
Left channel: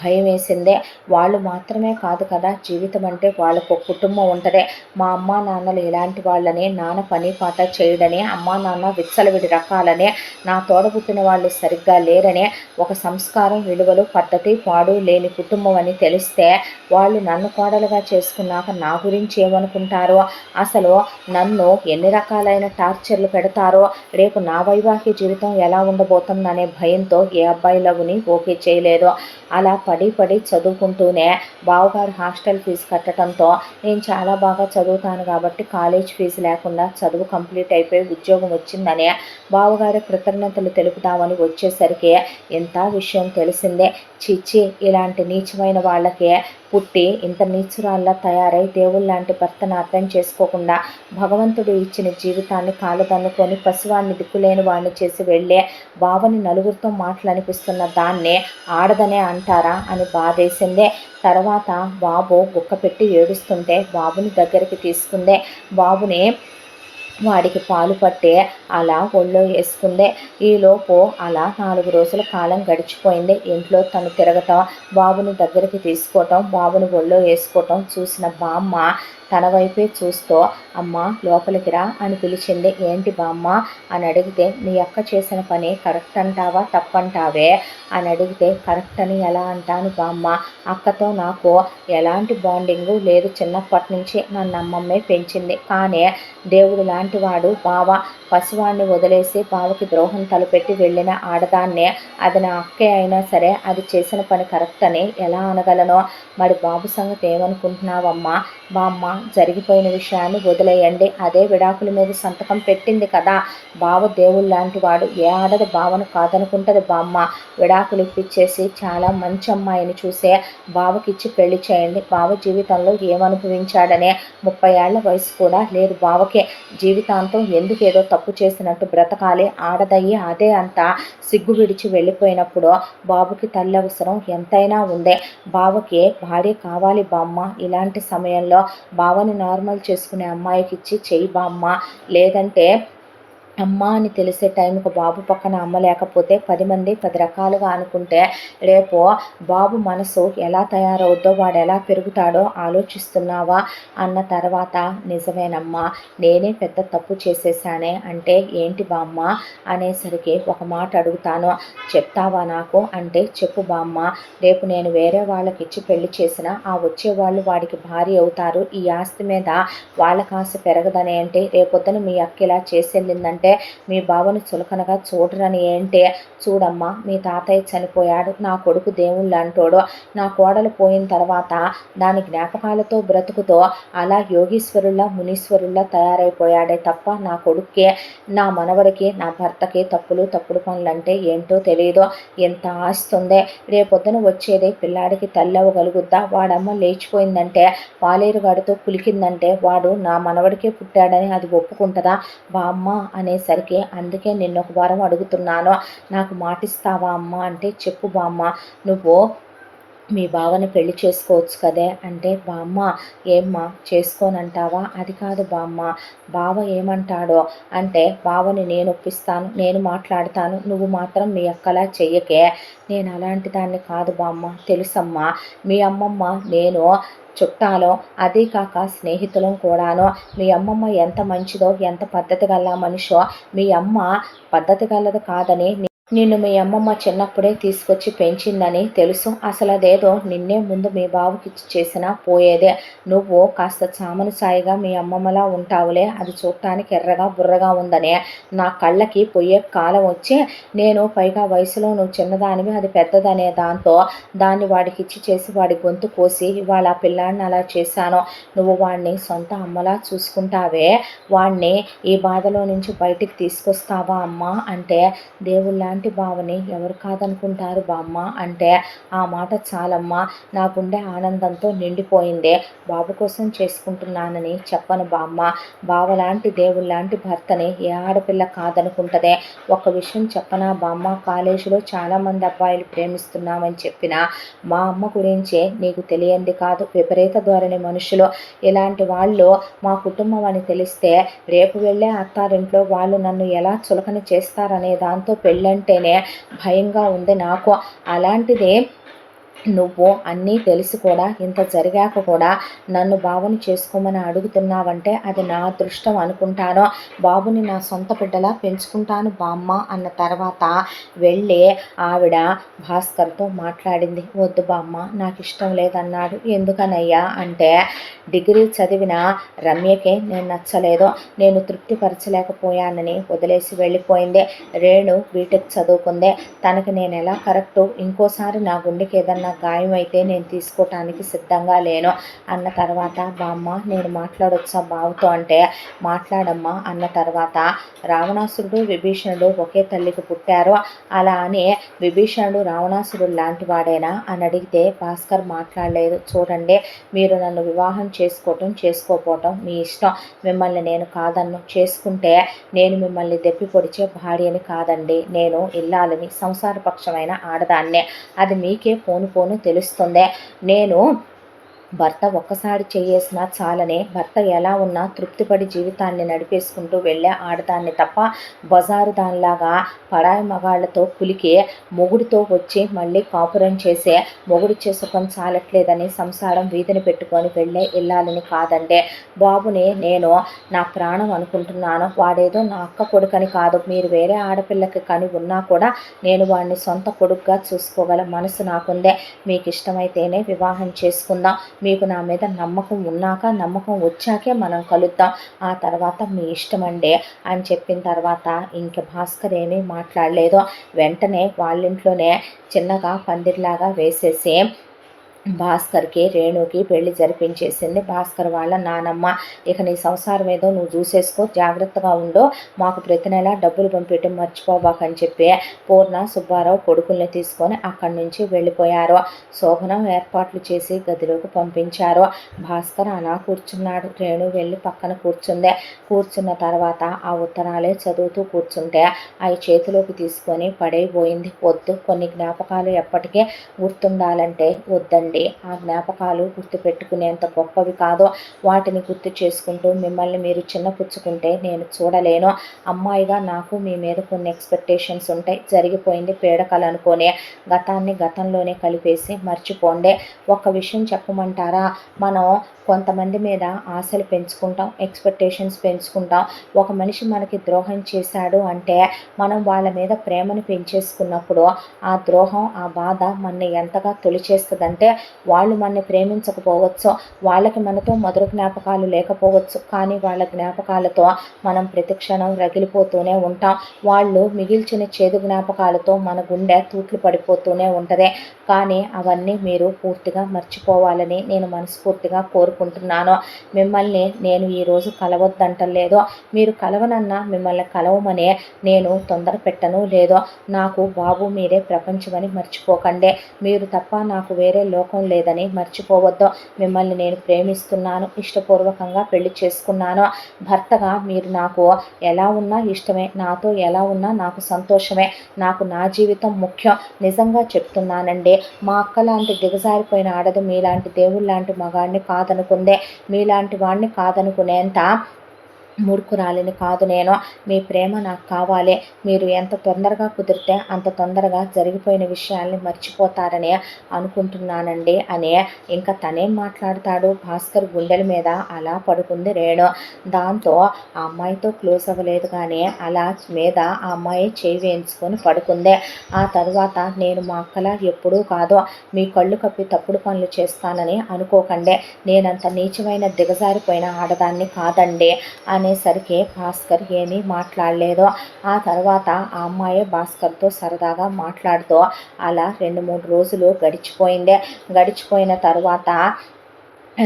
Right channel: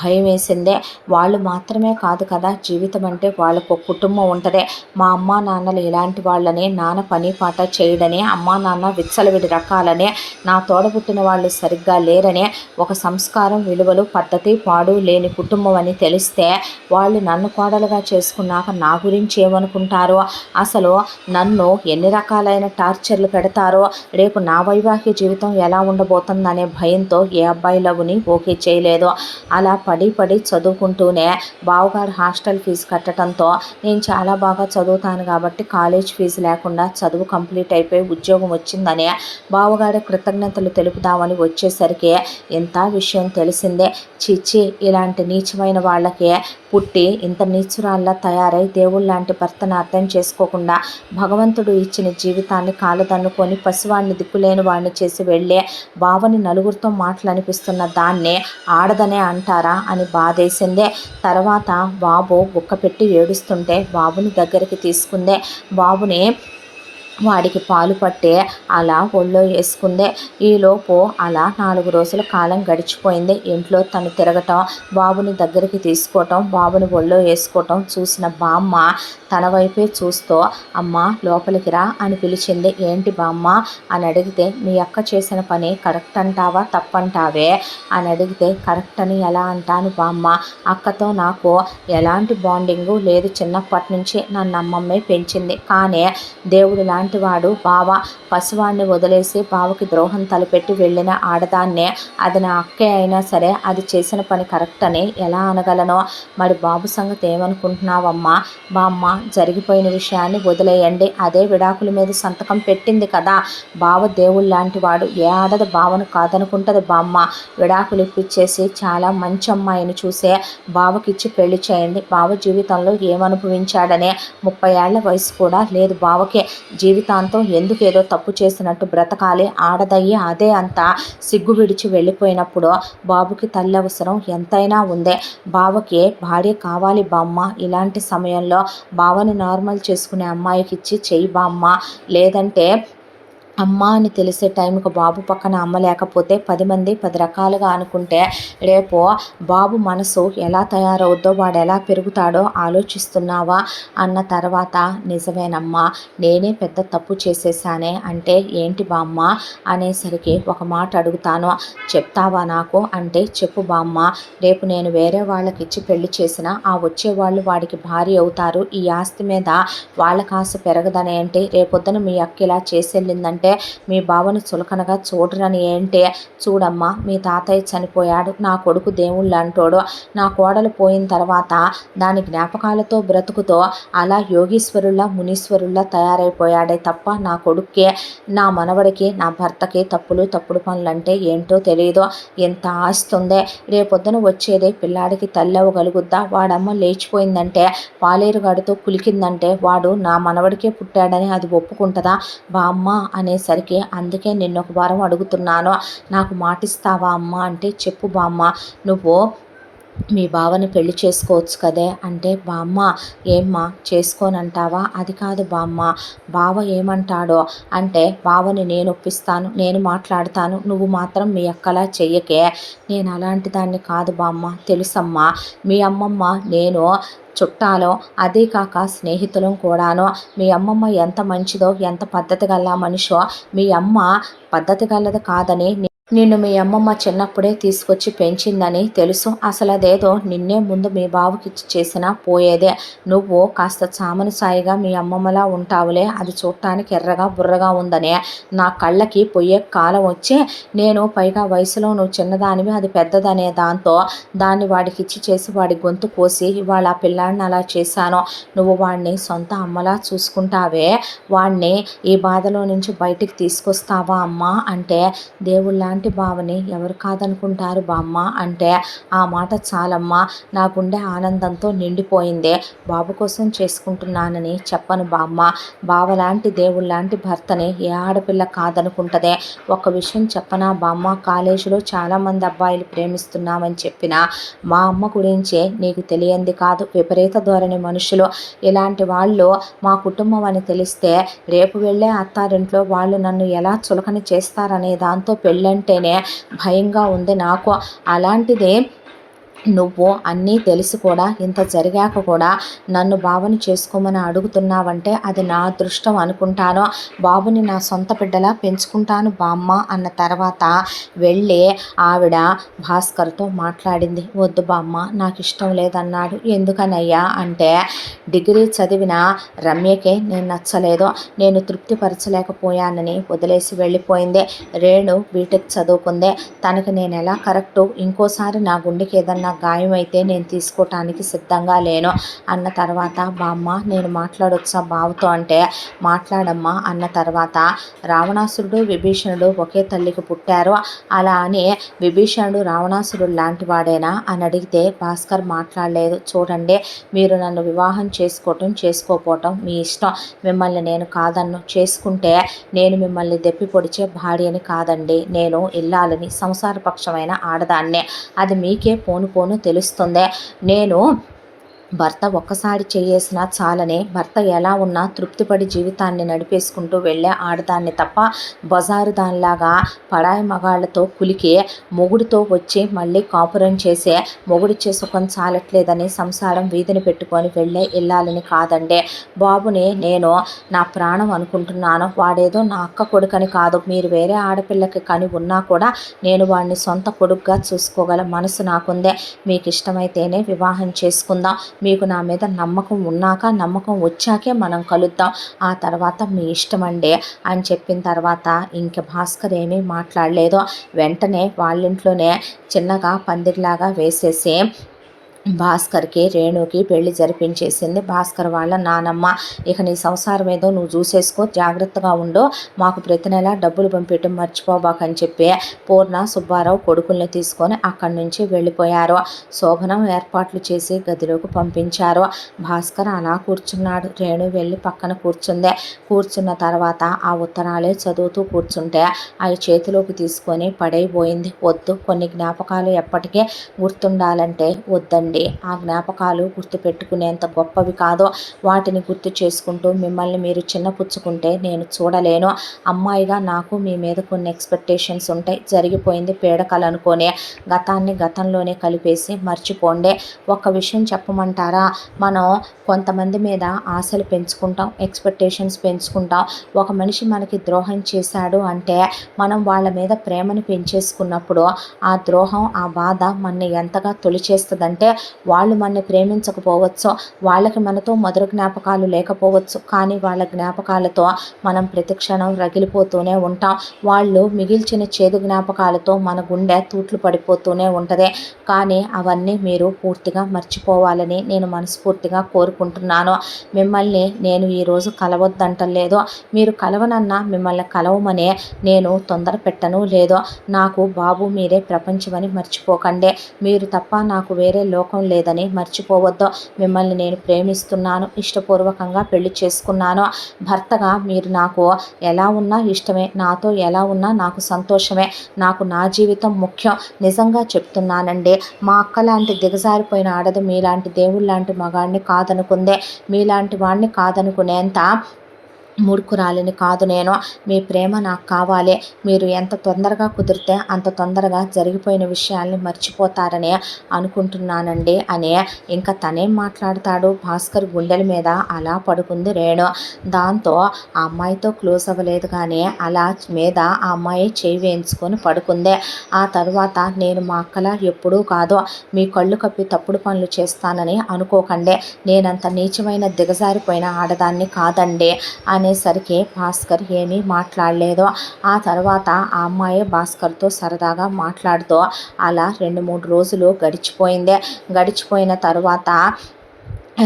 భయమేసిందే. వాళ్ళు మాత్రమే కాదు కదా, జీవితం అంటే వాళ్ళకు ఒక కుటుంబం ఉంటదే. మా అమ్మా నాన్నలు ఇలాంటి వాళ్ళని, నాన్న పని పాట చేయడని, అమ్మా నాన్న విచ్చలవిడి రకాలని, నా తోడబుట్టిన వాళ్ళు సరిగ్గా లేరని, ఒక సంస్కారం, విలువలు, పద్ధతి, పాడు లేని కుటుంబం అని తెలిస్తే వాళ్ళు నన్ను కోడలుగా చేసుకున్నాక నా గురించి ఏమనుకుంటారో, అసలు నన్ను ఎన్ని రకాలైన టార్చర్లు పెడతారో, రేపు నా వైవాహిక జీవితం ఎలా ఉండబోతుందనే భయంతో ఏ అబ్బాయి లవ్ని ఓకే చేయలేదు. అలా పడి పడి చదువుకుంటూనే బావగారు హాస్టల్ ఫీజు కట్టడంతో నేను చాలా బాగా చదువుతాను కాబట్టి కాలేజ్ ఫీజు లేకుండా చదువు కంప్లీట్ అయిపోయి ఉద్యోగం వచ్చిందని బావగారి కృతజ్ఞతలు తెలుపుదామని వచ్చేసరికి ఇంత విషయం తెలిసిందే. చిచ్చి, ఇలాంటి నీచమైన వాళ్ళకే పుట్టి ఇంత నీచురాల్లా తయారై దేవుళ్ళలాంటి భర్తను అర్థం చేసుకోకుండా భగవంతుడు ఇచ్చిన జీవితాన్ని కాలుదన్నుకొని పసివాడిని దిక్కులేని వాడిని చేసి వెళ్ళే బావని నలుగురితో మాటలు అనిపిస్తున్న దాన్నే ఆడదనే అంటారా అని బాధేసిందే. తర్వాత బాబు గుక్క పెట్టి ఏడుస్తుంటే బాబుని దగ్గరికి తీసుకుందే. బాబుని వాడికి పాలు పట్టే అలా ఒళ్ళో వేసుకుందే. ఈలోపు అలా 4 రోజుల కాలం గడిచిపోయింది. ఇంట్లో తను తిరగటం, బాబుని దగ్గరికి తీసుకోవటం, బాబుని ఒళ్ళో వేసుకోవటం చూసిన బామ్మ తన వైపే చూస్తూ అమ్మ లోపలికి రా అని పిలిచింది. ఏంటి బామ్మ అని అడిగితే, మీ అక్క చేసిన పని కరెక్ట్ అంటావా తప్పంటావే అని అడిగితే, కరెక్ట్ అని ఎలా అంటాను బామ్మ, అక్కతో నాకు ఎలాంటి బాండింగు లేదు. చిన్నప్పటి నుంచి నన్ను అమ్మమ్మే పెంచింది. కానీ దేవుడు లాంటి వాడు బావ. పసివాడిని వదిలేసి బావకి ద్రోహం తలపెట్టి వెళ్ళిన ఆడదాన్నే, అది నా అక్కే అయినా సరే అది చేసిన పని కరెక్ట్ అని ఎలా అనగలను? మరి బాబు సంగతి ఏమనుకుంటున్నావమ్మా? బామ్మ, జరిగిపోయిన విషయాన్ని వదిలేయండి. అదే విడాకుల మీద సంతకం పెట్టింది కదా. బావ దేవుడు లాంటి వాడు. ఏ ఆడది బావను కాదనుకుంటుంది బామ్మ. విడాకులు ఇప్పించేసి చాలా మంచి అమ్మాయిని చూసే బావకిచ్చి పెళ్లి చేయండి. బావ జీవితంలో ఏమనుభవించాడనే 30 ఏళ్ల వయసు కూడా లేదు బావకే. జీవితాంతం ఎందుకు ఏదో తప్పు చేసినట్టు బ్రతకాలి? ఆడదయ్యి అదే అంతా సిగ్గు విడిచి వెళ్ళిపోయినప్పుడు బాబుకి తల్లి అవసరం ఎంతైనా ఉందే. బావకి భార్య కావాలి బామ్మ. ఇలాంటి సమయంలో బావని నార్మల్ చేసుకునే అమ్మాయికి ఇచ్చి చెయ్యి బామ్మ. లేదంటే అమ్మ అని తెలిసే టైంకి బాబు పక్కన అమ్మ లేకపోతే 10 మంది 10 రకాలుగా అనుకుంటే రేపు బాబు మనసు ఎలా తయారవుద్దో, వాడు ఎలా పెరుగుతాడో ఆలోచిస్తున్నావా అన్న తర్వాత, నిజమేనమ్మా, నేనే పెద్ద తప్పు చేసేసానే అంటే ఏంటి బామ్మ అనేసరికి, ఒక మాట అడుగుతాను చెప్తావా నాకు అంటే, చెప్పు బామ్మ. రేపు నేను వేరే వాళ్ళకి ఇచ్చి పెళ్లి చేసినా ఆ వచ్చేవాళ్ళు వాడికి భార్య అవుతారు. ఈ ఆస్తి మీద వాళ్ళకి ఆశ పెరగదని ఏంటి? రేపొద్దున మీ అక్క ఇలా చేసెళ్ళిందంటే మీ బావని చులకనగా చూడరని ఏంటి? చూడమ్మా, మీ తాతయ్య చనిపోయాడు. నా కొడుకు దేవుళ్ళంటోడు. నా కోడలు పోయిన తర్వాత దాని జ్ఞాపకాలతో బ్రతుకుతో అలా యోగీశ్వరుల్లా మునీశ్వరుల్లా తయారైపోయాడే తప్ప నా కొడుక్కే, నా మనవడికి, నా భర్తకి తప్పుడు పనులంటే ఏంటో తెలియదు. ఎంత ఆస్తుందే. రేపొద్దున వచ్చేదే పిల్లాడికి తల్లి అవ్వగలుగుద్దా? వాడమ్మ లేచిపోయిందంటే, పాలేరుగాడితో కులికిందంటే వాడు నా మనవడికే పుట్టాడని అది ఒప్పుకుంటుందా బామ్మ అనేసరికి, అందుకే నిన్నొక వారం అడుగుతున్నాను, నాకు మాటిస్తావా అమ్మ అంటే, చెప్పు బామ్మ. నువ్వు మీ బావని పెళ్లి చేసుకోవచ్చు కదే అంటే, బామ్మ ఏమ్మా చేసుకోనంటావా? అది కాదు బామ్మ, బావ ఏమంటాడో అంటే, బావని నేను ఒప్పిస్తాను, నేను మాట్లాడతాను, నువ్వు మాత్రం మీ అక్కలా చెయ్యకే. నేను అలాంటి దాన్ని కాదు బామ్మ, తెలుసమ్మా. మీ అమ్మమ్మ నేను చుట్టాలో, అదే కాక స్నేహితులం కూడాను. మీ అమ్మమ్మ ఎంత మంచిదో, ఎంత పద్ధతి గల మనిషో, మీ అమ్మ పద్ధతి గలది కాదని నిన్ను మీ అమ్మమ్మ చిన్నప్పుడే తీసుకొచ్చి పెంచిందని తెలుసు. అసలు అదేదో నిన్నే ముందు మీ బావకిచ్చి చేసినా పోయేదే. నువ్వు కాస్త చామన సాయిగా మీ అమ్మమ్మలా ఉంటావులే, అది చూడటానికి ఎర్రగా బుర్రగా ఉందనే నా కళ్ళకి పొయ్యే కాలం వచ్చి, నేను పైగా వయసులో నువ్వు చిన్నదానివి, అది పెద్దదనే దాంతో దాన్ని వాడికిచ్చి చేసి వాడి గొంతు కోసి ఇవాళ ఆ పిల్లాడిని అలా చేశాను. నువ్వు వాడిని సొంత అమ్మలా చూసుకుంటావే, వాడిని ఈ బాధలో నుంచి బయటికి తీసుకొస్తావా అమ్మా అంటే, దేవుళ్ళ నీలాంటి బావని ఎవరు కాదనుకుంటారు బామ్మ అంటే, ఆ మాట చాలమ్మా, నా గుండె ఆనందంతో నిండిపోయిందే. బాబు కోసం చేసుకుంటున్నానని చెప్పను బామ్మ. బావలాంటి దేవుళ్ళలాంటి భర్తని ఏ ఆడపిల్ల కాదనుకుంటదే. ఒక విషయం చెప్పనా బామ్మ, కాలేజీలో చాలామంది అబ్బాయిలు ప్రేమిస్తున్నామని చెప్పినా మా అమ్మ గురించే నీకు తెలియంది కాదు. విపరీత ధోరణి మనుషులు. ఇలాంటి వాళ్ళు మా కుటుంబం అని తెలిస్తే రేపు వెళ్ళే అత్తారింట్లో వాళ్ళు నన్ను ఎలా చులకన చేస్తారనే దాంతో పెళ్ళంటేనే భయంగా ఉంది నాకు. అలాంటిది నువ్వు అన్నీ తెలిసి కూడా, ఇంత జరిగాక కూడా నన్ను బావని చేసుకోమని అడుగుతున్నావంటే అది నా అదృష్టం అనుకుంటాను. బాబుని నా సొంత బిడ్డలా పెంచుకుంటాను బామ్మ అన్న తర్వాత వెళ్ళి ఆవిడ భాస్కర్తో మాట్లాడింది. వద్దు బామ్మ, నాకు ఇష్టం లేదన్నాడు. ఎందుకనయ్యా అంటే, డిగ్రీ చదివిన రమ్యకే నేను నచ్చలేదు, నేను తృప్తిపరచలేకపోయానని వదిలేసి వెళ్ళిపోయింది. రేణు బీటెక్ చదువుకుందే, తనకి నేను ఎలా కరెక్టు, ఇంకోసారి నా గుండెకి ఏదన్నా గాయం అయితే నేను తీసుకోవటానికి సిద్ధంగా లేను అన్న తర్వాత, బామ్మ నేను మాట్లాడొచ్చా బావతో అంటే, మాట్లాడమ్మా అన్న తర్వాత, రావణాసురుడు విభీషణుడు ఒకే తల్లికి పుట్టారు, అలా అని విభీషణుడు రావణాసురుడు లాంటి వాడేనా అని అడిగితే భాస్కర్ మాట్లాడలేదు. చూడండి, మీరు నన్ను వివాహం చేసుకోకపోవటం మీ ఇష్టం, మిమ్మల్ని నేను కాదన్ను. చేసుకుంటే నేను మిమ్మల్ని దెప్పి పొడిచే భార్యని కాదండి, నేను ఇల్లాలని, సంసారపక్షమైన ఆడదాన్నే. అది మీకే పోను పోను తెలుస్తుందే. నేను భర్త ఒక్కసారి చేయేసినా చాలని, భర్త ఎలా ఉన్నా తృప్తిపడి జీవితాన్ని నడిపేసుకుంటూ వెళ్ళే ఆడదాన్ని తప్ప, బజారు దానిలాగా పరాయి మగాళ్ళతో కులికి మొగుడితో వచ్చి మళ్ళీ కాపురం చేసే, మొగుడిచ్చే సుఖం చాలట్లేదని సంసారం వీధిని పెట్టుకొని వెళ్ళే ఇల్లాలని కాదండే. బాబుని నేను నా ప్రాణం అనుకుంటున్నాను. వాడేదో నా అక్క కొడుకని కాదు, మీరు వేరే ఆడపిల్లకి కని ఉన్నా కూడా నేను వాడిని సొంత కొడుకుగా చూసుకోగల మనసు నాకుందే. మీకు ఇష్టమైతేనే వివాహం చేసుకుందాం, మీకు నా మీద నమ్మకం ఉన్నాక, నమ్మకం వచ్చాకే మనం కలుద్దాం, ఆ తర్వాత మీ ఇష్టమండి అని చెప్పిన తర్వాత ఇంక భాస్కర్ ఏమీ మాట్లాడలేదు. వెంటనే వాళ్ళింట్లోనే చిన్నగా పందిరిలాగా వేసేసి భాస్కర్కి రేణుకి పెళ్లి జరిపించేసింది భాస్కర్ వాళ్ళ నానమ్మ. ఇక నీ సంసారం ఏదో నువ్వు చూసేసుకో, జాగ్రత్తగా ఉండు, మాకు ప్రతి నెల డబ్బులు పంపించడం మర్చిపోబాకని చెప్పి పూర్ణ సుబ్బారావు కొడుకుల్ని తీసుకొని అక్కడి నుంచి వెళ్ళిపోయారు. శోభనం ఏర్పాట్లు చేసి గదిలోకి పంపించారు. భాస్కర్ అలా కూర్చున్నాడు. రేణు వెళ్ళి పక్కన కూర్చుంది. కూర్చున్న తర్వాత ఆ ఉత్తరాలే చదువుతూ కూర్చుంటే అవి చేతిలోకి తీసుకొని పడైపోయింది. వద్దు, కొన్ని జ్ఞాపకాలు ఎప్పటికీ గుర్తుండాలంటే వద్దండి, ఆ జ్ఞాపకాలు గుర్తుపెట్టుకునేంత గొప్పవి కాదు, వాటిని గుర్తు చేసుకుంటూ మిమ్మల్ని మీరు చిన్నపుచ్చుకుంటే నేను చూడలేను. అమ్మాయిగా నాకు మీ మీద కొన్ని ఎక్స్పెక్టేషన్స్ ఉంటాయి. జరిగిపోయింది పీడకలు అనుకోనే, గతాన్ని గతంలోనే కలిపేసి మర్చిపోండి. ఒక్క విషయం చెప్పమంటారా, మనం కొంతమంది మీద ఆశలు పెంచుకుంటాం, ఎక్స్పెక్టేషన్స్ పెంచుకుంటాం. ఒక మనిషి మనకి ద్రోహం చేశాడు అంటే మనం వాళ్ళ మీద ప్రేమను పెంచేసుకున్నప్పుడు ఆ ద్రోహం, ఆ బాధ మనని ఎంతగా తొలిచేస్తుందంటే, వాళ్ళు మనని ప్రేమించకపోవచ్చు, వాళ్ళకి మనతో మధుర జ్ఞాపకాలు లేకపోవచ్చు, కానీ వాళ్ళ జ్ఞాపకాలతో మనం ప్రతిక్షణం రగిలిపోతూనే ఉంటాం. వాళ్ళు మిగిల్చిన చేదు జ్ఞాపకాలతో మన గుండె తూట్లు పడిపోతూనే ఉంటుంది. కానీ అవన్నీ మీరు పూర్తిగా మర్చిపోవాలని నేను మనస్ఫూర్తిగా కోరుకుంటున్నాను. మిమ్మల్ని నేను ఈరోజు కలవద్దంటలేదు, మీరు కలవనన్నా మిమ్మల్ని కలవమనే నేను తొందర పెట్టను లేదో. నాకు బాబు మీరే ప్రపంచమని మర్చిపోకండి, మీరు తప్ప నాకు వేరే లోకం లేదని మర్చిపోవద్దు. మిమ్మల్ని నేను ప్రేమిస్తున్నాను, ఇష్టపూర్వకంగా పెళ్లి చేసుకున్నాను. భర్తగా మీరు నాకు ఎలా ఉన్నా ఇష్టమే, నాతో ఎలా ఉన్నా నాకు సంతోషమే, నాకు నా జీవితం ముఖ్యం. నిజంగా చెప్తున్నానండి, మా అక్క లాంటి దిగజారిపోయిన ఆడది మీలాంటి దేవుళ్ళలాంటి మగాడిని కాదనుకుందే, మీలాంటి వాడిని కాదనుకునేంత మూర్ఖురాలిని కాదు నేను. మీ ప్రేమ నాకు కావాలి, మీరు ఎంత తొందరగా కుదిరితే అంత తొందరగా జరిగిపోయిన విషయాల్ని మర్చిపోతారని అనుకుంటున్నానండి అని. ఇంకా తనేం మాట్లాడతాడు, భాస్కర్ గుండెల మీద అలా పడుకుంది రేణు. దాంతో ఆ అమ్మాయితో క్లోజ్ అవ్వలేదు, కానీ అలా మీద ఆ అమ్మాయి చేయి వేయించుకొని పడుకుంది. ఆ తర్వాత నేను మా అక్కలా ఎప్పుడూ కాదు, మీ కళ్ళు కప్పి తప్పుడు పనులు చేస్తానని అనుకోకండి, నేనంత నీచమైన దిగజారిపోయిన ఆడదాన్ని కాదండి అనేసరికి భాస్కర్ ఏమీ మాట్లాడలేదు. ఆ తర్వాత ఆ అమ్మాయి భాస్కర్తో సరదాగా మాట్లాడుతూ అలా 2-3 రోజులు గడిచిపోయింది. గడిచిపోయిన తర్వాత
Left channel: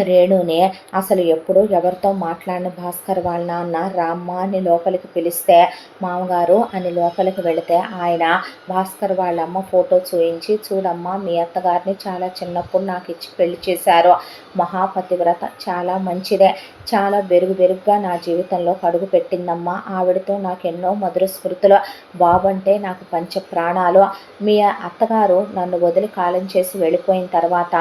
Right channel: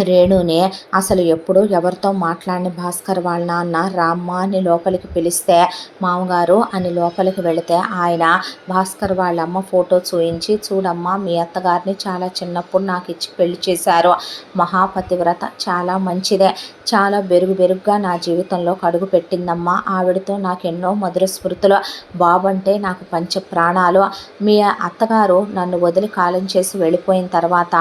రేణుని అసలు ఎప్పుడు ఎవరితో మాట్లాడిన భాస్కర్ వాళ్ళ నాన్న రామ్మ అని లోపలికి పిలిస్తే మామగారు అని లోపలికి వెళితే ఆయన భాస్కర్ వాళ్ళమ్మ ఫోటో చూయించి, చూడమ్మా మీ అత్తగారిని చాలా చిన్నప్పుడు నాకు ఇచ్చి పెళ్లి చేశారు, మహాపతివ్రత, చాలా మంచిదే, చాలా బెరుగుగా నా జీవితంలో కడుగు పెట్టిందమ్మా, ఆవిడతో నాకు ఎన్నో మధుర స్మృతులు, బాబు అంటే నాకు పంచ ప్రాణాలు, మీ అత్తగారు నన్ను వదిలి కాలం చేసి వెళ్ళిపోయిన తర్వాత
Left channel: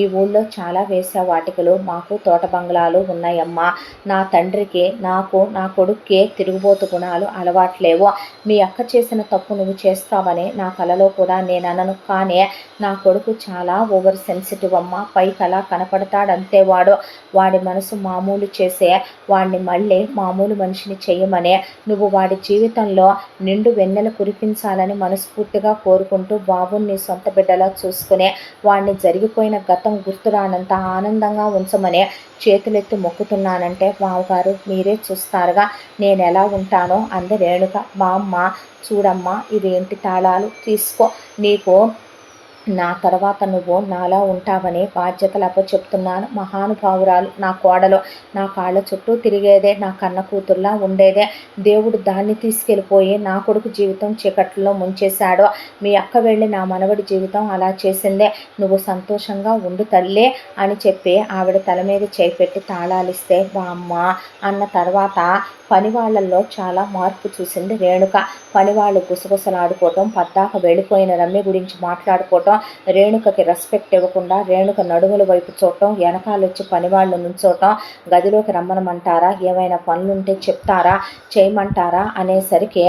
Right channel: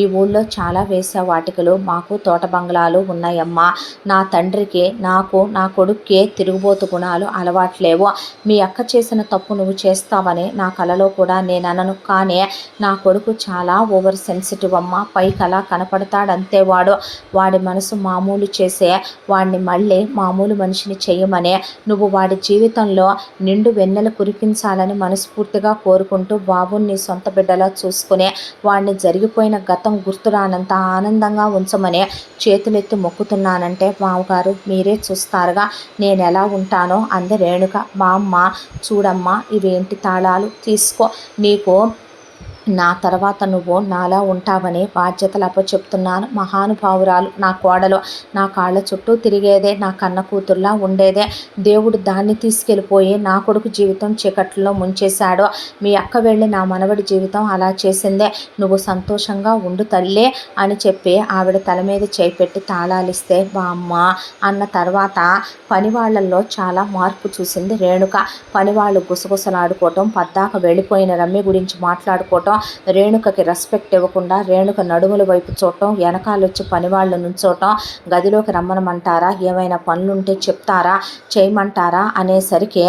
ఈ ఊళ్ళో చాలా వేశ్యావాటికలు, మాకు తోట బంగ్లాలు ఉన్నాయమ్మా, నా తండ్రికి నాకు నా కొడుక్కే తిరుగుబోతు గుణాలు అలవాట్లేవు, మీ అక్క చేసిన తప్పు నువ్వు చేస్తావని నా కలలో కూడా నేను అనను, కానీ నా కొడుకు చాలా ఓవర్ సెన్సిటివ్ అమ్మా, పైకి అలా కనపడతాడంతే, వాడి మనసు మామూలు చేసే వాడిని మళ్ళీ మామూలు మనిషిని చేయమనే నువ్వు వాడి జీవితంలో నిండు వెన్నెల కురిపించాలని మనస్ఫూర్తిగా కోరుకుంటూ బాబుని నీ సొంత బిడ్డలా చూసుకునే వాడిని జరిగిపోయిన గతం గుర్తురానంత ఆనందంగా ఉంచమని చేతులెత్తి మొక్కుతున్నానంటే మామగారు మీరే చూస్తారుగా నేను ఎలా ఉంటానో అంది రేణుక. మా అమ్మ చూడమ్మా ఇవేంటి తాళాలు, తీసుకో, నీకు నా తర్వాత నువ్వు నాలా ఉంటావని బాధ్యతలు అప్పచెప్తున్నాను, మహానుభావురాలు నా కోడలు, నా కాళ్ళ చుట్టూ తిరిగేదే, నా కన్న కూతుర్లా ఉండేదే, దేవుడు దాన్ని తీసుకెళ్ళిపోయి నా కొడుకు జీవితం చీకట్లో ముంచేశాడు, మీ అక్క వెళ్ళి నా మనవడి జీవితం అలా చేసిందే, నువ్వు సంతోషంగా ఉండు తల్లే అని చెప్పి ఆవిడ తల మీద చేపెట్టి తాళాలిస్తే బామ్మ అన్న తర్వాత పనివాళ్లలో చాలా మార్పు చూసింది రేణుక. పనివాళ్ళు గుసగుసలాడుకోవటం, పద్దాక వెళ్ళిపోయిన రమ్య గురించి మాట్లాడుకోవటం, రేణుకకి రెస్పెక్ట్ ఇవ్వకుండా రేణుక నడుముల వైపు చూడటం, వెనకాలొచ్చి పనివాళ్ళు నుంచోటం, గదిలోకి రమ్మనమంటారా, ఏమైనా పనులుంటే చెప్తారా, చేయమంటారా అనేసరికి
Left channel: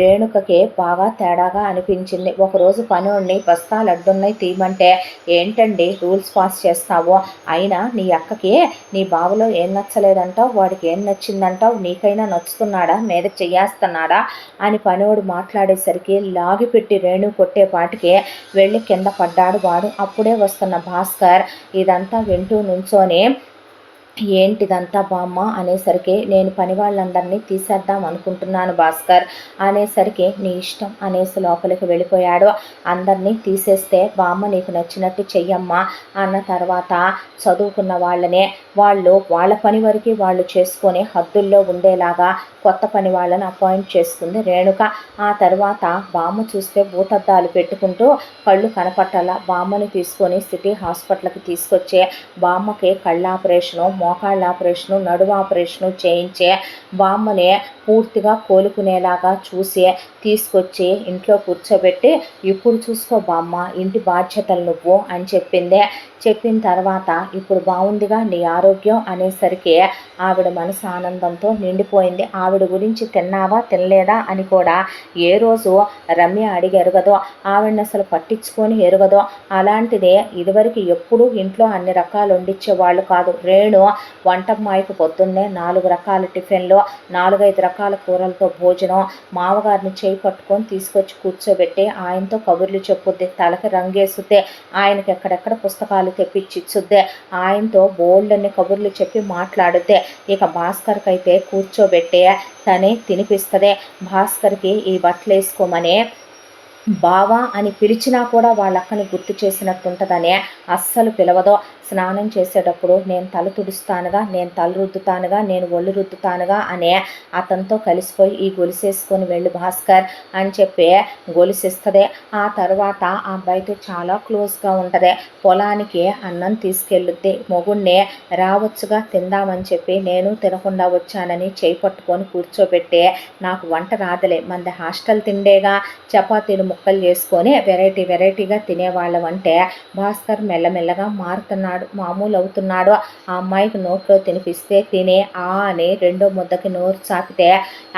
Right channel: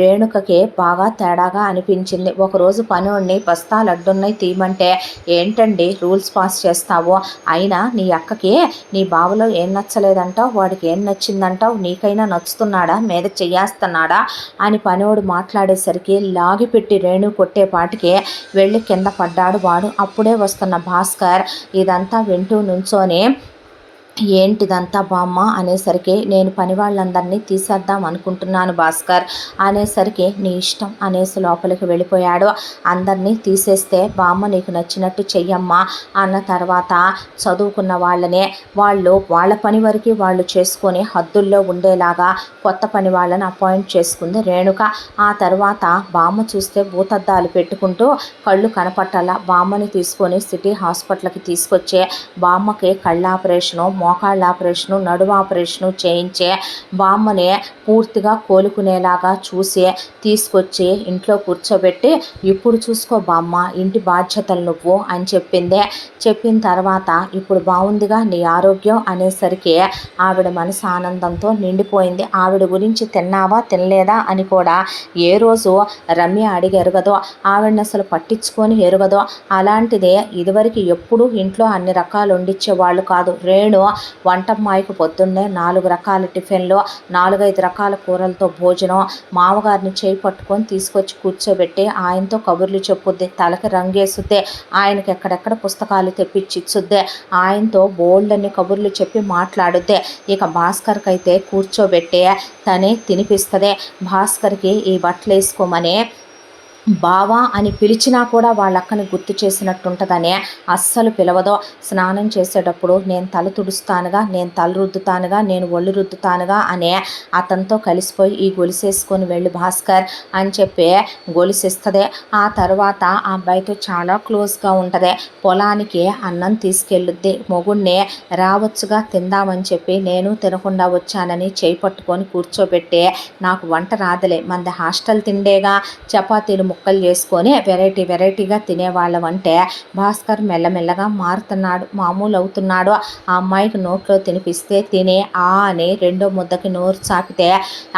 రేణుకకి బాగా తేడాగా అనిపించింది. ఒకరోజు పనివాడిని బస్తాలు అడ్డున్నాయి తీయమంటే ఏంటండి రూల్స్ పాస్ చేస్తావో, అయినా నీ అక్కకి నీ బావలో ఏం నచ్చలేదంటావు, వాడికి ఏం నచ్చిందంటావు, నీకైనా నచ్చుతున్నాడా, మీద చెయ్యేస్తున్నాడా అని పనివాడు మాట్లాడేసరికి లాగిపెట్టి రేణు కొట్టేపాటికి వెళ్ళి కింద పడ్డాడు వాడు. అప్పుడే వస్తున్న భాస్కర్ ఇదంతా వింటూ నుంచోని ఏంటిదంతా బామ్మ అనేసరికి నేను పని వాళ్ళందరినీ తీసేద్దాం అనుకుంటున్నాను భాస్కర్ అనేసరికి నీ ఇష్టం అనేసి లోపలికి వెళ్ళిపోయాడు. అందరినీ తీసేస్తే బామ్మ నీకు నచ్చినట్టు చెయ్యమ్మా అన్న తర్వాత చదువుకున్న వాళ్ళనే వాళ్ళ పని వరకు వాళ్ళు చేసుకొని హద్దుల్లో ఉండేలాగా కొత్త పని వాళ్ళని అపాయింట్ చేసుకుంది రేణుక. ఆ తర్వాత బామ్మ చూస్తే భూతద్దాలు పెట్టుకుంటూ కళ్ళు కనపట్టాల బామ్మని తీసుకొని సిటీ హాస్పిటల్కి తీసుకొచ్చే బామ్మకి కళ్ళ ఆపరేషను, మోకాళ్ళ ఆపరేషను, నడుము ఆపరేషను చేయించే బామ్మని పూర్తిగా కోలుకునేలాగా చూసి తీసుకొచ్చి ఇంట్లో కూర్చోబెట్టి ఇప్పుడు చూసుకో బామ్మ ఇంటి బాధ్యతలు నువ్వు అని చెప్పిన తర్వాత ఇప్పుడు బాగుందిగా నీ ఆరోగ్యం అనేసరికి ఆవిడ మనసు ఆనందంతో నిండిపోయింది. ఆవిడ గురించి తిన్నావా తినలేదా అని కూడా ఏ రోజు రమ్య అడిగి ఎరగదో, ఆవిడని అసలు పట్టించుకొని ఎరగదో. అలాంటిదే ఇదివరకు ఎప్పుడూ ఇంట్లో అన్ని రకాలు వండించేవాళ్ళు కాదు. రేణు వంటమ్మాయికి పొద్దున్నే 4 రకాల టిఫిన్లు, 4-5 రకాల కూరలతో భోజనం, మామగారిని చేయి పట్టుకొని తీసుకొచ్చి కూర్చోబెట్టి ఆయనతో కబుర్లు చెప్పుద్ది, తలకి రంగేసుద్ది, ఆయనకి ఎక్కడెక్కడ పుస్తకాలు తెప్పించిచ్చుద్ది, ఆయనతో బోల్డన్ని కబుర్లు చెప్పి మాట్లాడుద్ది. ఇక భాస్కర్కి అయితే కూర్చోబెట్టి తనే తినిపిస్తుంది. భాస్కర్కి ఈ బట్టలు వేసుకోమని బావా అని పిలిచినా కూడా వాళ్ళక్కని గుర్తు చేసినట్టుంటుందని అస్సలు పిలవదో. స్నానం చేసేటప్పుడు నేను తల తుడుస్తానుగా, నేను తల రుద్దుతానుగా, నేను ఒళ్ళు రుద్దుతానుగా అనే అతనితో కలిసిపోయి ఈ గొలుసేసుకొని వెళ్ళి భాస్కర్ అని చెప్పి గొలుసిస్తుంది. ఆ తర్వాత ఆ అబ్బాయితో చాలా క్లోజ్గా ఉంటుంది. పొలానికి అన్నం తీసుకెళ్ళుద్ది. మొగుడిని రావచ్చుగా తిందామని చెప్పి నేను తినకుండా వచ్చానని చేయి పట్టుకొని కూర్చోబెట్టి నాకు వంట రాదలే, మంది హాస్టల్ తిండేగా, చపాతీలు ముక్కలు చేసుకొని వెరైటీగా తినేవాళ్ళం అంటే భాస్కర్ మెల్లమెల్లగా మారుతున్నాడు, మామూలు అవుతున్నాడు. ఆ అమ్మాయికి నోట్లో తినిపిస్తే తినే ఆ అని రెండో ముద్దకి నోరు చాపితే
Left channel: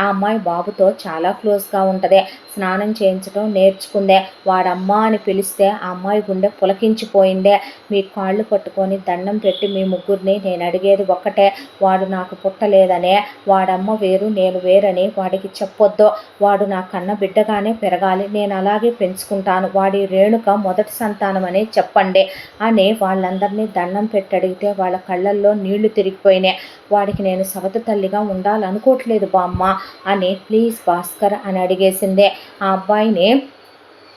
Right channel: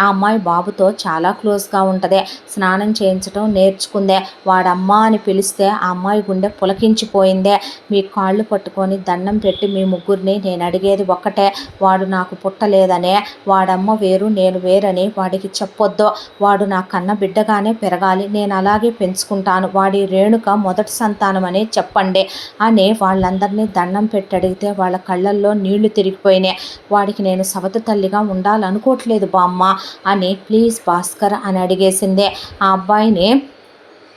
ఆ అమ్మాయి బాబుతో చాలా క్లోజ్గా ఉంటుంది. స్నానం చేయించడం నేర్చుకుందే. వాడమ్మ అని పిలిస్తే ఆ అమ్మాయి గుండె పులకించిపోయిందే. మీ కాళ్ళు పట్టుకొని దండం పెట్టి మీ ముగ్గురిని నేను అడిగేది ఒక్కటే, వాడు నాకు పుట్టలేదనే, వాడమ్మ వేరు నేను వేరని వాడికి చెప్పొద్దు, వాడు నా కన్న బిడ్డగానే పెరగాలి, నేను అలాగే పెంచుకుంటాను, వాడి రేణుక మొదటి సంతానం అని చెప్పండి అని వాళ్ళందరినీ దండం పెట్టి అడిగితే వాళ్ళ కళ్ళల్లో నీళ్లు తిరిగిపోయినాయి. వాడికి నేను సవతి తల్లిగా ఉండాలనుకోవట్లేదు బామ్మ అని ప్లీజ్ భాస్కర్ అని అడిగేసిందే. ఆ అబ్బాయిని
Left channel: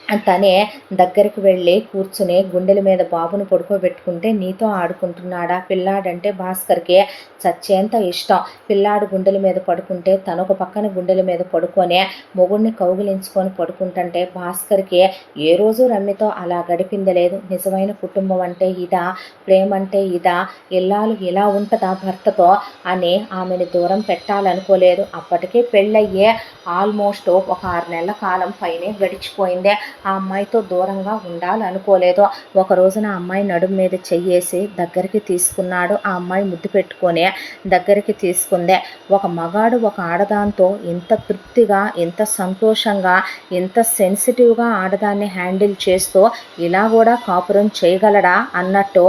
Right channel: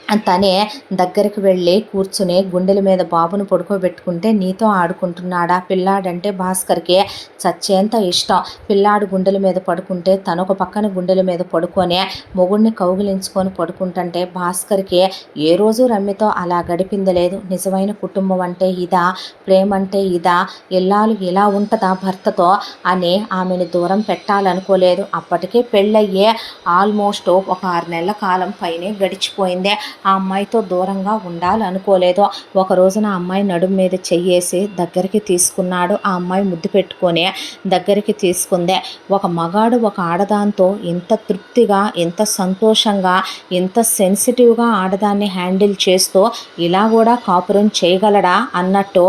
తనే దగ్గరికి వెళ్ళి కూర్చుని గుండెల మీద బాబును పడుకోబెట్టుకుంటే, నీతో ఆడుకుంటున్నాడా పిల్లాడంటే భాస్కర్కి చచ్చేంత ఇష్టం. పిల్లాడు గుండెల మీద పడుకుంటే తనొక పక్కన గుండెల మీద పడుకొని మొగుడిని కౌగిలించుకొని పడుకుంటుంటే భాస్కర్కి ఏ రోజు రమ్యతో అలా గడిపింది లేదు. నిజమైన కుటుంబం అంటే ఇదా, ప్రేమ అంటే ఇదా, ఇల్లాలు ఇలా ఉంటుందా భర్తతో అని ఆమెను దూరం పెట్టాలనుకోలేదు. అప్పటికే పెళ్ళయ్యే ఆల్మోస్ట్ ఒక 6 నెలల కాలం పైనే గడిచిపోయింది. ఆ అమ్మాయితో దూరంగా ఉండాలనుకోలేదు. ఒక రోజున ఆ అమ్మాయి నడుము మీద చెయ్యేసి దగ్గరికి తీసుకున్నాడు. ఆ అమ్మాయి ముద్దు పెట్టుకొని దగ్గరికి తీసుకుందే. ఒక మగాడు ఒక ఆడదాంతో ఇంత తృప్తిగా, ఇంత సంతోషంగా, ఇంత సెన్సిటివ్గా ఆడదాన్ని హ్యాండిల్ చేస్తూ ఇలా కూడా కాపురం చేయగలడా అన్నట్టు,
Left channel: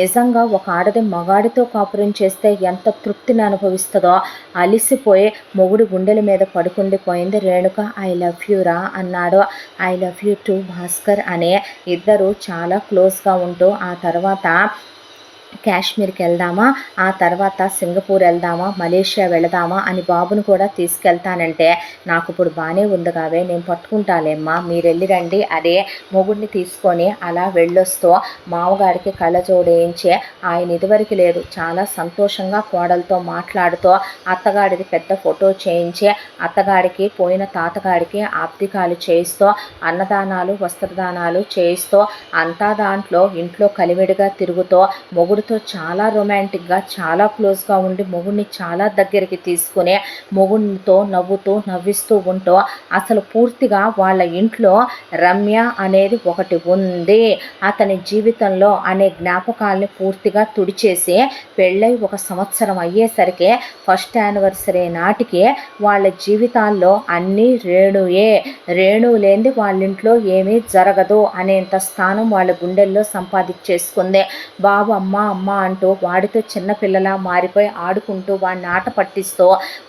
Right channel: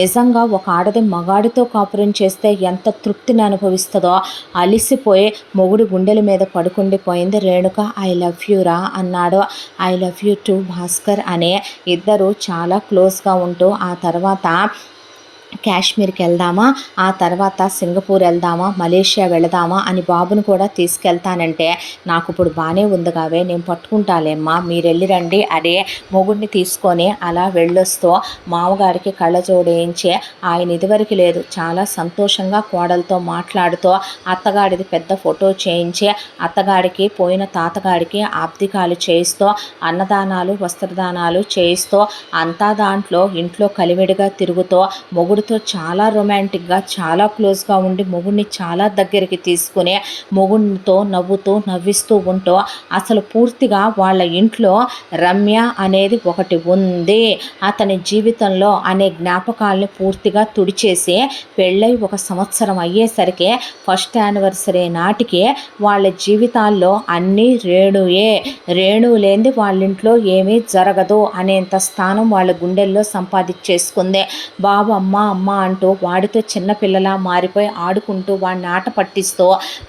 నిజంగా ఒక ఆడది మగాడితో కాపురం చేస్తే ఎంత తృప్తిని అనుభవిస్తుందో అలిసిపోయి మొగుడు గుండెల మీద పడుకుండిపోయింది రేణుక. ఐ లవ్ యూ రా అన్నాడు. I love you to Bhaskar అనే ఇద్దరు చాలా క్లోజ్గా ఉంటూ ఆ తర్వాత కాశ్మీర్కి వెళ్దామా, ఆ తర్వాత సింగపూర్ వెళ్దామా, మలేషియా వెళదామా అని బాబును కూడా తీసుకెళ్తానంటే, నాకు ఇప్పుడు బాగానే ఉంది కావే, నేను పట్టుకుంటాలేమ్మా, మీరు వెళ్ళి రండి అదే మొగుడిని తీసుకొని అలా వెళ్ళొస్తూ మామగారికి కళ్ళజోడేయించి, ఆయన ఇదివరకు లేదు చాలా సంతోషంగా కోడలతో మాట్లాడుతూ అత్తగాడిది పెద్ద ఫోటో చేయించి అత్తగాడికి పోయిన తాతగాడికి ఆబ్దికాలు చేయిస్తూ అన్నదానాలు వస్త్రదానాలు చేయిస్తూ అంతా దాంట్లో ఇంట్లో కలివిడిగా తిరుగుతూ మొగుడితో చాలా రొమాంటిక్గా చాలా క్లోజ్గా ఉండి మొగుడిని చాలా దగ్గరికి తీసుకుని మొగుడితో నవ్వుతూ నవ్విస్తూ ఉంటూ అసలు పూర్తిగా వాళ్ళ ఇంట్లో రమ్య అనేది ఒకటి ఉంది అతని జీవితంలో అనే జ్ఞాపకాలని పూర్తిగా తుడిచేసి పెళ్ళై 1 సంవత్సరం అయ్యేసరికి ఫస్ట్ యానివర్సరీ నాటికి వాళ్ళ జీవితాల్లో అన్నీ రేణుయే, రేణు లేనిది వాళ్ళ ఇంట్లో ఏమీ జరగదు అనేంత స్థానం వాళ్ళ గుండెల్లో సంపాదించేసుకుంది. బాబు అమ్మ అమ్మ అంటూ వాడితో చిన్నపిల్లలా మారిపోయి ఆడుకుంటూ వాడిని ఆట పట్టిస్తూ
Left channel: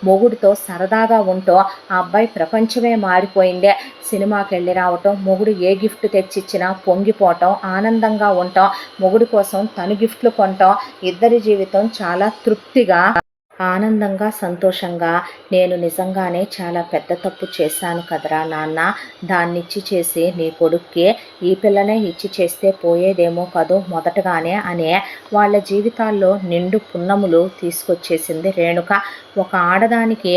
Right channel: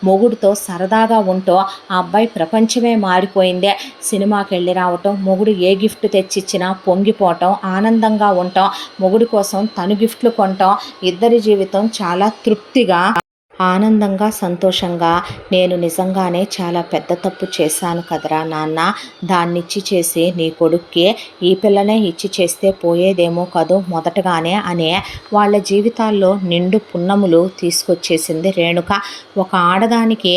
మొగుడితో సరదాగా ఉంటూ ఆ అబ్బాయి ప్రపంచమే మారిపోయింది. సినిమాకి వెళ్ళి రావటం, మొగుడు ఏ గిఫ్ట్ తెచ్చిచ్చినా పొంగిపోవటం, ఆనందంగా ఉండటం, మొగుడి కోసం తను గిఫ్ట్లు కొనటం, ఇద్దరి జీవితం చాలా తృప్తిగా ఆనందంగా సంతోషంగా. నేను నిజంగానే చాలా పెద్ద తప్పు చేశాను కదరా నాన్న, దాన్నిచ్చి చేసి నీ కొడుక్కి ఈ పిల్లనే ఇచ్చి చేస్తే పోయేదేమో కదూ మొదటగానే అనే వాళ్ళ జీవితాల్లో నిండు పున్నములు తీసుకొచ్చేసింది రేణుక. ఒక ఆడదానికి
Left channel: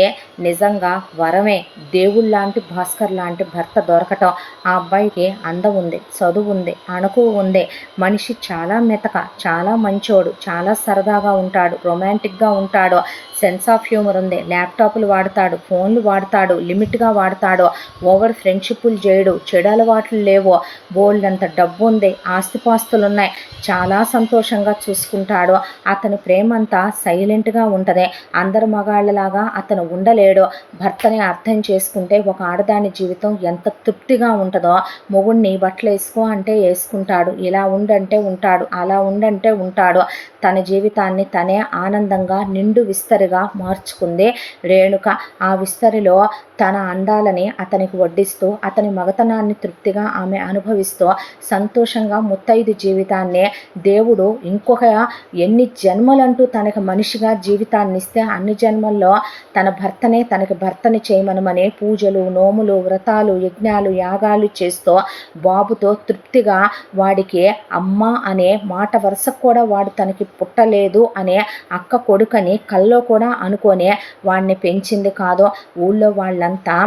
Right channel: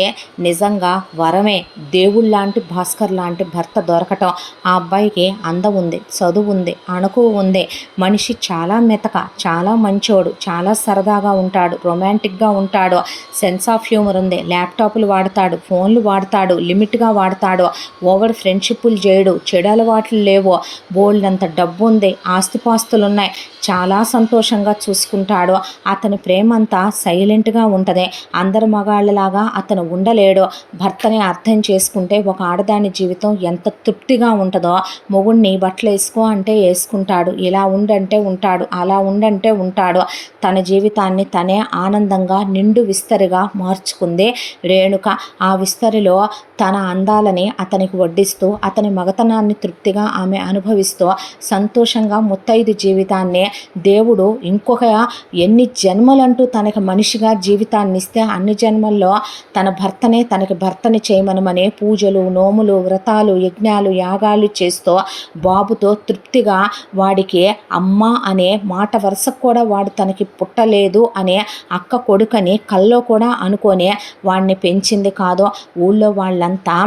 నిజంగా వరమే, దేవుళ్ళలాంటి భాస్కర్ లాంటి భర్త దొరకటం. ఆ అబ్బాయికి అందం ఉంది, చదువు ఉంది, అణుకు ఉంది, మనిషి చాలా మెతక, చాలా మంచోడు, చాలా సరదాగా ఉంటాడు, రొమాంటిక్గా ఉంటాడు, సెన్స్ ఆఫ్ హ్యూమర్ ఉంది, ల్యాప్టాప్లు వాడతాడు, ఫోన్లు వాడతాడు, లిమిట్గా వాడతాడు, ఓవర్ ఫ్రెండ్షిప్లు చేయడు, చెడు అలవాట్లు లేవు, బోల్డంత డబ్బు ఉంది, ఆస్తిపాస్తులు ఉన్నాయి, చాలా సంతోషంగా చూసుకుంటాడు. అతని ప్రేమ అంతా సైలెంట్గా ఉంటుంది. అందరు మగాళ్ళలాగా అతను ఉండలేడు. భర్తని అర్థం చేసుకుంటే ఒక ఆడదాని జీవితం ఎంత తృప్తిగా ఉంటుందో, మొగుడిని బట్టలు వేసుకో అంటే వేసుకుంటాడు, ఇలా ఉండంటే ఉంటాడు, అలా ఉండంటే ఉంటాడు. తన జీవితాన్ని తనే ఆనందంగా నిండు విస్తరిగా మార్చుకుంది రేణుక. ఆ విస్తరిలో తన అందాలని అతనికి వడ్డిస్తూ అతని మగతనాన్ని తృప్తిగా ఆమె అనుభవిస్తూ సంతోషంగా ముత్తైదు జీవితాన్ని దేవుడు ఇంకొక ఎన్ని జన్మలంటూ తనకి మనిషిగా జీవితాన్ని ఇస్తే అన్ని జన్మల్లో తనకి భర్తని చేయమనమనే పూజలు, నోములు, వ్రతాలు, యజ్ఞాలు, యాగాలు చేస్తూ బాబుతో తృప్తిగా వాడికి అమ్మ అనే మాట వరుసకు కూడా వాడు తనకి పుట్టలేదు అనే అక్క కొడుకని కల్లో కూడా అనుకోనే వాడిని పెంచింది కాదు. ఊళ్ళో వాళ్ళంతా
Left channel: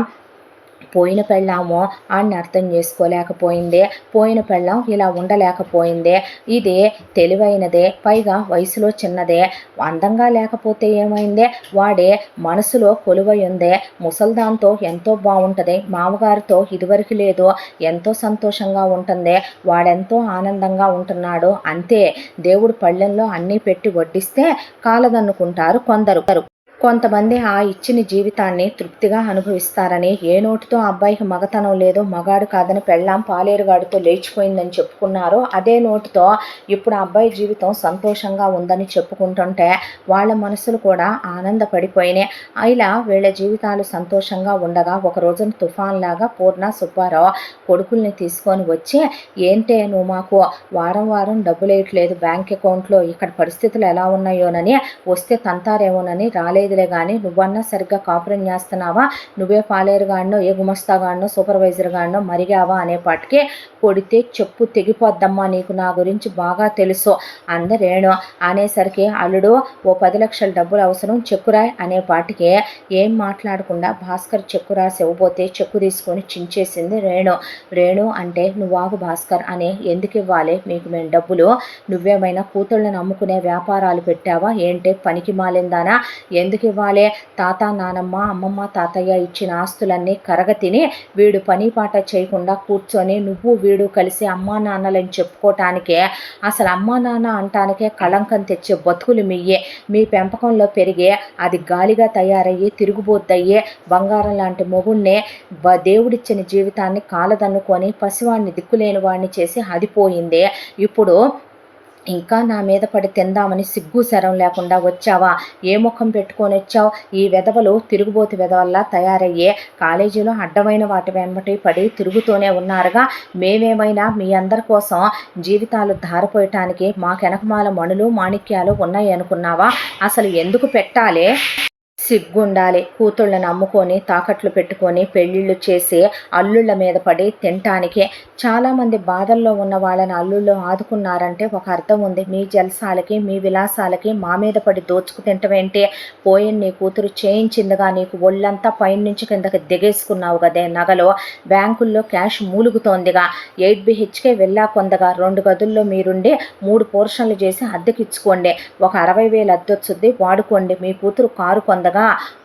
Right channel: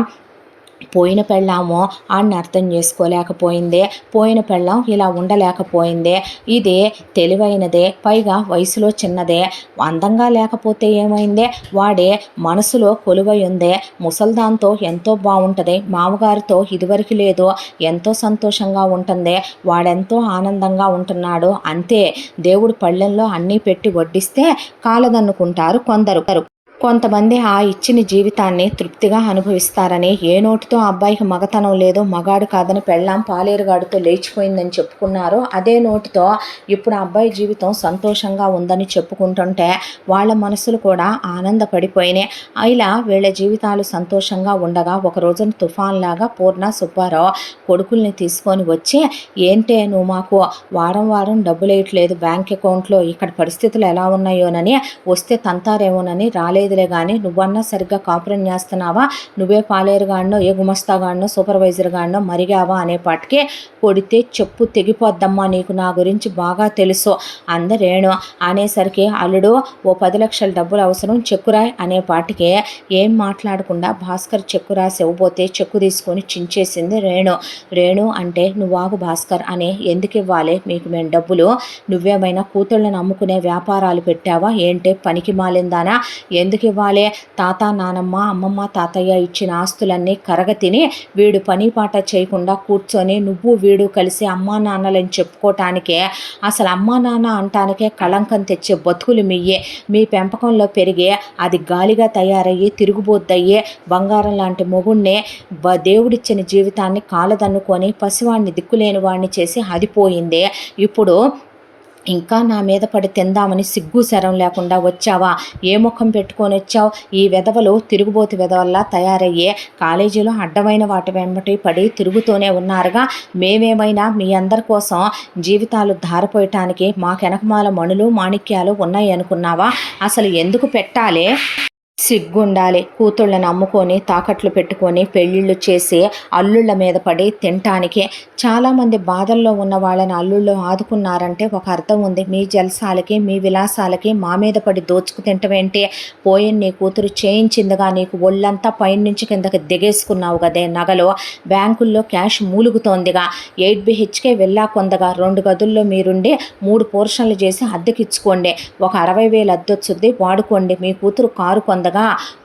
పోయిన పెళ్ళామో ఆడిని అర్థం చేసుకోలేకపోయిందే, పోయిన పెళ్ళాం ఇలా ఉండలేకపోయిందే, ఇదే తెలివైనదే, పైగా వయసులో చిన్నదే, అందంగా లేకపోతే ఏమైందే, వాడే మనసులో కొలువై ఉందే, ముసల్దాంతో ఎంతో బాగుంటుంది, మామగారితో ఇదివరకు లేదు, ఎంతో సంతోషంగా ఉంటుంది, వాడెంతో ఆనందంగా ఉంటున్నాడు, అంతే. దేవుడు పళ్ళెంలో అన్నీ పెట్టి వడ్డిస్తే కాలదన్నుకుంటారు కొందరు. కొంతమంది ఆ ఇచ్చిన జీవితాన్ని తృప్తిగా అనుభవిస్తారని, ఏ నోటితో అబ్బాయికి మగతనం లేదో, మగాడు కాదని పెళ్ళాం పాలేరుగాడితో లేచిపోయిందని చెప్పుకున్నారో, అదే నోటితో ఇప్పుడు అబ్బాయి జీవితం సంతోషంగా ఉందని చెప్పుకుంటుంటే వాళ్ళ మనసులు కూడా ఆనందపడిపోయినాయి. ఇలా వీళ్ళ జీవితాలు సంతోషంగా ఉండగా ఒక రోజున తుఫాన్లాగా పూర్ణ సుబ్బారావు కొడుకుల్ని తీసుకొని వచ్చి, ఏంటే నువ్వు మాకు వారం వారం డబ్బులు వేయట్లేదు బ్యాంక్ అకౌంట్లో, ఇక్కడ పరిస్థితులు ఎలా ఉన్నాయోనని, వస్తే తంతారేమోనని రాలేదు తెలియదులే కానీ నువ్వన్నా సరిగ్గా కాపురం చేస్తున్నావా, నువ్వే పాలేరుగాడినో ఏ గుమస్తాగాడినో సూపర్వైజర్గాడినో మరిగావా అనేపాటికి కొడితే చెప్పు తెగిపోద్దమ్మా, నీకు నా గురించి బాగా తెలుసు అందరేణు అనేసరికి అల్లుడు ఓ 10 లక్షల డబ్బులు అవసరం చెక్కురాయ్ అనేపాటికి ఏం మాట్లాడకుండా భాస్కర్ చెక్కు రాసి ఇవ్వబోతే చెక్కు తీసుకొని చించేసింది రేణు అంటే నువ్వాగు భాస్కర్ అని ఎందుకు ఇవ్వాలి మీకు మేము డబ్బులు, నువ్వేమైనా కూతుళ్ళని అమ్ముకునే వ్యాపారాలు పెట్టావా ఏంటే పనికి మాలిందానా, ఎందుకు ఇవ్వాలి, తాత నానమ్మ అమ్మమ్మ తాతయ్య ఇచ్చిన ఆస్తులన్నీ కరగతిని వీడు పని పాట చేయకుండా కూర్చొని నువ్వు వీడు కలిసి అమ్మా నాన్నలని చెప్పుకోవటానికే, అసలు అమ్మా నాన్న అంటానికే కళంకం తెచ్చే బతుకులు మీ పెంపకంలో పెరిగే అది గాలిగా తయారయ్యి తిరుగుబోద్దయ్యే బంగారం లాంటి మొగుణ్ణే దేవుడిచ్చిన జీవితాన్ని కాలదన్నుకొని పసివాడిని దిక్కులేని వాడిని చేసి అదిపోయిందే, ఇప్పుడు ఇంకా నా మీద పడి తిందామని సిగ్గు శరం లేకుండా వచ్చావా, ఏ ముఖం పెట్టుకొని వచ్చావు, ఈ వెధవలు తిరుగుబోతు వెధవల్లా తయారయ్యే కాలేజీలో అడ్డమైన వాటి వెంబటి పడి తిరుగుతూనే ఉన్నారుగా, మేమేమైనా మీ అందరి కోసం జీవితాలు ధారపోయటానికి మాకెనకమాల మణులు మాణిక్యాలు ఉన్నాయి అనుకున్నావా, అసలు ఎందుకు పెట్టాలి, సిగ్గుండాలి, కూతుళ్ళని అమ్ముకొని తాకట్లు పెట్టుకొని పెళ్ళిళ్ళు చేసి అల్లుళ్ళ మీద పడి తినటానికి, చాలామంది బాధల్లో ఉన్న వాళ్ళని అల్లుళ్ళు ఆదుకున్నారంటే ఒక అర్థం ఉంది, మీ జల్సాలకి మీ విలాసాలకి మా మీద పడి దోచుకు తింటమేంటి, పోయిన నీ కూతురు చేయించిందిగా నీకు ఒళ్ళంతా పైనుంచి కిందకి దిగేసుకున్నావు కదే నగలు, బ్యాంకుల్లో క్యాష్ మూలుగుతోందిగా, 8 BHK వెళ్ళా కొందగా 2 గదుల్లో మీరుండి 3 పోర్షన్లు చేసి అద్దెకిచ్చుకోండి, ఒక 60,000 అద్దొచ్చుద్ది వాడుకోండి, మీ కూతురు కారు కొందగా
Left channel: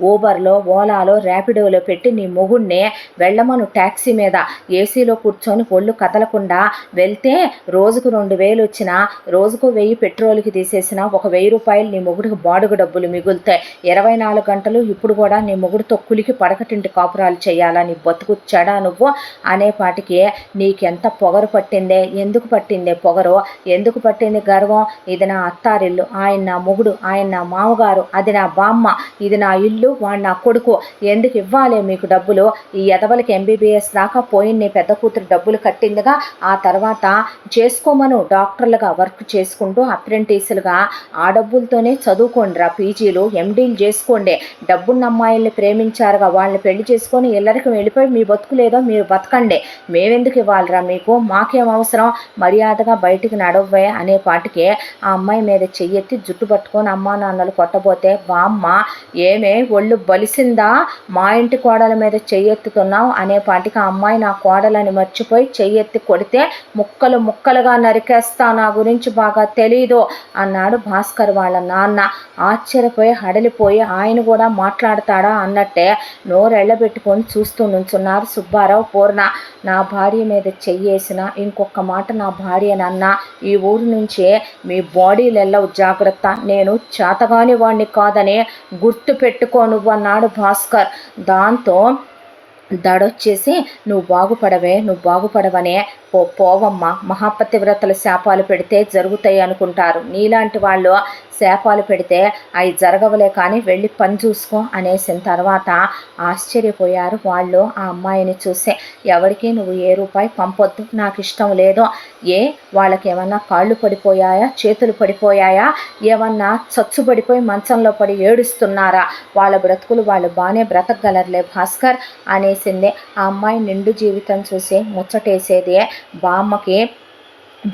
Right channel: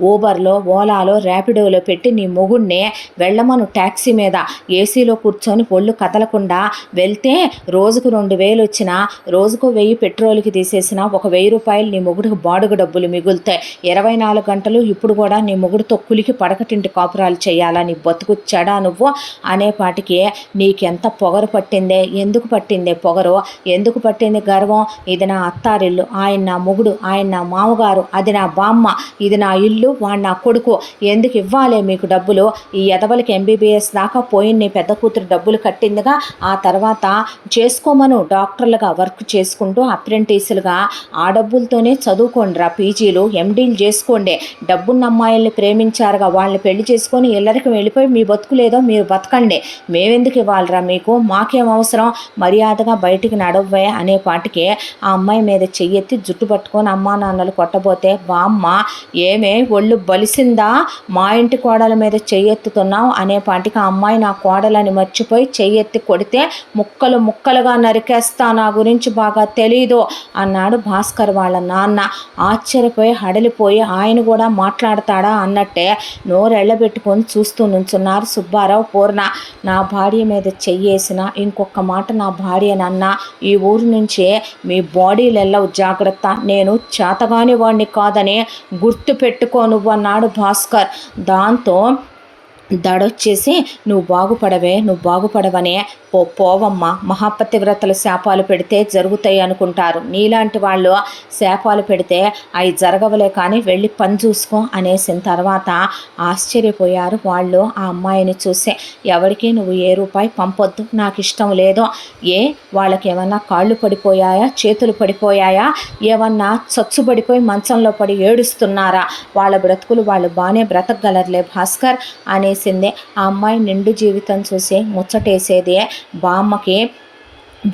ఊబర్లో ఓలాలో ర్యాపిడోలో పెట్టి నీ మొగుడిని వెళ్ళమను, ట్యాక్సీ మీద ఏసీలో కూర్చొని ఒళ్ళు కదలకుండా వెళ్తే రోజుకు 2,000 వచ్చినా రోజుకు 1,000 పెట్రోల్కి తీసేసిన ఒక 1,000 రూపాయలు నీ మొగుడికి బాడుగు డబ్బులు మిగులుతాయి, 24 గంటలు ఇప్పుడు కూడా నీ మొగుడితో కులికి పడకటింటి కాపురాలు చేయాలని బతుకు చెడా నువ్వు అనేపాటికి నీకెంత పొగరు పట్టిందే, ఎందుకు పట్టిందే పొగరు, ఎందుకు పట్టింది గర్వం, ఇది నా అత్తారిల్లు, ఆయన నా మొగుడు, ఆయన నా మామగారు, అది నా బామ్మ, ఇది నా ఇల్లు, వాడు నా కొడుకు, ఎందుకు ఇవ్వాలి మీకు డబ్బులు, ఈ ఎదవలకి MBBS దాకా పోయిన నీ పెద్ద కూతురు డబ్బులు కట్టిందిగా, ఆ తర్వాత చేసుకోమను డాక్టర్లుగా వర్క్ చేసుకుంటూ అప్రెంటిస్లుగా ఆ డబ్బులతోనే చదువుకోండిరా, పీజీలు MDలు చేసుకోండి, డబ్బున్న అమ్మాయిల్ని ప్రేమించారుగా వాళ్ళని పెళ్లి చేసుకొని ఇల్లరికి వెళ్ళిపోయి మీ బతుకులేదో మీరు బతకండి, మేమెందుకు ఇవ్వాలిరా మీకు, మాకేం అవసరం, మర్యాదగా బయటికి నడవ్వే అనేపాటికి ఆ అమ్మాయి మీద చెయ్యెత్తి జుట్టు పట్టుకొని అమ్మా నాన్నలు కొట్టబోతే బామ్మ ఏమే ఒళ్ళు బలిసిందా, మా ఇంటి కోడల మీద చెయ్యెత్తుతున్నావు అనేపాటికి ఆ అమ్మాయి నా కోడలని మర్చిపోయి చెయ్యెత్తి కొడితే ముక్కలు ముక్కలుగా నరికేస్తా, నా గురించి బాగా తెలీదు అన్నాడు భాస్కర్ వాళ్ళ నాన్న, ఆశ్చర్యపోయి హడలిపోయి ఆయన కూడా మాట్లాడతాడా అన్నట్టే నోరెళ్ళబెట్టుకొని చూస్తూ నుంచున్నారు సుబ్బారావు పూర్ణ, నా భార్య మీద చెయ్యేసిన ఇంకొక మాట నా భార్యనన్నా ఈ ఊరు నుంచే మీ బాడీలు వెళ్ళవు జాగ్రత్త, నేను చేతగాని వాడిని కాదని గుర్తు పెట్టుకో నువ్వు అన్నాడు భాస్కర్, దాంతో దడొచ్చేసి నువ్వు బాగుపడవనే పోవమ్మ, మహాపతివ్రతల శాపాలు పెడితే జరుగుతాయి అనుకుంటారు, నీలాంటి వాళ్ళు శాపాలు పెడితే అవి జరగవలే కానీ వెళ్ళి పని చూసుకో అనేసిన తర్వాత ఆశ్చర్యపోయారు వాళ్ళు ఆ అమ్మాయిని చూసే, ఎవరికి నువ్వు ఏ రూపాయి పంపొద్దు, నాకు ఇష్టం లేదు, వాళ్ళకి ఏమన్నా కాళ్ళు పడిపోయాయా చేతులు పడిపోయాయా, ఏమన్నా చచ్చుబడిపోయి మంచంలో పడి ఏడుస్తున్నారా, వాళ్ళ బ్రతుకులు వాళ్ళు బాగానే బ్రతకగలరులే భాస్కర్ అనేసింది, ఆ అమ్మాయి నిండు జీవితం చూసి ముచ్చటేసేది బామ్మకి,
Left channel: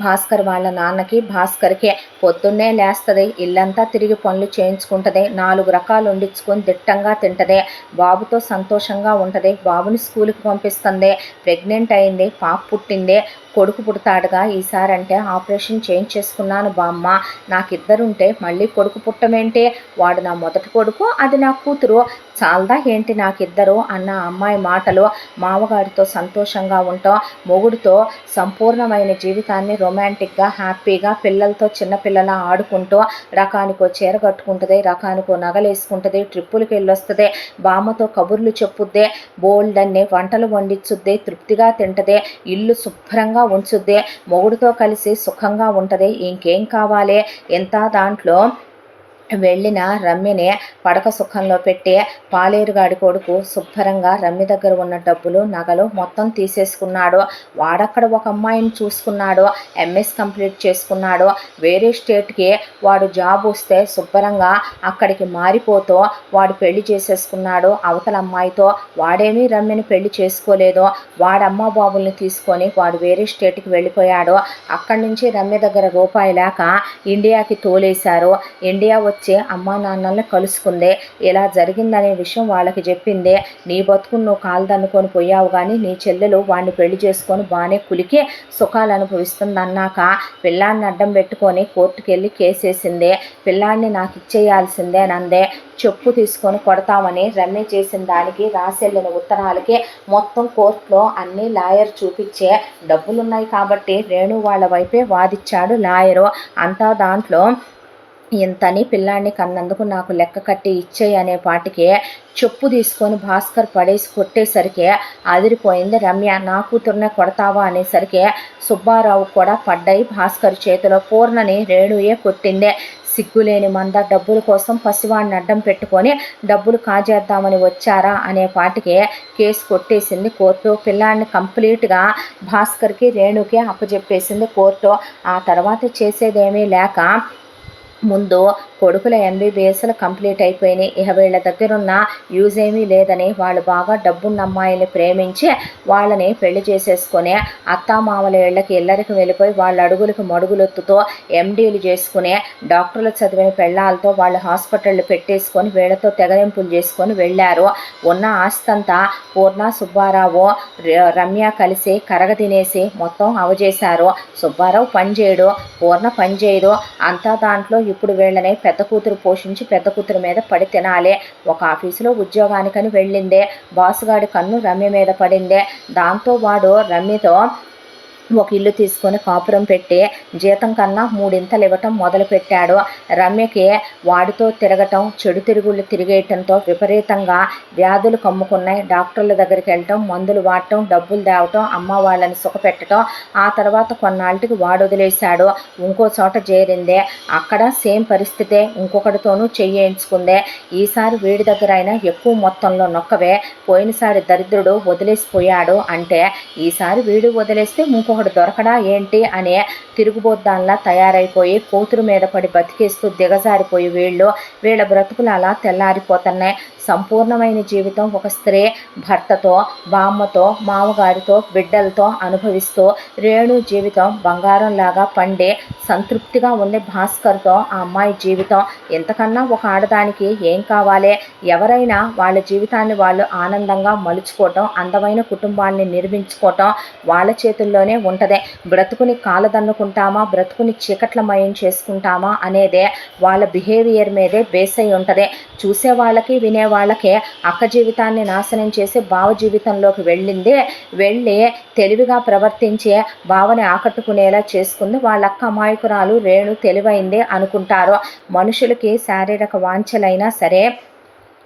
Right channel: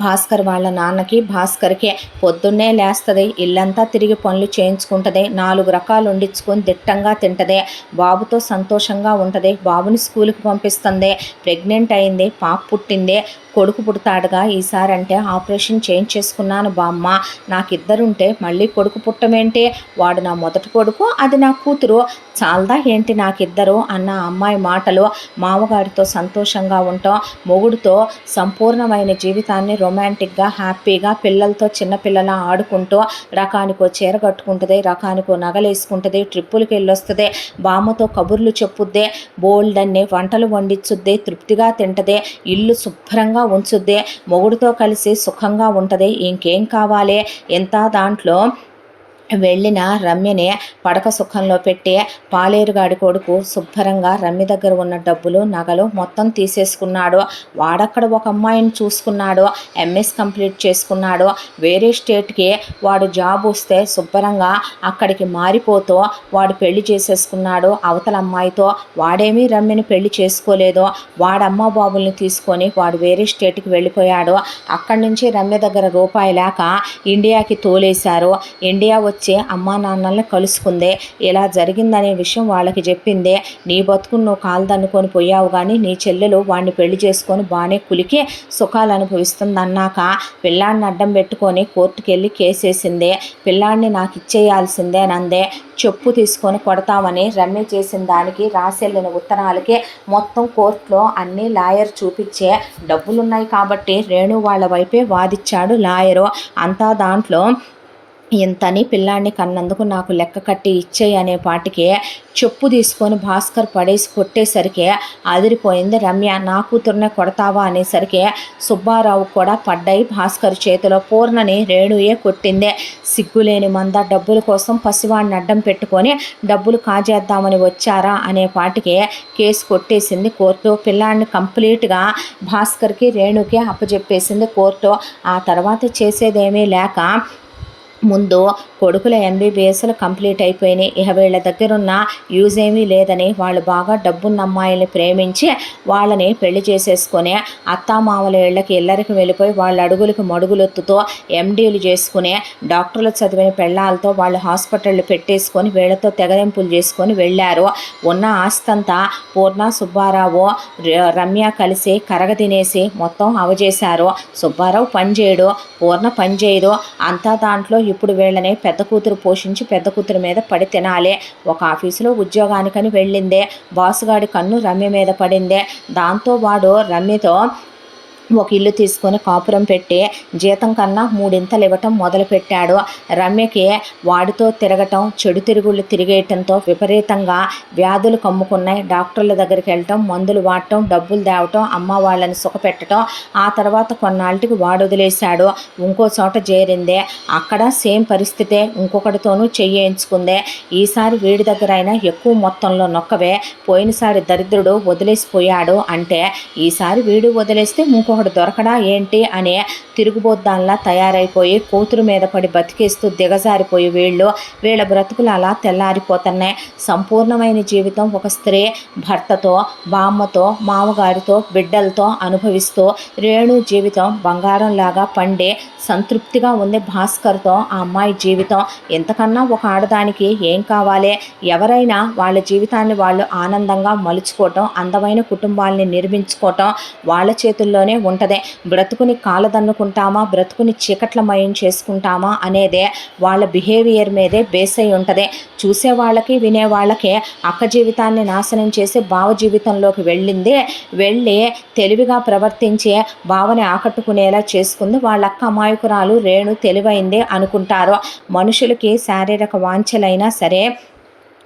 భాస్కర్ వాళ్ళ నాన్నకి భాస్కర్కి, పొద్దున్నే లేస్తుంది, ఇల్లంతా తిరిగి పనులు చేయించుకుంటుంది, 4 రకాలు వండించుకొని దిట్టంగా తింటుంది, బాబుతో సంతోషంగా ఉంటుంది, బాబుని స్కూల్కి పంపిస్తుంది, ప్రెగ్నెంట్ అయింది, పాప పుట్టింది, కొడుకు పుడతాడుగా ఈసారంటే ఆపరేషన్ చేయించేసుకున్నాను బామ్మ, నాకిద్దరుంటే మళ్ళీ కొడుకు పుట్టమేంటి, వాడు నా మొదటి కొడుకు, అది నా కూతురు, చాలదా ఏంటి నాకిద్దరు అన్న అమ్మాయి మాటలు, మామగారితో సంతోషంగా ఉంటాం, మొగుడితో సంపూర్ణమైన జీవితాన్ని రొమాంటిక్గా హ్యాపీగా పిల్లలతో చిన్నపిల్లల ఆడుకుంటూ రకానికో చీర కట్టుకుంటుంది, రకానికో నగలేసుకుంటుంది, ట్రిప్పులకి వెళ్ళొస్తుంది, బామ్మతో కబుర్లు చెప్పుద్దే, బోల్డన్ని వంటలు వండించుద్దే, తృప్తిగా తింటదే, ఇల్లు శుభ్రంగా ఉంచుద్దే, మొగుడితో కలిసి సుఖంగా ఉంటుంది, ఇంకేం కావాలి, ఎంత దాంట్లో వెళ్ళిన రమ్యని పడక సుఖంలో పెట్టి పాలేరుగాడి కొడుకు శుభ్రంగా రమ్య దగ్గర ఉన్న డబ్బులు నగలు మొత్తం తీసేసుకున్నాడు. వాడక్కడ ఒక అమ్మాయిని చూసుకున్నాడు, ఎంఎస్ కంప్లీట్ చేసుకున్నాడు. వేరే స్టేట్కి వాడు జాబ్ వస్తే శుభ్రంగా అక్కడికి మారిపోతూ వాడు పెళ్లి చేసేసుకున్నాడు అవతల అమ్మాయితో. వాడేమీ రమ్యని పెళ్లి చేసుకోలేదు. వాడమ్మ బాబుల్ని తీసుకొని వాడు వేరే స్టేట్కి వెళ్ళిపోయాడు. అక్కడి నుంచి రమ్య దగ్గర రూపాయి లేక ఇండియాకి తోలేశారు. ఇండియా వచ్చి అమ్మా నాన్నల్ని కలుసుకుందే. ఇలా జరిగిందనే విషయం వాళ్ళకి చెప్పిందే. నీ బతుకుని నువ్వు కాలుదన్నుకొని పోయావు, కానీ నీ చెల్లెలు వాడిని పెళ్లి చేసుకొని బాగానే కులికి సుఖాలు అనుభవిస్తుంది అన్నాక పిల్లాడిని అడ్డం పెట్టుకొని కోర్టుకు వెళ్ళి కేసేసిందే. పిల్లాడిని నాకు ఇచ్చేయాల్సిందే నందే. చెప్పు తీసుకొని కొడతామని రమ్య చేసిన దానికి రాసెళ్ళిన ఉత్తరాలకి మొత్తం కోర్టులో అన్ని లాయర్ చూపించే డబ్బులున్నాయి కాబట్టి రేణు వాళ్ళ వైపే వాదిచ్చాడు లాయరు. అంతా దాంట్లో ఇంతని పిల్లాడిని కన్నందుకు నాకు లెక్క కట్టి ఇచ్చేయి అనే పాటికి చెప్పు తీసుకొని భాస్కర్ పడేసి కొట్టేసరికి అదిరిపోయింది రమ్య. నా కూతురునే కొడతావా అనేసరికి సుబ్బారావు కూడా పడ్డాయి భాస్కర్ చేతిలో. పూర్ణని రేణుయే కొట్టిందే. సిగ్గులేని మంద డబ్బుల కోసం పసివాడిని అడ్డం పెట్టుకొని డబ్బులు కాజేద్దామని వచ్చారా అనే పాటికి కేసు కొట్టేసింది కోర్టు. పిల్లాడిని కంప్లీట్గా భాస్కర్కి రేణుకి అప్పచెప్పేసింది కోర్టు. ఆ తర్వాత చేసేదేమీ లేక ముందు కొడుకుల ఎంబీబీఎస్లు కంప్లీట్ అయిపోయినాయి. ఇక వీళ్ళ దగ్గరున్న యూజ్ ఏమీ లేదని వాళ్ళు బాగా డబ్బున్న అమ్మాయిల్ని ప్రేమించి వాళ్ళని పెళ్లి చేసేసుకొని అత్తామామల ఇళ్ళకి ఇల్లరికి వెళ్ళిపోయి వాళ్ళ అడుగులకు మడుగులొత్తుతో ఎండీలు చేసుకుని డాక్టర్లు చదివిన పెళ్ళాలతో వాళ్ళు హాస్పిటళ్ళు పెట్టేసుకొని వీళ్ళతో తెగదెంపులు చేసుకొని వెళ్ళారు. ఉన్న ఆస్తంతా పూర్ణ సుబ్బారావు రమ్య కలిసి కరగతినేసి మొత్తం అవజేశారు. సుబ్బారావు పనిచేయడు, పూర్ణ పనిచేయదు. అంతా దాంట్లో ఇప్పుడు వీళ్ళని పెద్ద కూతురు పోషించి పెద్ద కూతురు మీద పడి తినాలి. ఒక ఆఫీసులో ఉద్యోగానికని వెళ్ళిందే. బాసుగాడి కన్ను రమ్య మీద పడిందే. దాంతో వాడు రమ్యతో ఒక ఇల్లు తీసుకొని కాపురం పెట్టి జీతం కన్నా 3 ఇవ్వటం మొదలుపెట్టాడు. రమ్యకి వాడితో తిరగటం, చెడు తిరుగుళ్ళు తిరిగేయటంతో విపరీతంగా వ్యాధులు కమ్ముకున్నాయి. డాక్టర్ల దగ్గరికి వెళ్ళటం, మందులు వాడటం, డబ్బులు తేవటం, అమ్మ వాళ్ళని సుఖపెట్టడం. ఆ తర్వాత కొన్నాళ్ళకి వాడు వదిలేశాడు. ఇంకో చోట చేరిందే. అక్కడ సేమ్ పరిస్థితే. ఇంకొకటితోనూ చెయ్యించుకుందే. ఈసారి వీడి దగ్గర అయినా ఎక్కువ మొత్తంలో నొక్కవే. పోయినసారి దరిద్రుడు వదిలేసిపోయాడు అంటే ఈసారి వీడు వదిలేస్తే ఇంకొకటి దొరకడా ఏంటి అనే తిరుగుబోద్దాన్లా తయారైపోయి కూతురు మీద పడి బతికేస్తూ దిగజారిపోయి వీళ్ళ బ్రతుకులు అలా తెల్లారిపోతున్నాయి. సంపూర్ణమైన జీవితం ఒక స్త్రీ భర్తతో, బామ్మతో, మామగారితో, బిడ్డలతో అనుభవిస్తూ రేణు జీవితం బంగారంలాగా పండే సంతృప్తిగా ఉంది. భాస్కర్తో ఆ అమ్మాయి జీవితం. ఎంతకన్నా ఒక ఆడదానికి ఏం కావాలి? ఎవరైనా వాళ్ళ జీవితాన్ని వాళ్ళు ఆనందంగా మలుచుకోవటం, అందమైన కుటుంబాలని నిర్మించుకోవటం వాళ్ళ చేతుల్లోనే ఉంటుంది. బ్రతుకుని కాలదన్నుకుంటామా, బ్రతుకుని చీకట్లమయం చేసుకుంటామా అనేదే వాళ్ళ బిహేవియర్ మీదే బేస్ అయి ఉంటుంది. చూసే వాళ్ళకి వినే వాళ్ళకి అక్క జీవితాన్ని నాశనం చేసి బావ జీవితంలోకి వెళ్ళి తెలివిగా ప్రవర్తించే బావని ఆకట్టుకునేలా చేసుకుంది వాళ్ళక్క. అమాయకురాలు రేణు తెలివైందే అనుకుంటారు. మనుషులకి శారీరక వాంఛలైనా సరే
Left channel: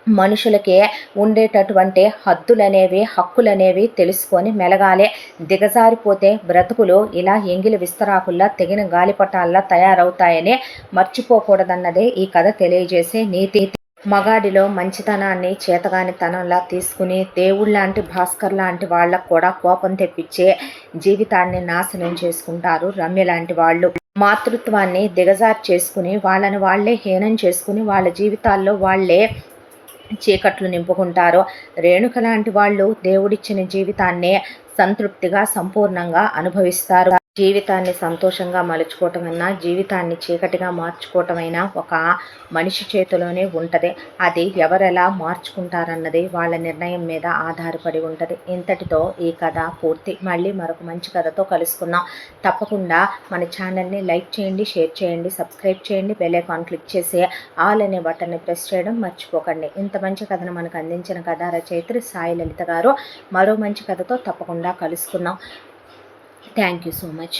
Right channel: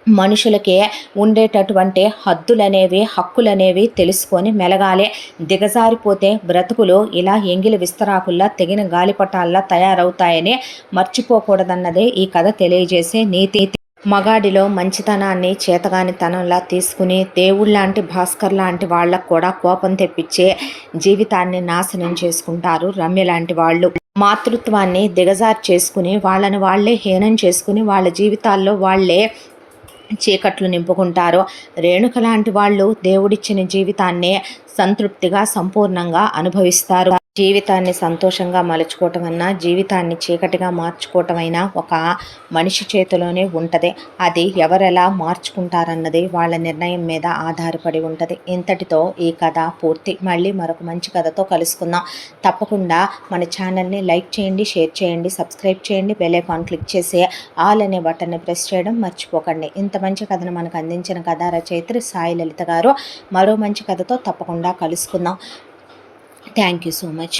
మనుషులకే ఉండేటటువంటి హద్దులనేవి, హక్కులనేవి తెలుసుకొని మెలగాలి. దిగజారిపోతే బ్రతుకులు ఇలా ఎంగిలి విస్తరాకుల్లా తెగిన గాలిపటాల్లా తయారవుతాయని మర్చిపోకూడదన్నదే ఈ కథ తెలియజేసే నీతి. మగాడిలో మంచితనాన్ని చేతగానితనంలా తీసుకుని దేవుళ్ళలాంటి భాస్కర్ లాంటి వాళ్ళకు కూడా కోపం తెప్పించే జీవితాన్ని నాశనం చేసుకుంటారు రమ్య లాంటి వాళ్ళు. మాతృత్వాన్ని దిగజారు చేసుకుని వాళ్ళని వాళ్ళే హీనం చేసుకుని వాళ్ళ జీవితాల్లో వాళ్ళే చీకట్లు నింపుకుంటారు. రేణుక లాంటి వాళ్ళు దేవుడిచ్చిన జీవితాన్నే సంతృప్తిగా సంపూర్ణంగా అనుభవిస్తారు. జీవితాన్ని సంతోషంగా మలుచుకోవటమన్నా, జీవితాన్ని చీకటిగా మార్చుకోవటమైనా ఒక మనిషి చేతిలోనే ఉంటుంది. అది ఎవరెలా మార్చుకుంటారన్నది వాళ్ళ నిర్ణయం మీద ఆధారపడి ఉంటుంది. ఇంతటితో ఈ కథ పూర్తి. మళ్ళీ మరొక మంచి కథతో కలుసుకుందాం. తప్పకుండా మన ఛానల్ని లైక్ చేయండి, షేర్ చేయండి, సబ్స్క్రైబ్ చేయండి, బెల్ ఐకాన్ క్లిక్ చేసి ఆల్ అనే బటన్ని ప్రెస్ చేయడం మర్చిపోకండి. ఇంత మంచి కథను మనకు అందించిన కథా రచయిత్రి సాయి లలిత గారు. మరో మంచి కథతో తప్పకుండా కలుసుకుందాం. Thank you so much.